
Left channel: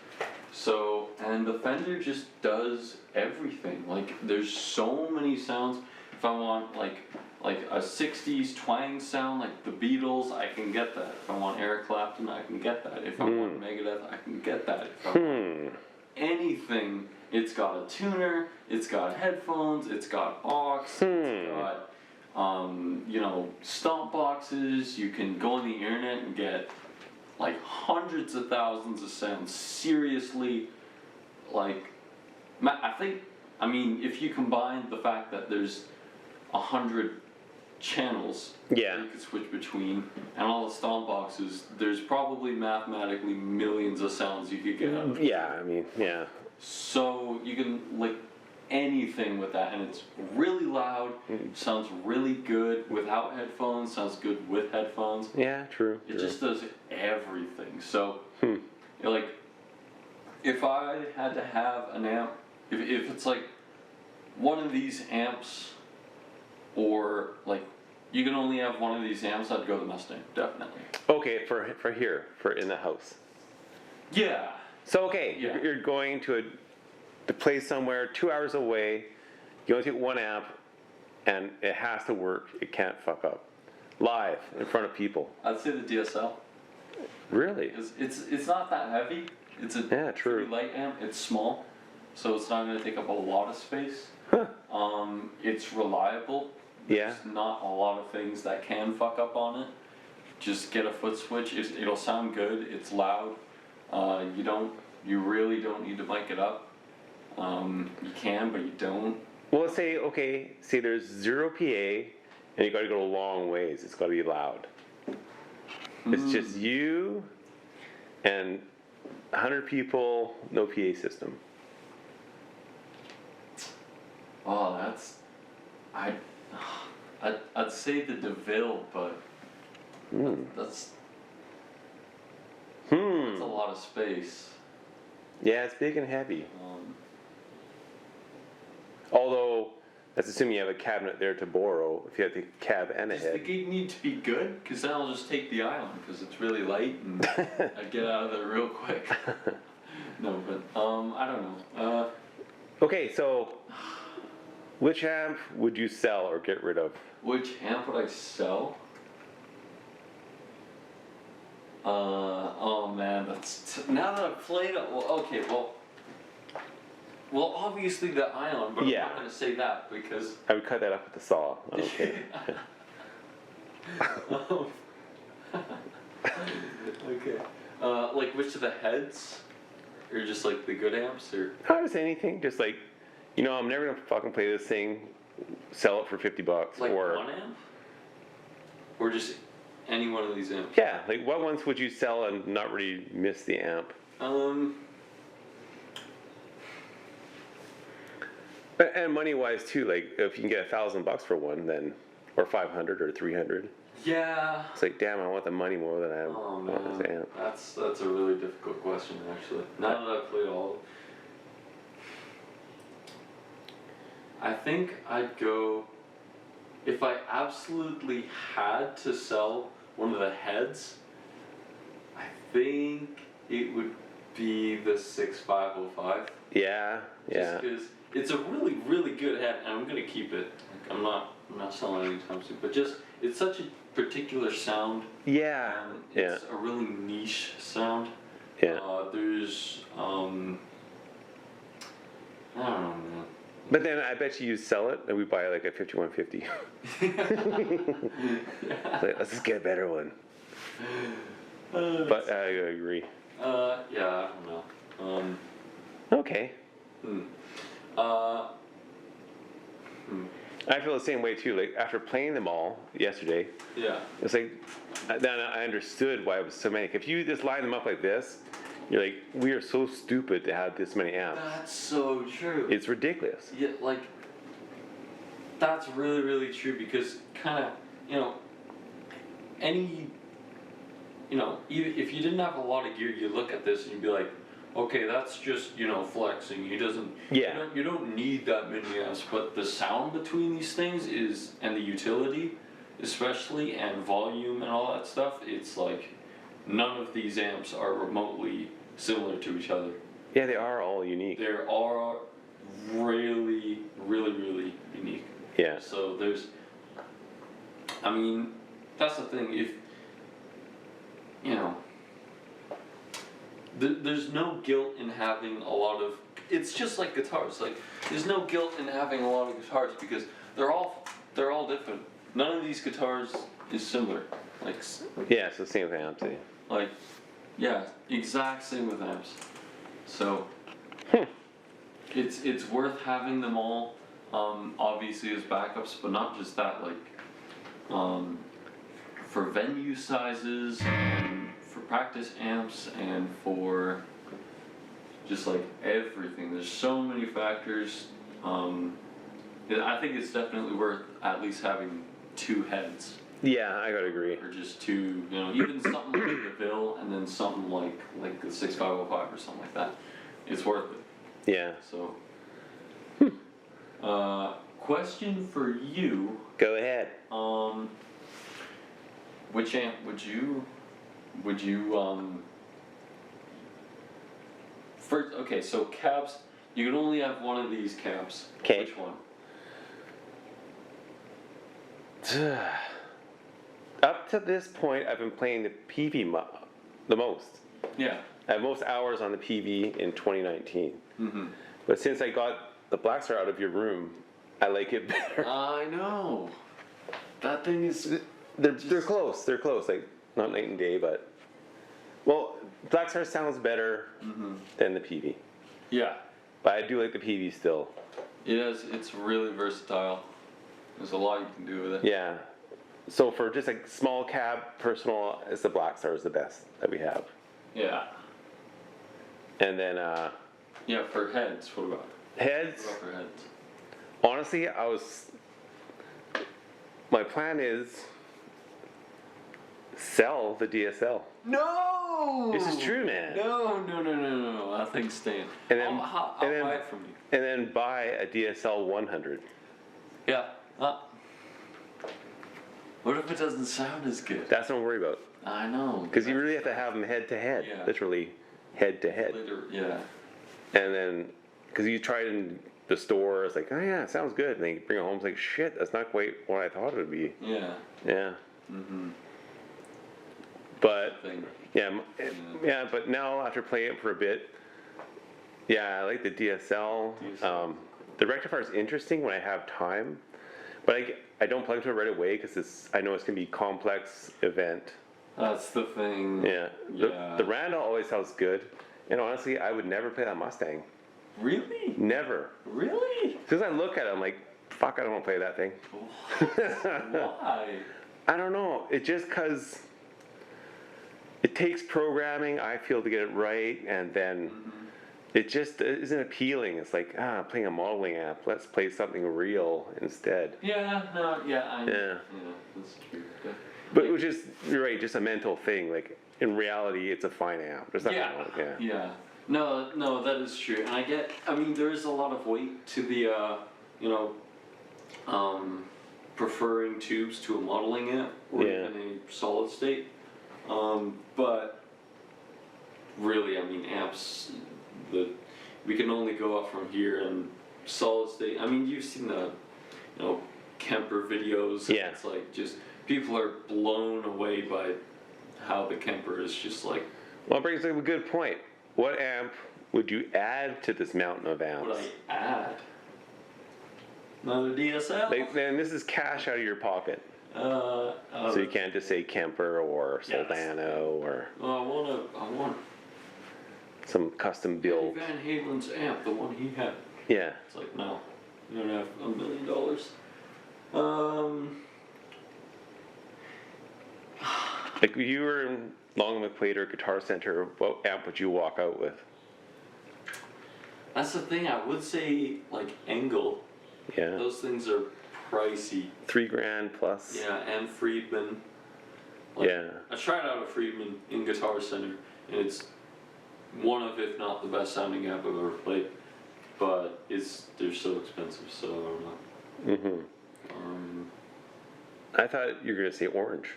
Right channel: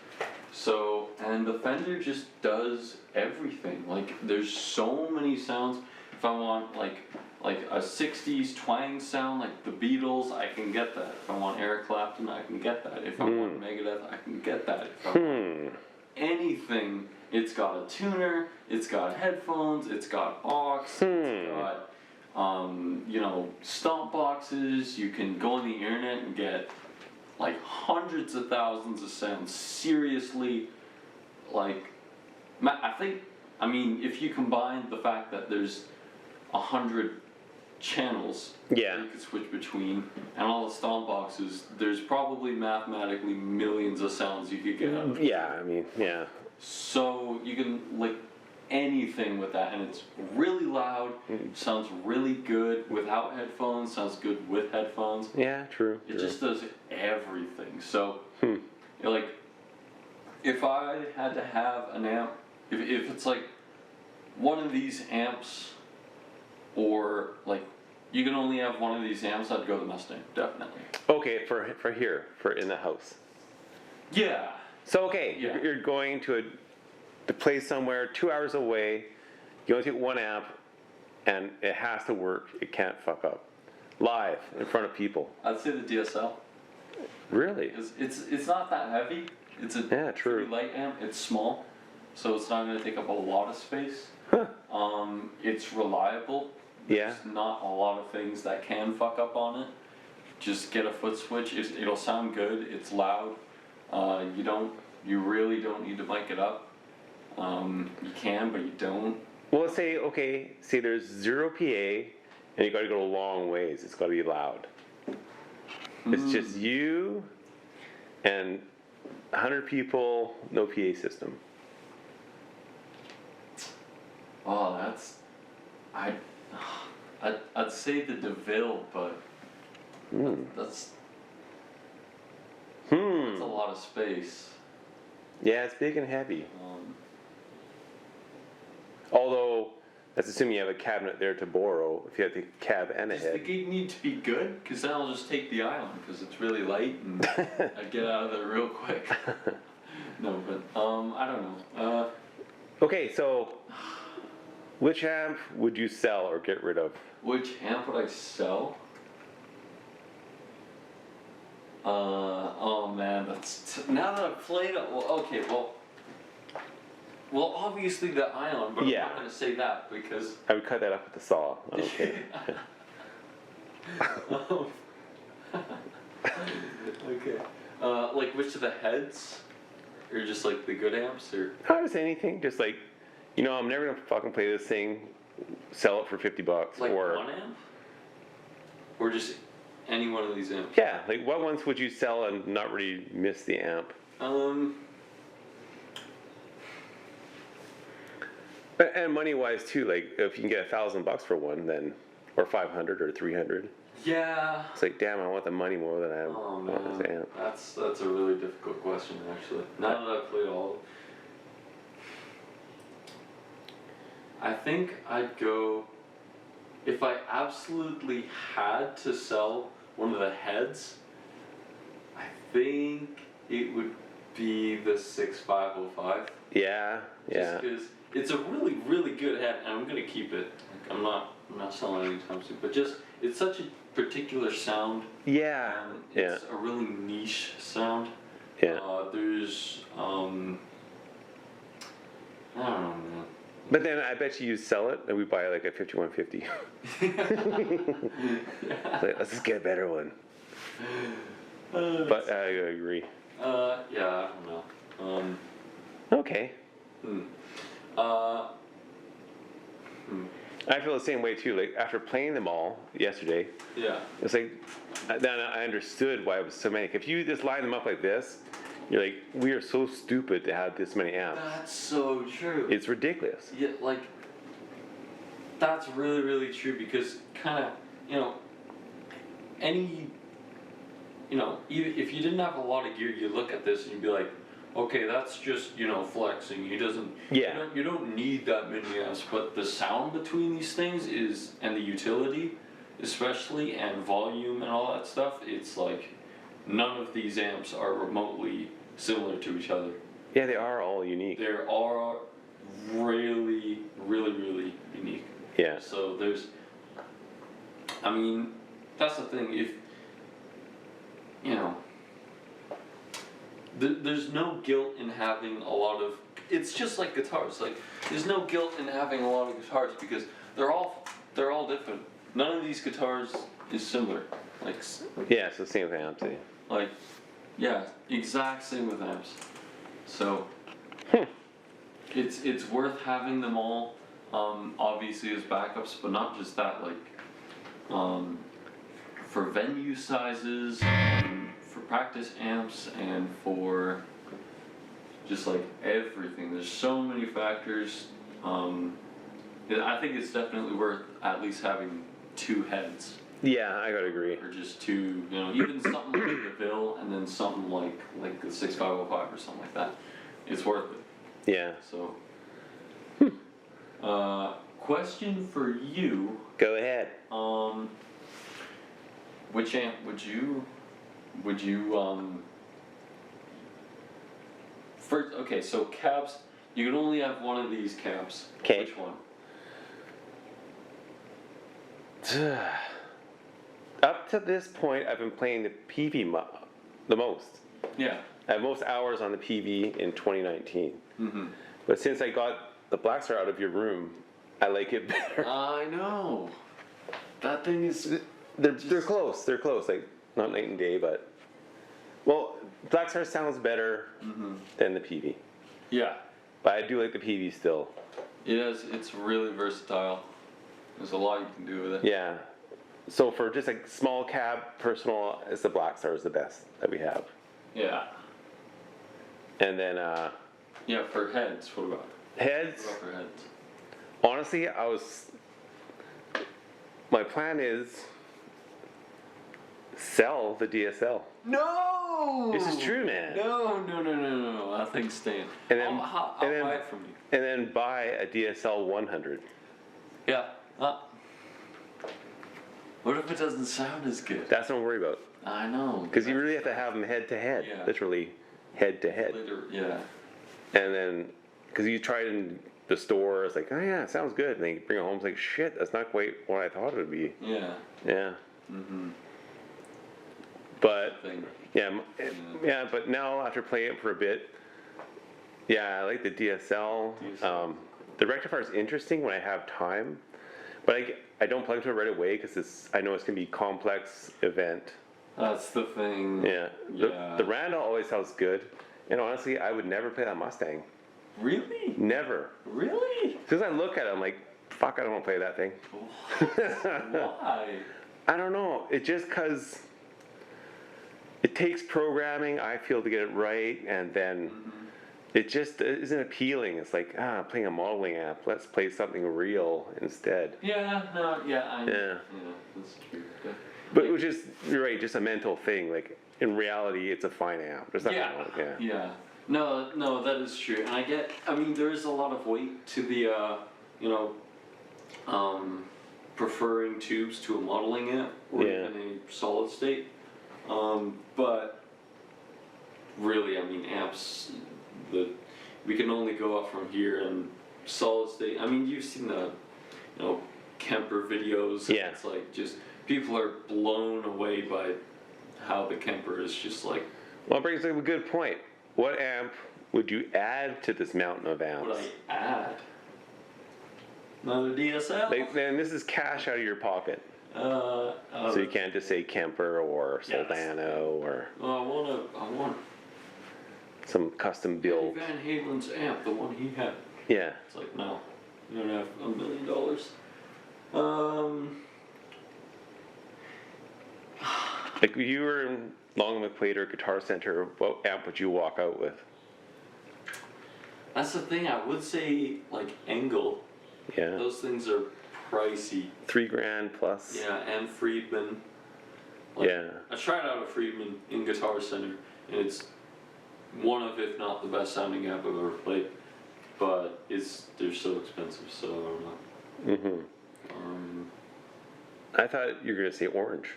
So, and the Fender just does everything. Like, there's so many sounds. If I want like a 60s twang sound like the Beatles, I can get that. If I want Eric Clapton, I can get that. If I want Megadeth, I can get that. If I want anything, it's got a tuner, it's got headphones, it's got aux, it's got stomp boxes. You can go on the internet and get like hundreds of thousands of sounds. Seriously, like I mean, if you combine the fact that there's 100 channels that you can switch between, and all the stomp boxes, there's probably mathematically millions of sounds you could get out of it. Yeah, I mean, yeah. So you can, like, anything with that, and it's really loud. Sounds really good without headphones. Sounds good with headphones. Yeah, true. It just does everything. So, like, if I had to have an amp, if it's like one of these amps, or like you can only have one of these amps, I'd go the Mustang, definitely. Okay, for here, for in the house. Yeah. So okay, Yeah. you're going to place somewhere 2 hours away. You only take one amp, and it has to work. It can't fuck up. Live in front of people. I'd say the DSL. Really? It's not that heavy. It's a true. pretty light amp. It's small, so it's not going to take up a lot of space. Huh. It's reliable. Yeah. There's not a lot of things that can fuck up on it. Just get a foot switch. It'll sound good. It's loud. You really don't need to mic it up. You can, but you don't. Well, let's say, okay, say there's 0 PA, and you got to go a long ways. It's got to be loud. It's just you and 100 people, no PA system. Oh, I'd say the Deville, but that's a lot of space. Yeah, it's big and heavy. Although, that's assuming you have a cabinet there to borrow, if you have the cab and a Does the head. gig need to be good? Because then I'll just take the island, because it's really light, and I'd get out of there real quick. No, but, I don't know. Okay, so, which amp would you sell or get rid of? Which amp would I sell? Oh man, now that I've played it, well, obviously the Ion, but Yeah. I'm not going to say that because... I would cut that up with the saw. Okay. Okay. Like which of the heads? Or just like the good amps? Or Not just anything, just like, I'm never gonna fucking play this thing, sell it for $50. like or one amp? Or just any one of these amps? yeah, like what ones would you sell and not really miss the amp? And money wise too, like if you can get $1,000 for one, then or 500 or 300. Yeah. It's like, damn, I want the money more than I Oh want this man, amp. that's a really difficult question actually. Now that I've played all of them. I think I'd go, if I absolutely had to sell one of the heads, I think it would be the 6505. Yeah, yeah. Just because it's a really, really good head, and I'm gonna keep it. Like, I'm not selling it anytime soon. But just, it's such a particular sound. Yeah, It's a really niche sound. yeah. There's, I don't know, man. But then I bet you sell it and we buy like a 5150. Like, let's just get a better one. But I agree. Yeah, I don't know. Okay. Uh, I feel the same way too. Like after playing them all yesterday, yeah. it's like then I understood why it was so many. If you just line them up like this, you're like, we are so stupid to have this many amps. That's so true. It's ridiculous. Yeah, like, that's really, really true because kind of, even if you didn't have a lot of gear, you look at this and you'd be like, okay, that's just, flexing. You don't need that many amps, but the sound between these things and the utility, especially, and volume and all that stuff, it's like, none of these amps are remotely similar to each other. Yeah, they are all unique. They are really, really, really unique. Yeah. So that's the thing. If, there's no guilt in having a lot of, it's just like guitars. Like, there's no guilt in having a lot of guitars because they're all different. None of these guitars is similar. Like, yeah, it's the same with amps. like, yeah, exact same with amps. So, it's worth having them all, obviously as backups, but not just that, like, for venue sizes, and for practice amps, and for just like everything. There's so many factors I think it's definitely worth at least having 2 heads. Yeah, I gotta agree. Or just 2, even something like the Deville and then something like the 6505 or something like that. It's worth it. Yeah. So, question for you. Go ahead. Which amp would you first, okay, so cabs, you can only have one of these cabs. 'Kay. Which one? Up to this point, I've been playing the Peavey the most. Yeah. I have most hours on the Peavey in 2019. Mm-hmm. But since I got the Blackstar out of your room, I like it better. I know. That thing is... They're close. They're close. Like, not night and day, but... Well, Blackstar sounds better than the Peavey. Yeah. But I do like the Peavey still. It's really versatile. There's a lot you can do with it. Yeah. So for just like small cab, personal, it's the Blackstar is the best that we have. Yeah. And then, yeah, for heads, what about? Heads? What about for heads? Honestly, my plan is sell the DSL. No! This is true, man. No. That thing's staying. And then, I'll and then, buy it from you. And then buy a DSL 100. Yeah. What if it doesn't sound as good? That's what I'm worried about. I know. Because you really have to have them head to head. Yeah. Literally head to head. Yeah. And then, because you try it in the store, it's like, oh yeah, it sounds good. And then you bring it home, it's like, shit, that's not quite what I thought it would be. Yeah. Yeah. Mm-hmm. But, yeah, but now after playing it for a bit, yeah, I like the DSL. The Rectifier is interesting when I have time, but I don't plug into it right away because I know it's going to be a complex event. That's the thing. Yeah. The Randall always sounds good, and honestly, I would never play that Mustang. Really? Never. Really? Because I look at it, I'm like, fuck, I don't want to play that thing. Why? I don't know. It just because it takes programming, I feel, to get it right, and then it just isn't appealing. It's like, playing a modeling app. Let's play something real instead. Yeah, no, yeah, Yeah, that's true. but which is, you're right, just a mental thing. Like, in reality, it's a fine app. There's nothing wrong with it. Yeah. No, that is true. And I mean, there is a lot of weight to the, preferring tubes to a modeling app or even a solid state. But really, I mean, apps that we can only go up from here and solid state. I mean, you've seen the, Kemper videos. Yeah. It's like just people are blown away by how the Kemper is just like. Well, it brings up a good point. What amp would you add to this mountain of amps? What would I add? Another DSL? Then this is cash out of your pocket. So you can't just say Kemper or Soldano or I want some custom build. Van Halen's amp, the one he had. Yeah. It's like, no, you don't have $1 million. Like if you were in Long McQuaid Guitar Center, what amp would you walk out with? That's the thing. I would say like Engel. Yeah. Those things are pricey. $3,000 plus. Yeah, and Friedman. Yeah. I tried out a Friedman in Guitar Center, and it's one of, if not the best sounding amp I've ever played. But they're so expensive, so I don't know. I thought you were gonna say orange.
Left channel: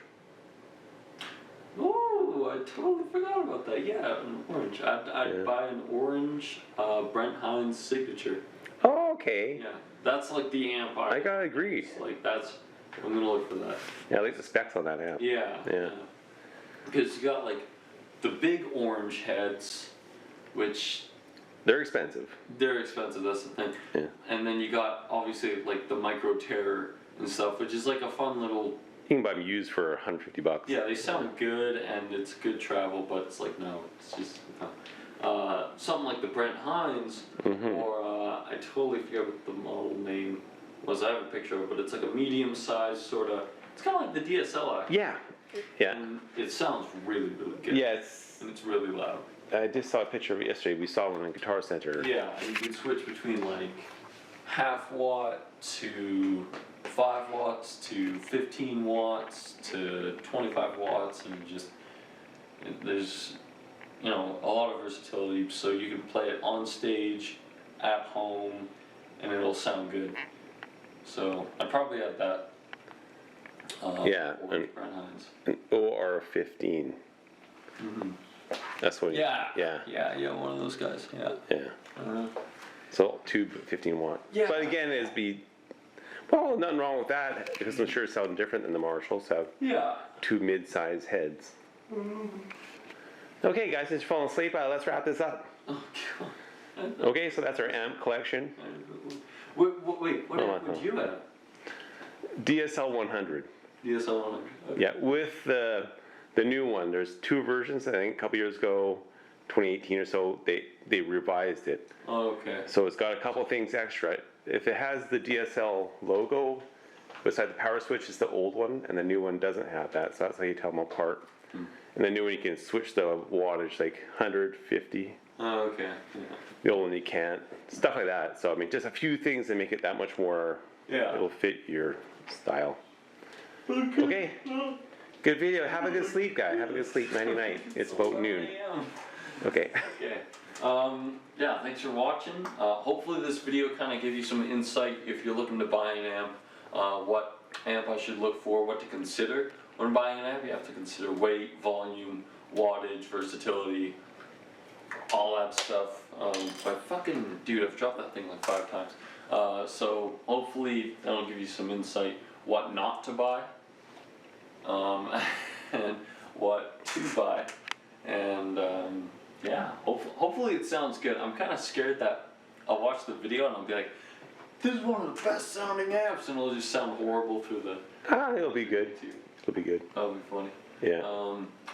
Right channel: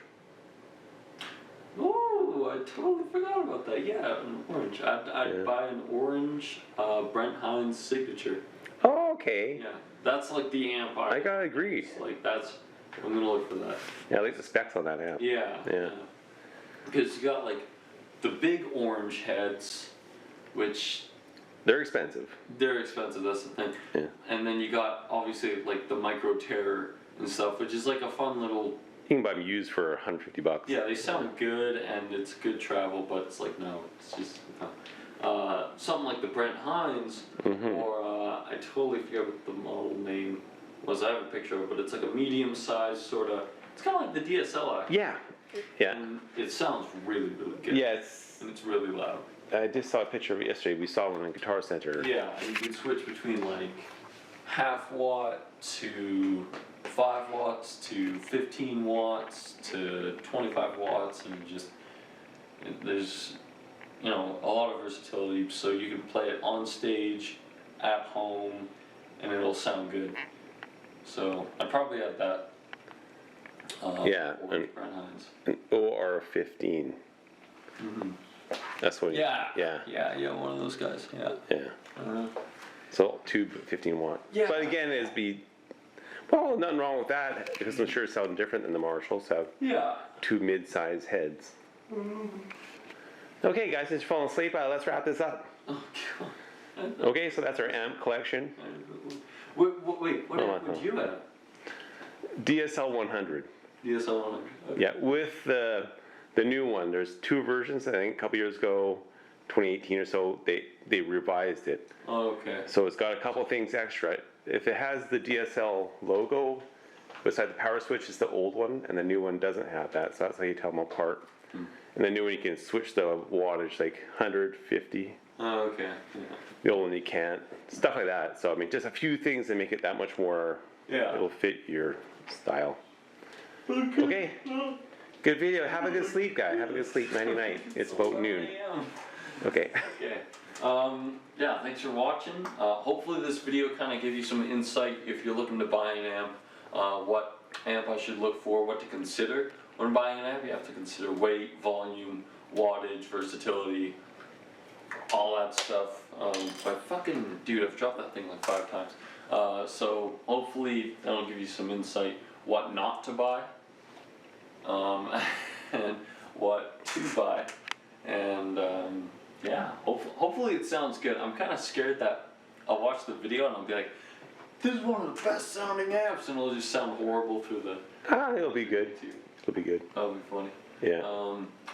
Oh, I totally forgot about that. Yeah, an orange. I'd buy an orange Brent Hines signature. Oh, okay. Yeah, that's like the amp. I gotta agree. Like I'm gonna look for that. Yeah, I like the specs on that amp. Yeah. Yeah. Because you got like the big orange heads, which They're expensive. they're expensive. That's the thing. Yeah. And then you got obviously like the Micro Terror and stuff, which is like a fun little. You can buy them used for $150. Yeah, they sound good and it's good travel, but it's like no, it's just something like the Brent Hines or I totally forget what the model name was. I have a picture of it, but it's like a medium-sized sort of. It's kind of like the DSL actually. Yeah. Yeah. And it sounds really, really good. Yeah, And it's really loud. I just saw a picture of it yesterday. We saw one in Guitar Center. Yeah, and you can switch between like half watt to 5 watts to 15 watts to 25 watts, and just there's a lot of versatility, so you can play it on stage, at home, and it'll sound good. So I probably add that. Yeah, Brent Hines. an OR15. That's what. Yeah. Yeah. One of those guys. Yeah. Yeah. So tube 15 watt. Yeah. But again, it'd be well, nothing wrong with that because I'm sure it sounds different than the Marshalls have. Yeah. Two mid-size heads. Okay, guys, since you're falling asleep, let's wrap this up. Oh God. Okay, so that's our amp collection. Wait, what would you have? DSL 100. DSL 100. Okay. Yeah, with the new one, there's two versions. I think a couple years ago, 2018 or so, they revised it. Oh, okay. So it's got a couple things extra. If it has the DSL logo beside the power switch, it's the old one, and the new one doesn't have that. So that's how you tell them apart. And the new one, you can switch the wattage, like 150. Oh, okay. Yeah. The old one, you can't. Stuff like that. So I mean, just a few things that make it that much more. Yeah. It'll fit your style. Okay. Good video. Have a good sleep, guy. Have a good sleep. Nighty night. It's about noon. Okay. Okay. Yeah, thanks for watching. Hopefully this video kind of gave you some insight if you're looking to buy an amp, what amp I should look for, what to consider. When buying an amp, you have to consider weight, volume, wattage, versatility, all that stuff. But fucking, dude, I've dropped that thing like 5 times. So hopefully that'll give you some insight what not to buy, and what to buy, and yeah, hopefully it sounds good. I'm kind of scared that I'll watch the video and I'll be like, this is one of the best sounding amps, and it'll just sound horrible through the It'll be good. It'll be good. That'll be funny. Yeah.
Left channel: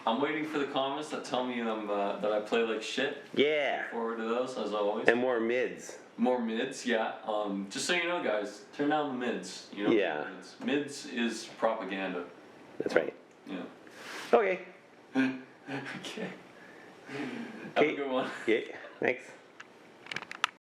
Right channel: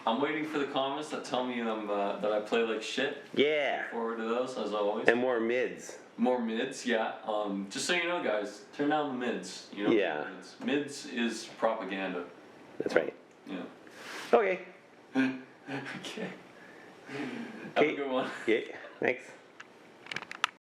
I'm waiting for the comments that tell me that I play like shit. Yeah. Forward to those, as always. And more mids. More mids, yeah. Just so you know, guys, turn down the mids. You know. Yeah. Mids is propaganda. That's right. Yeah. Okay. Okay. Have a good one. Yeah. Thanks.